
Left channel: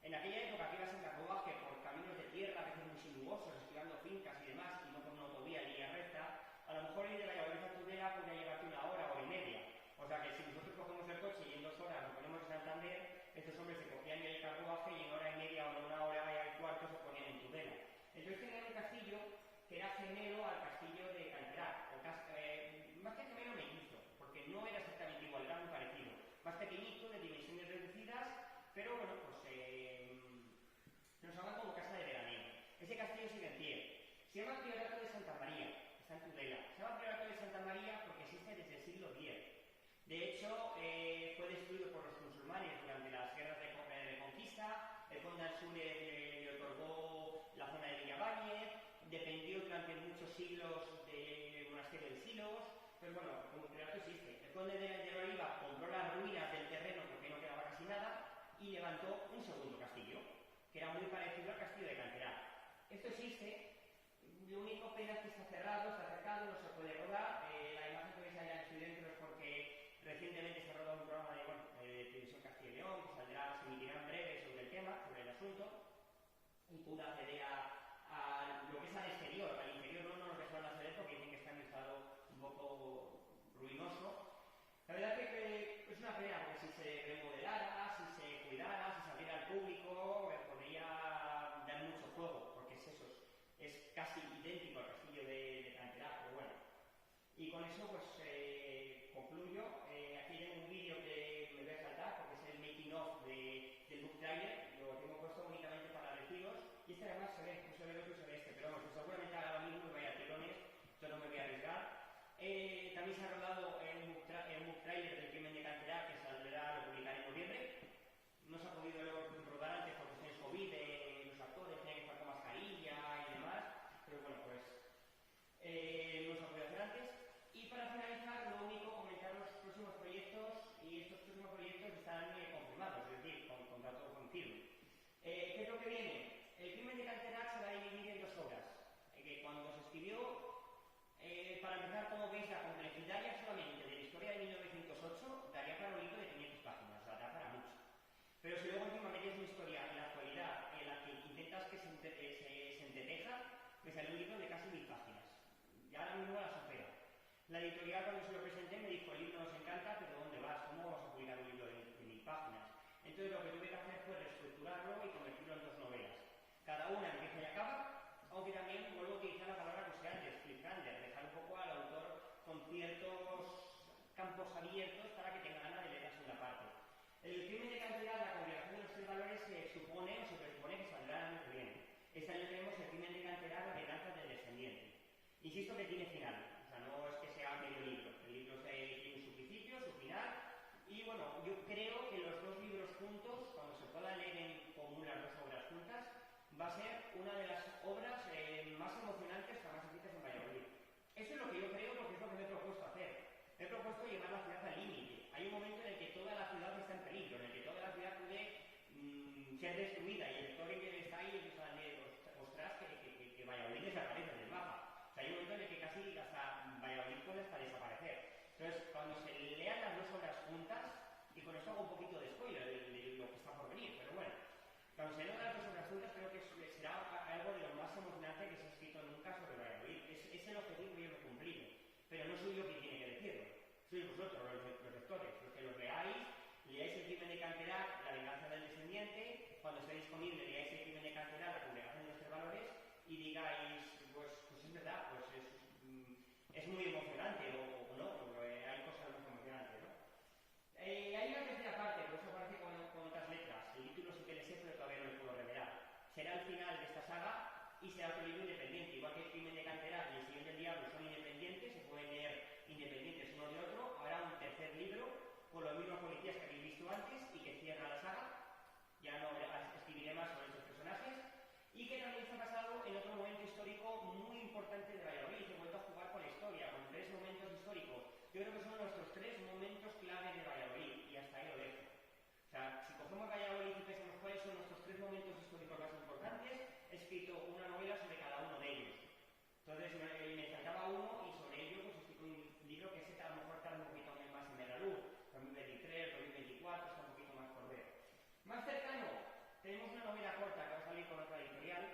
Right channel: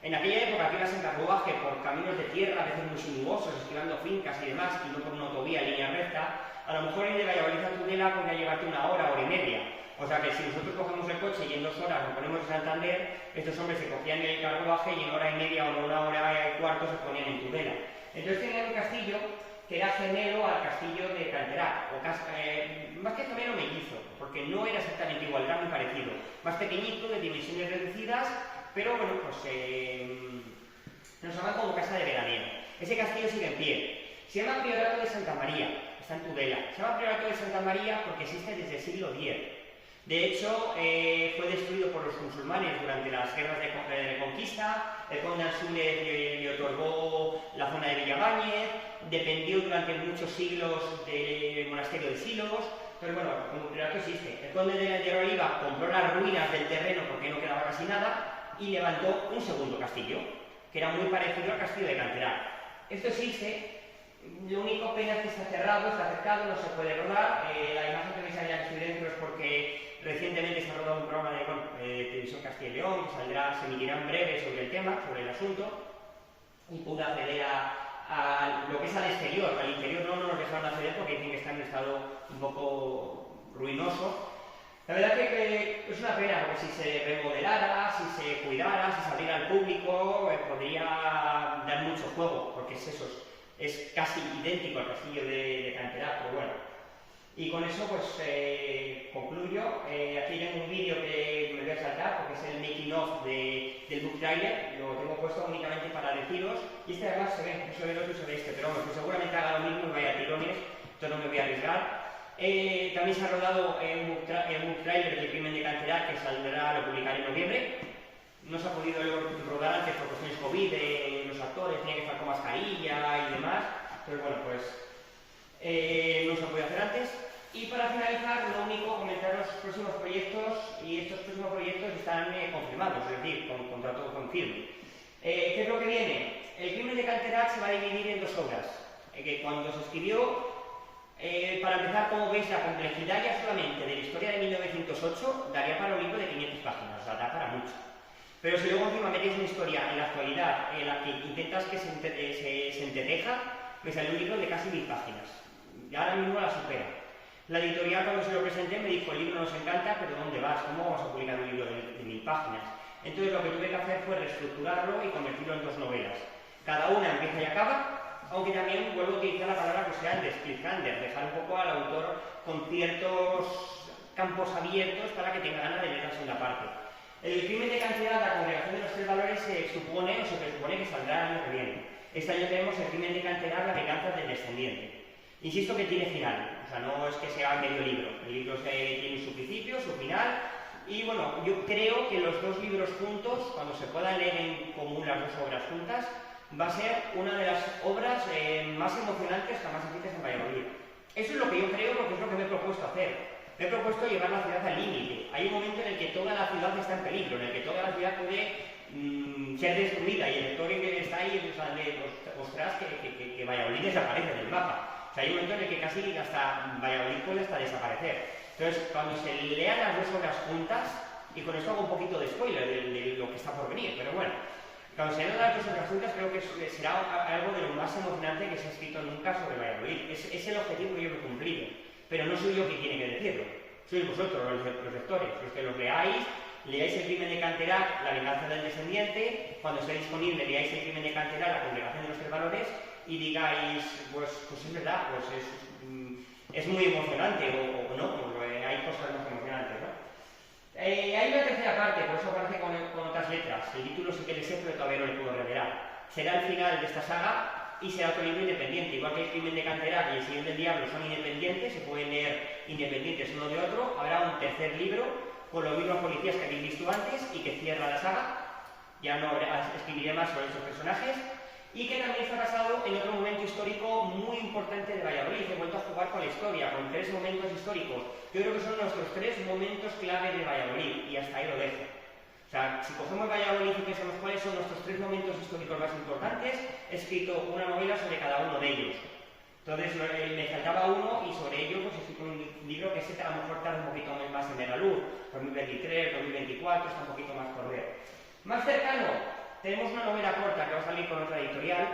En aquella época que ibas en carruaje por caminos de tierra, a veces muy sinuosos, esquivando fincas y demás, y no por una autovía en línea recta, a lo mejor ir de Valladolid a Tudela podría llevarte una hora, hora y media. O sea que si nosotros cogemos el coche y en 2 horas nos ponemos en Santander, estos hombres se cogían el carruaje y en hora y media o en una hora y cuarto se ponían en Tudela. Entonces tenían un castillo que era gemelo al castillo de Canterac, más que gemelo mellizo, porque no era exactamente igual, era muy parecido. Más pequeñito, de dimensiones reducidas, pero bueno, pues nos llaman como casa de veraneo. Ese castillo sigue en pie. Se llama Priorato de Santa María, está en Tudela. Se llama Priorato de Santa María porque existe desde el siglo X. De hecho, fue destruido por los musulmanes durante las guerras de conquista. El conde Ansúrez le otorgó la zona de Villabáñez, dependió durante muchos siglos del monasterio de Silos. Pero bueno, como priorato existe. El conde de la Oliva compró las ruinas del terreno porque no quedaba casi nada y levantó un segundo castillo, que era muy parecido al castillo de Canterac. Esto existe. Lo único pena es que está cerrado, está cercado, no se puede rodar. La imagen que veis allá que estoy dentro es porque recientemente se ha rodado un programa de televisión Castilla y León, que se emitirá en breve sobre el tema, sobre el asunto, y pude acceder a lo que es al exterior. Al interior no nos dejaron acceder porque dicen que está en un estado un poco ruinoso. La verdad que es una pena, porque si se remodelara, si se cuidara, si se abriera al público, podría dar mucho juego, porque es eso. Es casi idéntico al castillo de Canterac, pero bueno. Y con eso pues concluyo. Aquí tengo un vídeo que me voy a saltar porque es el making of del book trailer. Lo tengo puesto únicamente para deciros. Y este además se ve, no se ve el otro, se ve este, pero vamos, que seguramente haga lo mismo y vaya a tirones. Entonces no me voy a arriesgar. También se ha rodado un book trailer del crimen de Canterac que saldrá, lo publicaré en noviembre. No se ha podido rodar antes por cuestiones COVID, los actores tenían que estar con mascarilla y demás, pero bueno, pues no se ha podido hacer antes. Y para finalizar, lo único, comentar los próximos proyectos, y estos próximos proyectos están confirmados, es decir, con contrato con firme. ¿Qué es lo que viene? El crimen de Canterac se va a dividir en 2 obras, que cuando se escribió, para empezar, como veis, la complejidad ya solamente de la historia de 1908 daría para un libro de 500 páginas, o sea, da para mucho. Pero si luego encima metes una historia en la actualidad en la que intentas que se entreteja, me sale un libro de casi 1000 páginas. Y ahora mismo la supera. La editorial, cuando se lo presenté, me dijo: el libro nos encanta, pero ¿dónde vas? ¿Cómo vamos a publicar un libro de 1000 páginas? Entonces lo que tuve que hacer fue reestructurarlo y convertirlo en 2 novelas. Cada una empieza y acaba, aunque también vuelvo a utilizar la palabra que sea de cliffhanger, dejar un poco al autor con ciertos campos abiertos para que tenga ganas de leer la segunda parte. El crimen de cantidad, la congregación de los tres valores, se presupone que saldrá el año que viene. Este año tenemos el crimen de cantidad, la venganza del descendiente. Insisto que tiene final, o sea, no es que sea medio libro. El libro tiene su principio, su final, y bueno, yo creo que los dos libros juntos, cuando se puedan leer en común las dos obras juntas, va a ser una de las obras más emocionantes jamás escritas en Valladolid. Eso es lo que yo creo, porque es lo que me he propuesto hacer. Me he propuesto llevar la ciudad al límite. Hay un momento en el que toda la ciudad está en peligro, en el que toda la ciudad puede ser destruida, y el lector que está ahí sale, ostras, que Valladolid desaparece del mapa. O sea, hay un momento en el que casi hasta Valladolid puede hasta desaparecer. Entonces, cuando se lean las dos obras juntas, y con esto hago un poquito de spoiler de lo que está por venir, pero bueno, cuando se lean las dos obras juntas, creo que será algo de lo más emocionante que se ha escrito nunca sobre Valladolid. Es el objetivo que yo me he cumplido, pero no soy yo quien tiene que decirlo, sois vosotros, los lectores, los que los leáis el crimen de Canterac, la venganza del descendiente, cuando esté disponible leáis el crimen de Canterac, la congregación de los tres valores, y digáis, pues es verdad, pues es muy emocionante, o no, hay cosas más emocionantes, ¿no? Hay una tercera parte, por eso aparece con otras letras. El título sí que le sé, pero todavía no le puedo revelar. Será el final de esta saga y será otro libro independiente. Igual que el crimen de Canterac y el Señor del Diablo son independientes, se pueden leer independientes uno de otro. Habrá un tercer libro con los mismos policías que habéis visto antes y que cierra la saga. Ya no escribiré más sobre estos personajes. Y que también está basado en otro momento histórico muy importante de Valladolid. He vuelto a jugar con la historia, con tres momentos históricos. Yo creo que son nuestros tres momentos clave de Valladolid, y hasta ahí lo dejo. O sea, si cogemos Valladolid y pensamos cuáles son nuestros tres momentos históricos más importantes, he escrito una novela sobre cada uno de ellos. Entonces me faltaba uno, y sobre ello pues he escrito un libro que a lo mejor tarda un poquito más en ver la luz. 2023, 2024, está un poquito más por ver. Más cercano, tenemos una novela corta que va a salir con otra editorial,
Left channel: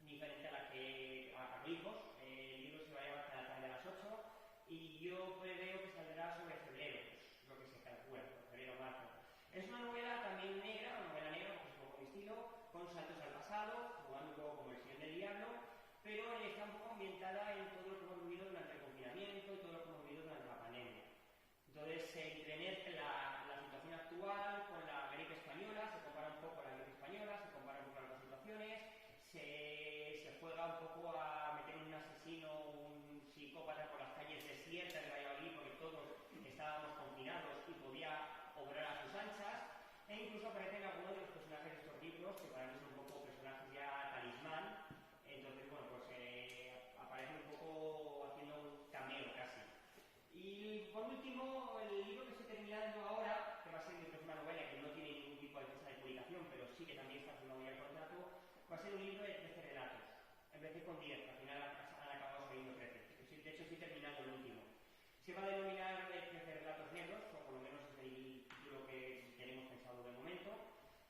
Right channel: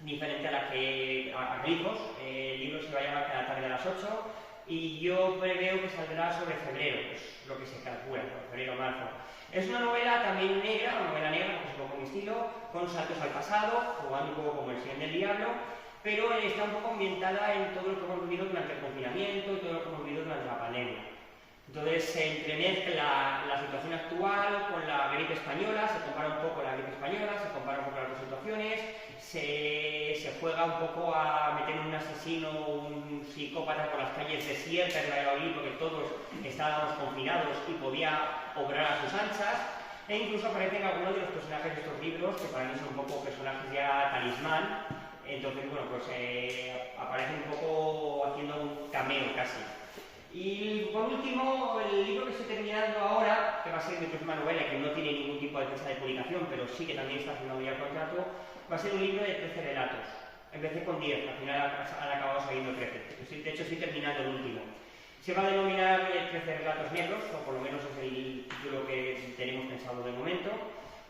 diferente a la que a Grifos. El libro se va a llamar Cada tarde a las 8, y yo preveo que saldrá sobre febrero, pues lo que se calcula, febrero o marzo. Es una novela también negra, una novela negra, porque es un poco mi estilo, con saltos al pasado, jugando un poco como el Señor del Diablo, pero está un poco ambientada en todo lo que hemos vivido durante el confinamiento y todo lo que hemos vivido durante la pandemia. Entonces se entremezcla la situación actual con la gripe española, se compara un poco la gripe española, se compara un poco las dos situaciones, se juega un poco a meter un asesino, un psicópata por las calles desiertas de Valladolid, porque todos estábamos confinados y podía obrar a sus anchas, e incluso aparecen algunos de los personajes de estos libros, que para mí son un poco personajes ya talismán. Entonces, bueno, pues aparecen un poco haciendo un cameo casi. Y por último, el libro que estoy terminando ahora, que va a ser mi próxima novela, que no tiene ningún tipo de fecha de publicación, pero sí que también está firmado ya el contrato, va a ser un libro de 13 relatos. Empecé con 10, al final han acabado saliendo 13. De hecho, estoy terminando el último. Se va a denominar 13 relatos negros, o por lo menos es el título que tenemos pensado de momento.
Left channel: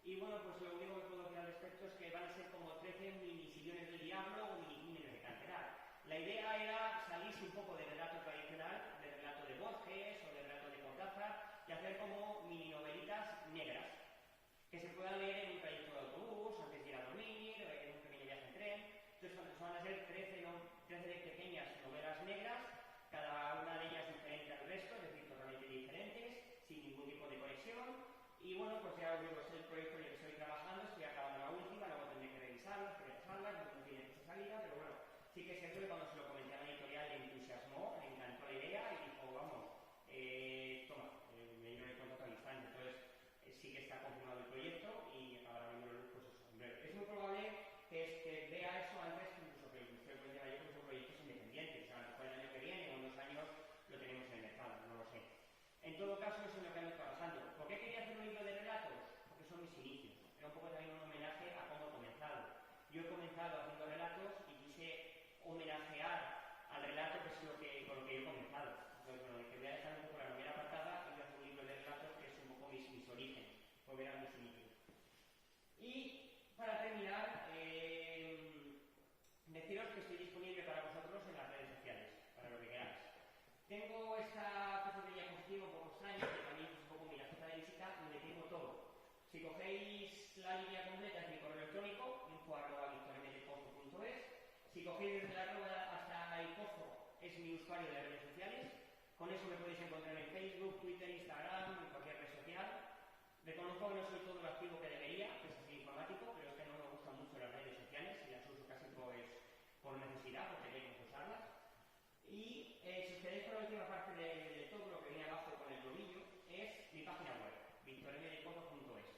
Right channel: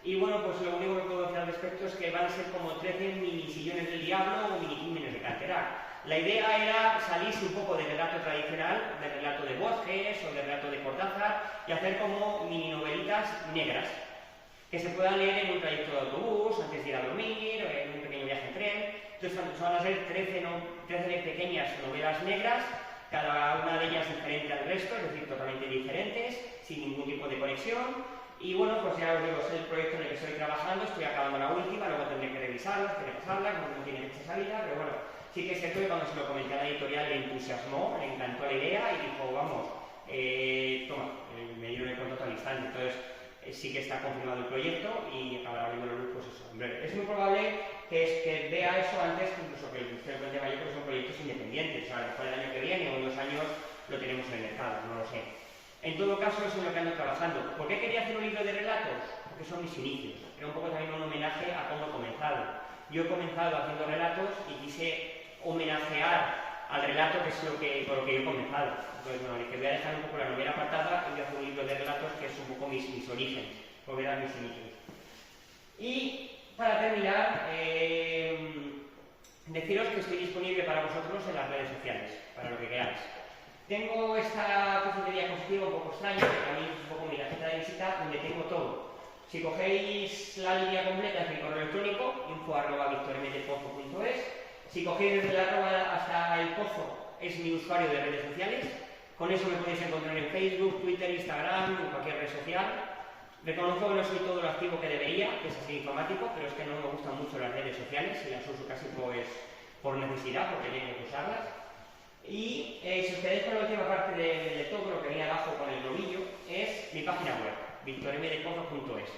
Y bueno, pues lo único que puedo decir al respecto es que van a ser como 13 mini sillones del diablo o mini crímenes de Canterac. La idea era salirse un poco del relato tradicional, del relato de Borges o del relato de Cortázar, y hacer como mini novelitas negras, que se puedan leer en un trayecto de autobús, antes de ir a dormir, o en un pequeño viaje en tren. Entonces van a ser 13 pequeñas novelas negras, cada una de ellas diferente al resto, es decir, totalmente diferentes, sin ningún tipo de conexión. Y bueno, pues ya os digo, es el proyecto en el que estoy trabajando, estoy acabando la última, luego tendré que revisarla, repasarla, como no tiene fecha de salida, pero bueno, sí que es cierto que cuando se lo comenté a la editorial le entusiasmó, le encantó la idea y dijo, vamos, toma, me dieron el contrato al instante. Entonces sí que está confirmado el proyecto y acabará viendo la luz, pues eso, en breve. Es muy probable que vea eso antes, incluso que el Ministerio de Mayo, porque son proyectos independientes, o sea, a lo mejor el año que viene o en 2 años lo tenemos en el mercado, no lo sé. En todo caso, eso es en lo que ando trabajando. ¿Por qué quería hacer un libro de relatos? Porque son mis inicios. Era un poco también un homenaje a cómo he comenzado. Yo he comenzado haciendo relatos y quise homenajear al relato, que es con lo que yo he comenzado. Entonces, bueno, dije, voy a dejar un poco la novela apartada y voy a hacer un libro de relatos que es un poco mis orígenes, porque eran mis inicios. Y para terminar, deciros que estoy disponible para vosotros en las redes sociales, para lo que queráis. Tengo esta especie de diapositiva un poco extraña, que también es un poco mi tarjeta de visita, donde tengo todo. Si cogéis la línea completa es mi correo electrónico, info@victormpozo.es, Si cogéis desde la Roba hasta el Pozo, es mi usuario de redes sociales. Con eso me podéis encontrar en Facebook, Twitter, Instagram, en cualquier red social. Reconozco que no soy todo lo activo que debería, que es así informático, pero es que no me gustan mucho las redes sociales y las uso casi pues por necesidad, porque tengo que usarlas. Y si os quedáis con la última parte de todo lo que viene abajo con el globillo, es mi página web, victormdepozo.es,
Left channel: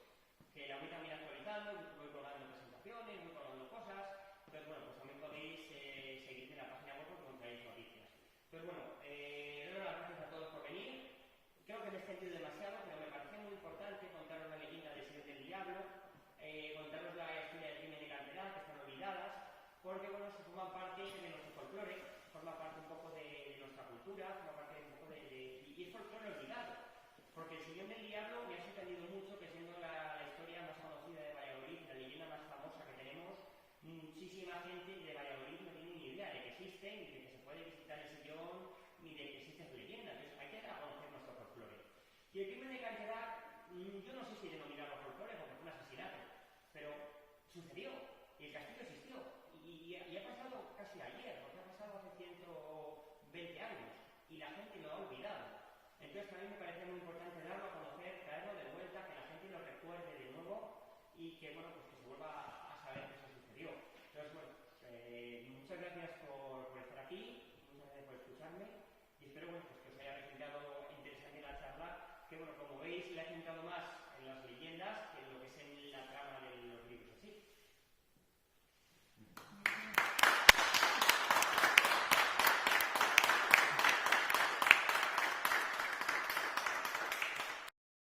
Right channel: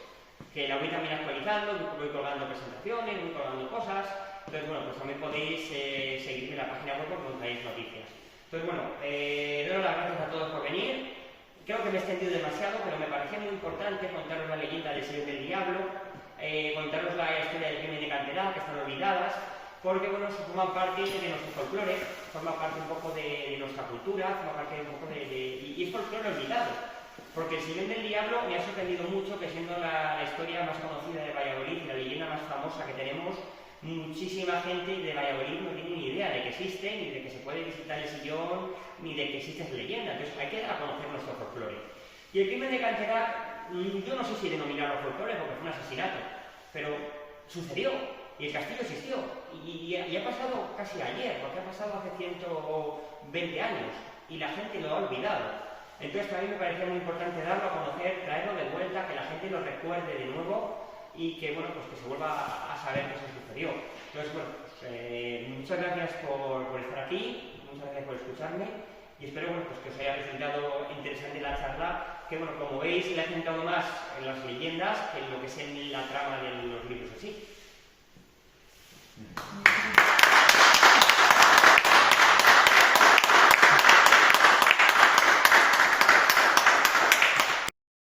que la voy también actualizando, voy colgando presentaciones, voy colgando cosas. Entonces, bueno, pues también podéis seguirme en la página web porque encontráis noticias. Entonces, bueno, doy las gracias a todos por venir. Creo que me he extendido demasiado, pero me parecía muy importante contaros la leyenda del Señor del Diablo, contaros la historia del crimen de Canterá, que están olvidadas, porque, bueno, forman parte de nuestro folclore, forma parte un poco de nuestra cultura, forma parte un poco y es folclore olvidado. Porque el Señor del Diablo me ha sorprendido mucho, que siendo la historia más conocida de Valladolid y la leyenda más famosa que tenemos, muchísima gente de Valladolid no tiene ni idea de que existe, ni de que se puede visitar el sillón, ni de que existe esa leyenda. Entonces hay que dar a conocer nuestro folclore. Y el crimen de Canterá, yo no sé si denominarlo folclore porque fue un asesinato, pero sucedió y el castillo existió. Y ha pasado casi ayer, porque ha pasado hace 120 años y la gente lo ha olvidado. Entonces a mí me parecía muy importante darlo a conocer, traerlo de vuelta, que la gente lo recuerde de nuevo y que, bueno, pues que se vuelva a saber que eso sucedió. Entonces, bueno, pues, muchas gracias por estar aquí, muchas gracias por escucharme y espero, bueno, pues que os haya resultado interesante la charla, que, bueno, como veis, le he centrado más en las leyendas que en lo que es en la trama de los libros así.